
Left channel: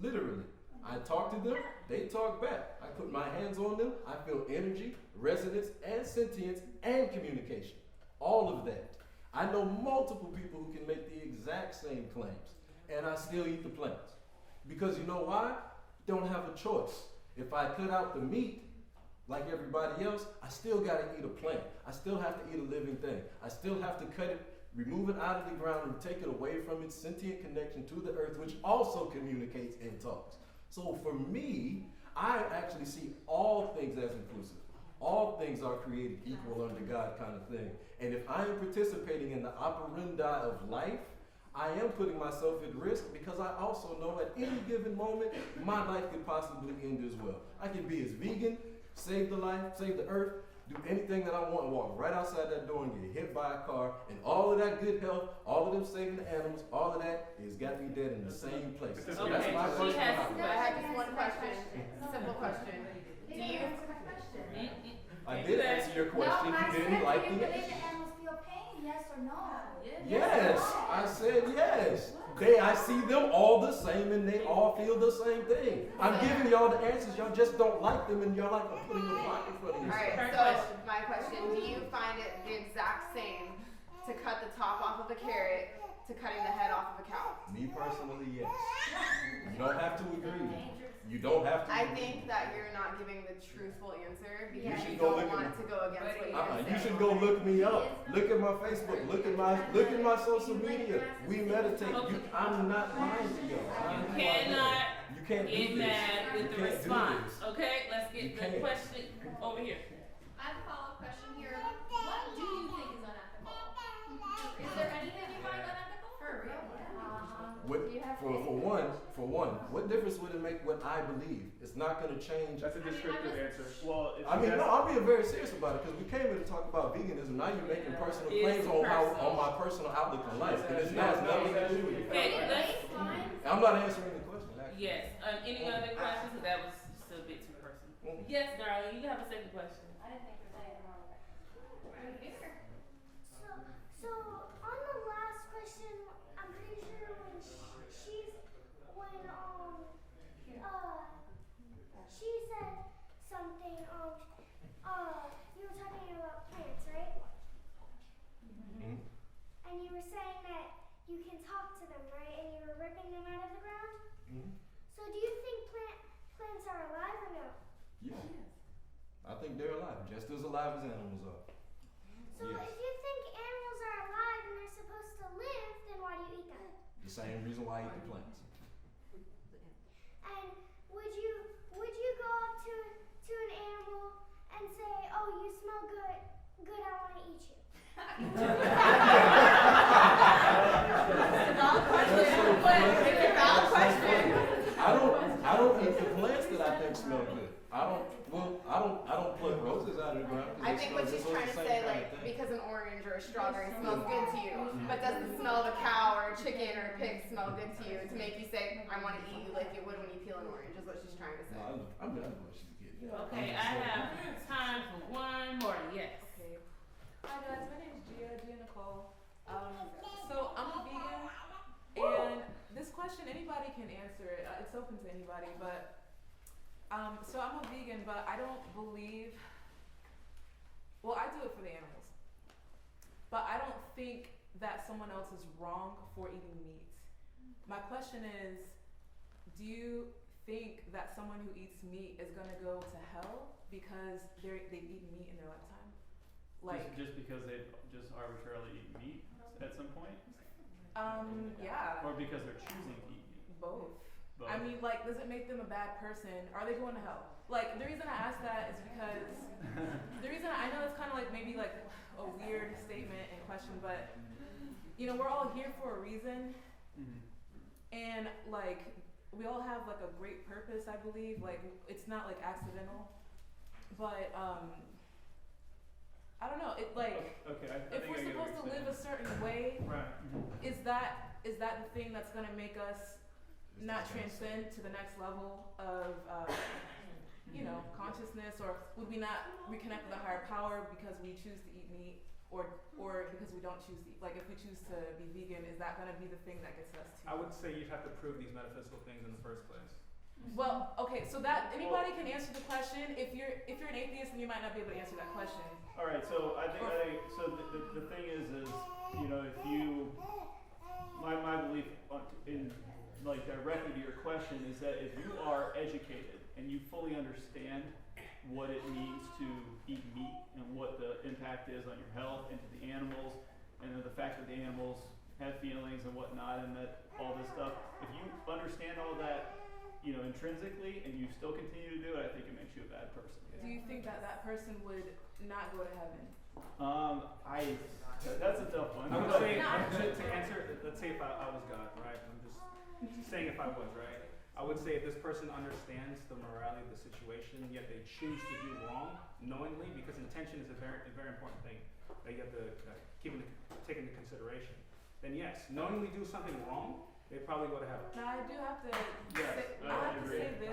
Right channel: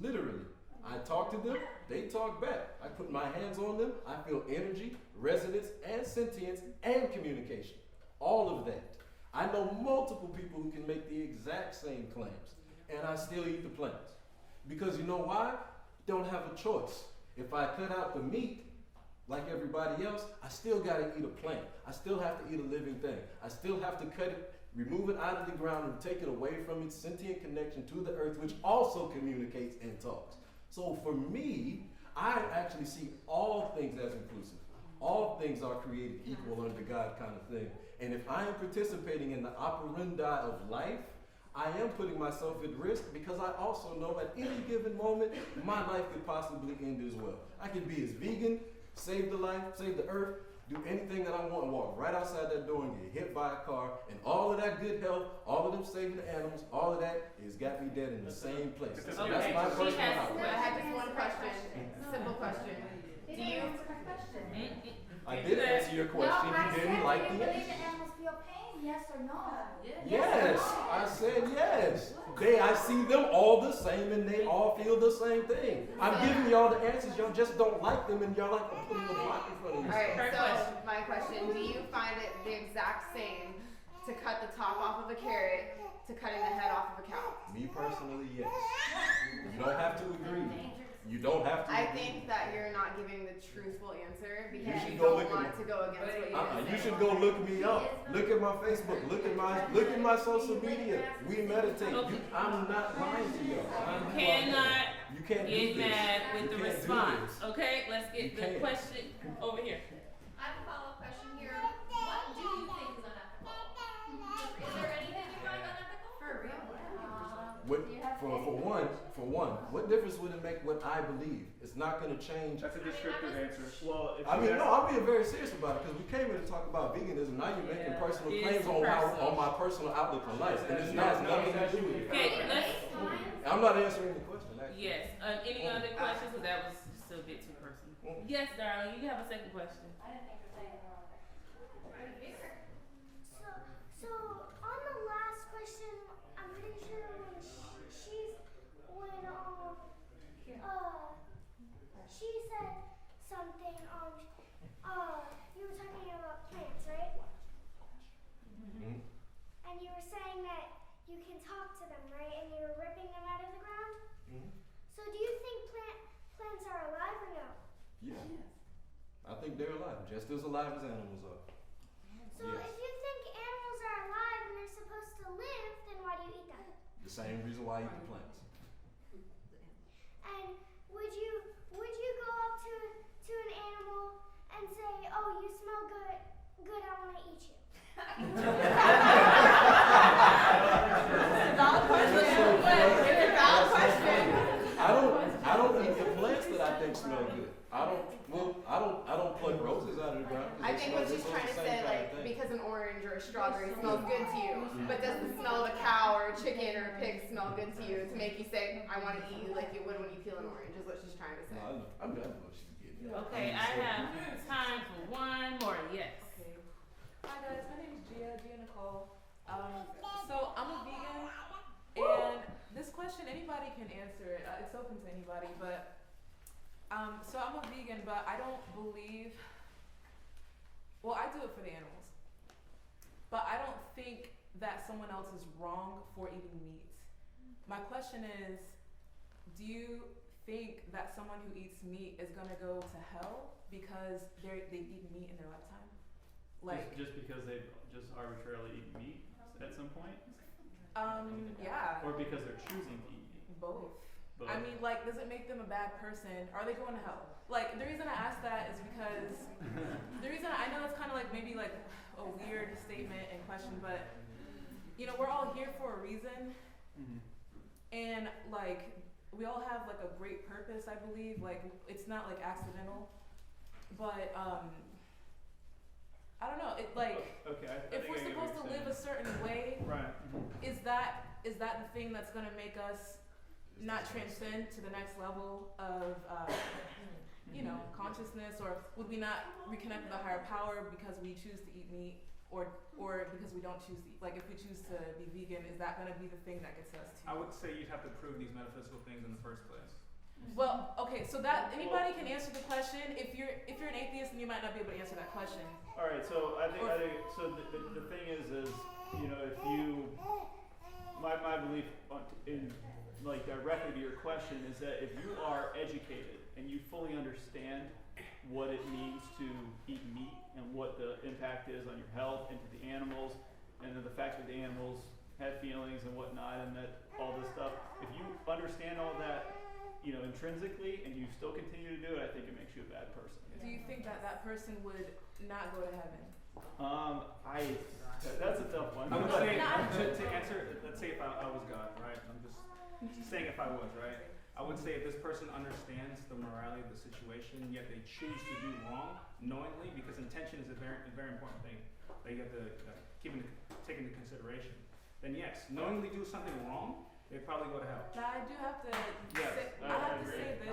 Literally. I talk to them, they talk back. I put my hands on them, I feel energy, resonance, and sentience, and communication. All of that. I know multiple people who can make the exact same claims, and I still eat the plants. Because you know why? Don't have a choice. If I cut out the meat, like everybody else, I still gotta eat a plant. I still have to eat a living thing. I still have to cut it, remove it out of the ground, and take it away from its sentient connection to the earth, which also communicates and talks. So for me, I actually see all things as inclusive. All things are created equal under God kind of thing. And if I am participating in the operandi of life, I am putting myself at risk because I also know at any given moment, my life could possibly end as well. I could be as vegan, save the life, save the earth, do anything that I want, and walk right outside that door and get hit by a car, and all of that good health, all of them saving the animals, all of that has got me dead in the same place. So that's my question. I had just one question, simple question. Do you? I did answer your question. You didn't like Do you the believe answer. the animals feel pain? Yes or no? Yes, I said yes. I see them all the same and they all feel the same thing. I'm giving y'all the answers, y'all just don't like them and y'all like I'm putting a block in front of you. Alright, so my question, do you find it the exact same to cut the top off of a carrot to cutting the head off of a cow? Me personally, yes. You don't have to agree. You don't have to. I think that you're not giving the truthful answer because You should you go don't look at want my- to go against what you're going to You say. should go look me up. Look at my Facebook. Look at my social media. We meditate. I'm not lying to y'all. You can't get do this. mad with You the can't do response. this. Okay, let's You get the can't. question over here. I have a follow-up question here. What do you think is unethical? Is there anything you find unethical? For real? For one, what difference would it make what I believe? It's not going to change. That's a descriptive answer. Well, if I mean, you no, I'm being very serious about it because we came here to talk about veganism. Now you're making personal claims on my personal outlook on life, and it's not nothing to do with it. I'm not answering the question. Actually. Yes. Any other questions? Because that was just a bit too personal. Yes, darling. You have a second question. I didn't think there was anything wrong with that. So on the last question, I'm pretty sure when she said something, you were talking about plants, right? Mm-hmm. And you were saying that you can talk to them, right? And you were ripping them out of the ground? Mm-hmm. So do you think plants are alive or no? Yeah. I think they're alive, just as alive as animals are. So Yes. if you think animals are alive and they're supposed to live, then why do you eat them? The same reason why I eat the plants. And would you go up to an animal and say, "Oh, you smell good. Good, I want to eat you." I don't eat the plants that I think smell good. I don't pluck roses out of the ground. I think what she's trying to say, like, because an orange or a strawberry smells good to you, but does the smell of a cow or a chicken or a pig smell good to you to make you say, I want to eat you like you would when you peel an orange, is what she's trying to say. No, I'm done with what she's getting. Okay, I have time for one more. Yes. Okay. Hi guys, my name is Gia Nicole. So I'm a vegan, and this question anybody can answer it. It's open to anybody, but so I'm a vegan, but I don't believe. Well, I do it for the animals, but I don't think that someone else is wrong for eating meat. My question is, do you think that someone who eats meat is gonna go to hell because they've eaten meat in their lifetime? Like just because they've just arbitrarily eaten meat at some point? Yeah. Or because they're choosing to eat meat? Both. Both. I mean, like, does it make them a bad person? Are they going to hell? Like, the reason I ask that is because the reason I know it's kind of like maybe like a weird statement and question, but you know, we're all here for a reason, and like we all have like a great purpose. I believe like it's not like accidental, but I don't know. It like okay, I if think we're I get what supposed to you're live a certain way, right? is that the thing that's gonna make us not transcend to the next level of you know, consciousness, or would we not reconnect with a higher power because we choose to eat meat, or because we don't choose to eat? Like if we choose to be vegan, is that gonna be the thing that gets us to? I would say you'd have to prove these metaphysical things in the first place. Well, okay, so that anybody can answer the question. If you're an atheist, then you might not be able to answer that question. All right, so I think so. The thing is you know, if you my belief in like directly to your question is that if you are educated and you fully understand what it means to eat meat and what the impact is on your health and to the animals, and then the fact that the animals have feelings and whatnot, and that all this stuff, if you understand all that, you know, intrinsically, and you still continue to do it, I think it makes you a bad person. Do you think that person would not go to heaven? That's a tough one. I would say, to answer, let's say if I was God, right? I'm just saying if I was, right? I would say if this person understands the morality of the situation, yet they choose to do wrong knowingly, because intention is a very important thing that you have to take into consideration. Then yes, knowingly do something wrong, they probably go to hell. Now I do have to. Yes, I have to say this.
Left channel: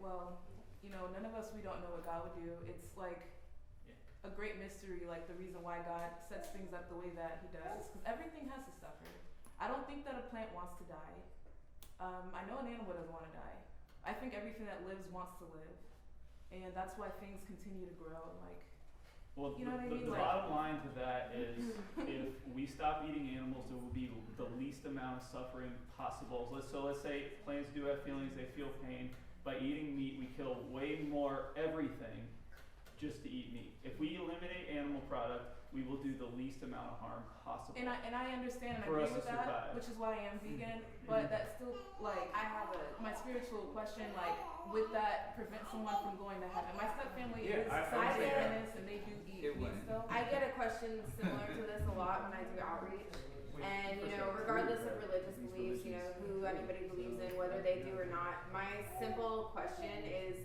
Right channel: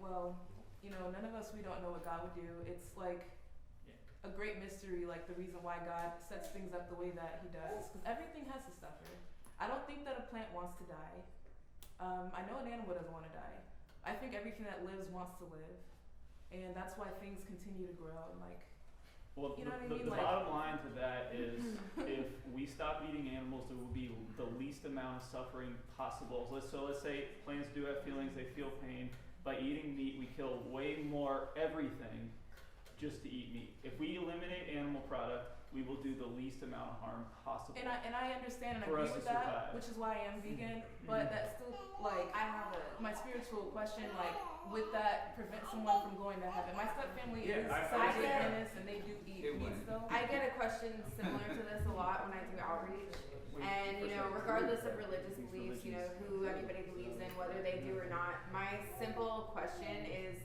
Well, you know, none of us, we don't know what God would do. It's like a great mystery, like the reason why God sets things up the way that He does, because everything has to suffer. I don't think that a plant wants to die. I know an animal doesn't want to die. I think everything that lives wants to live, and that's why things continue to grow. And like, Well, You know what I the mean? Like- bottom line to that is if we stop eating animals, there will be the least amount of suffering possible. So let's say plants do have feelings, they feel pain. By eating meat, we kill way more everything just to eat meat. If we eliminate animal product, we will do the least amount of harm possible. And I understand and I For agree us with to that, survive. which is why I am vegan. But that's still like I have my spiritual question. Like, would that prevent someone from going to heaven? My step family is Satanist and they do eat meat still. I get a question similar to this a lot when I do outreach. And, you know, regardless of religious beliefs, you know, who anybody believes in, whether they do or not, my simple question is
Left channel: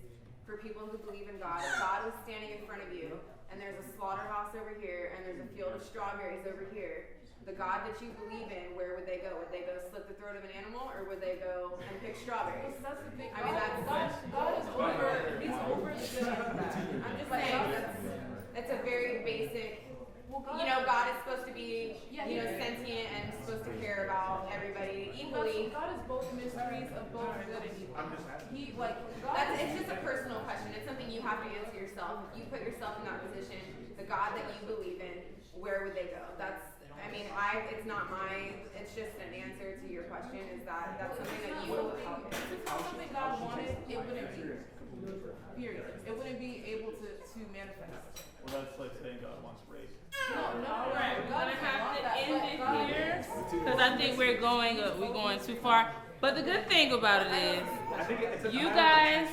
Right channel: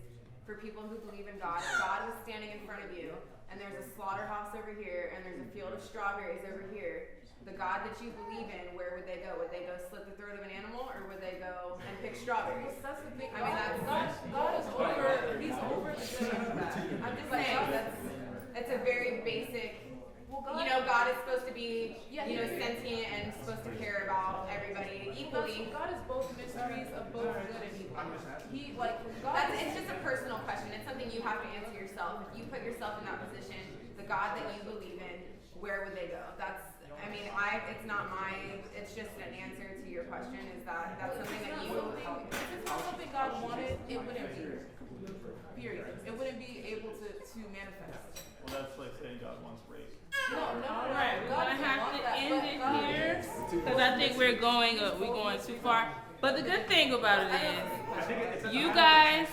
for people who believe in God. If God was standing in front of you and there's a slaughterhouse over here and there's a field of strawberries over here, the God that you believe in, where would they go? Would they go slit the throat of an animal or would they go and pick strawberries? Well, that's the thing. I mean, God is over. He's over the good and the bad. I'm just saying that's a very basic. You know, God is supposed to be, you know, sentient and supposed to care about everybody equally. God is both mysteries of both good and evil. He like God. It's just a personal question. It's something you have to answer yourself. If you put yourself in that position, the God that you believe in, where would they go? It's not it's just an answer to your question. Is that's something that you believe in? If it's not something God wanted, it wouldn't be. Period. It wouldn't be able to manifest. Well, that's like saying God wants rape. No. Right, we're gonna have to end it here because I think we're going too far. But the good thing about it is, you guys,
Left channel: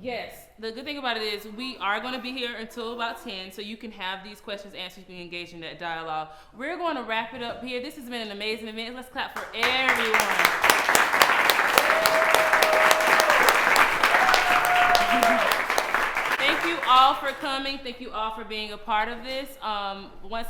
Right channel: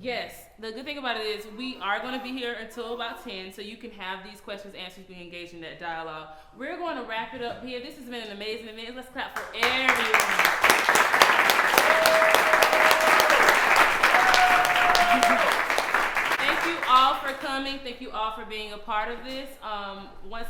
yes, the good thing about it is we are going to be here until about 10, so you can have these questions answered, you can engage in that dialogue. We're going to wrap it up here. This has been an amazing event. Let's clap for everyone. Thank you all for coming. Thank you all for being a part of this. Once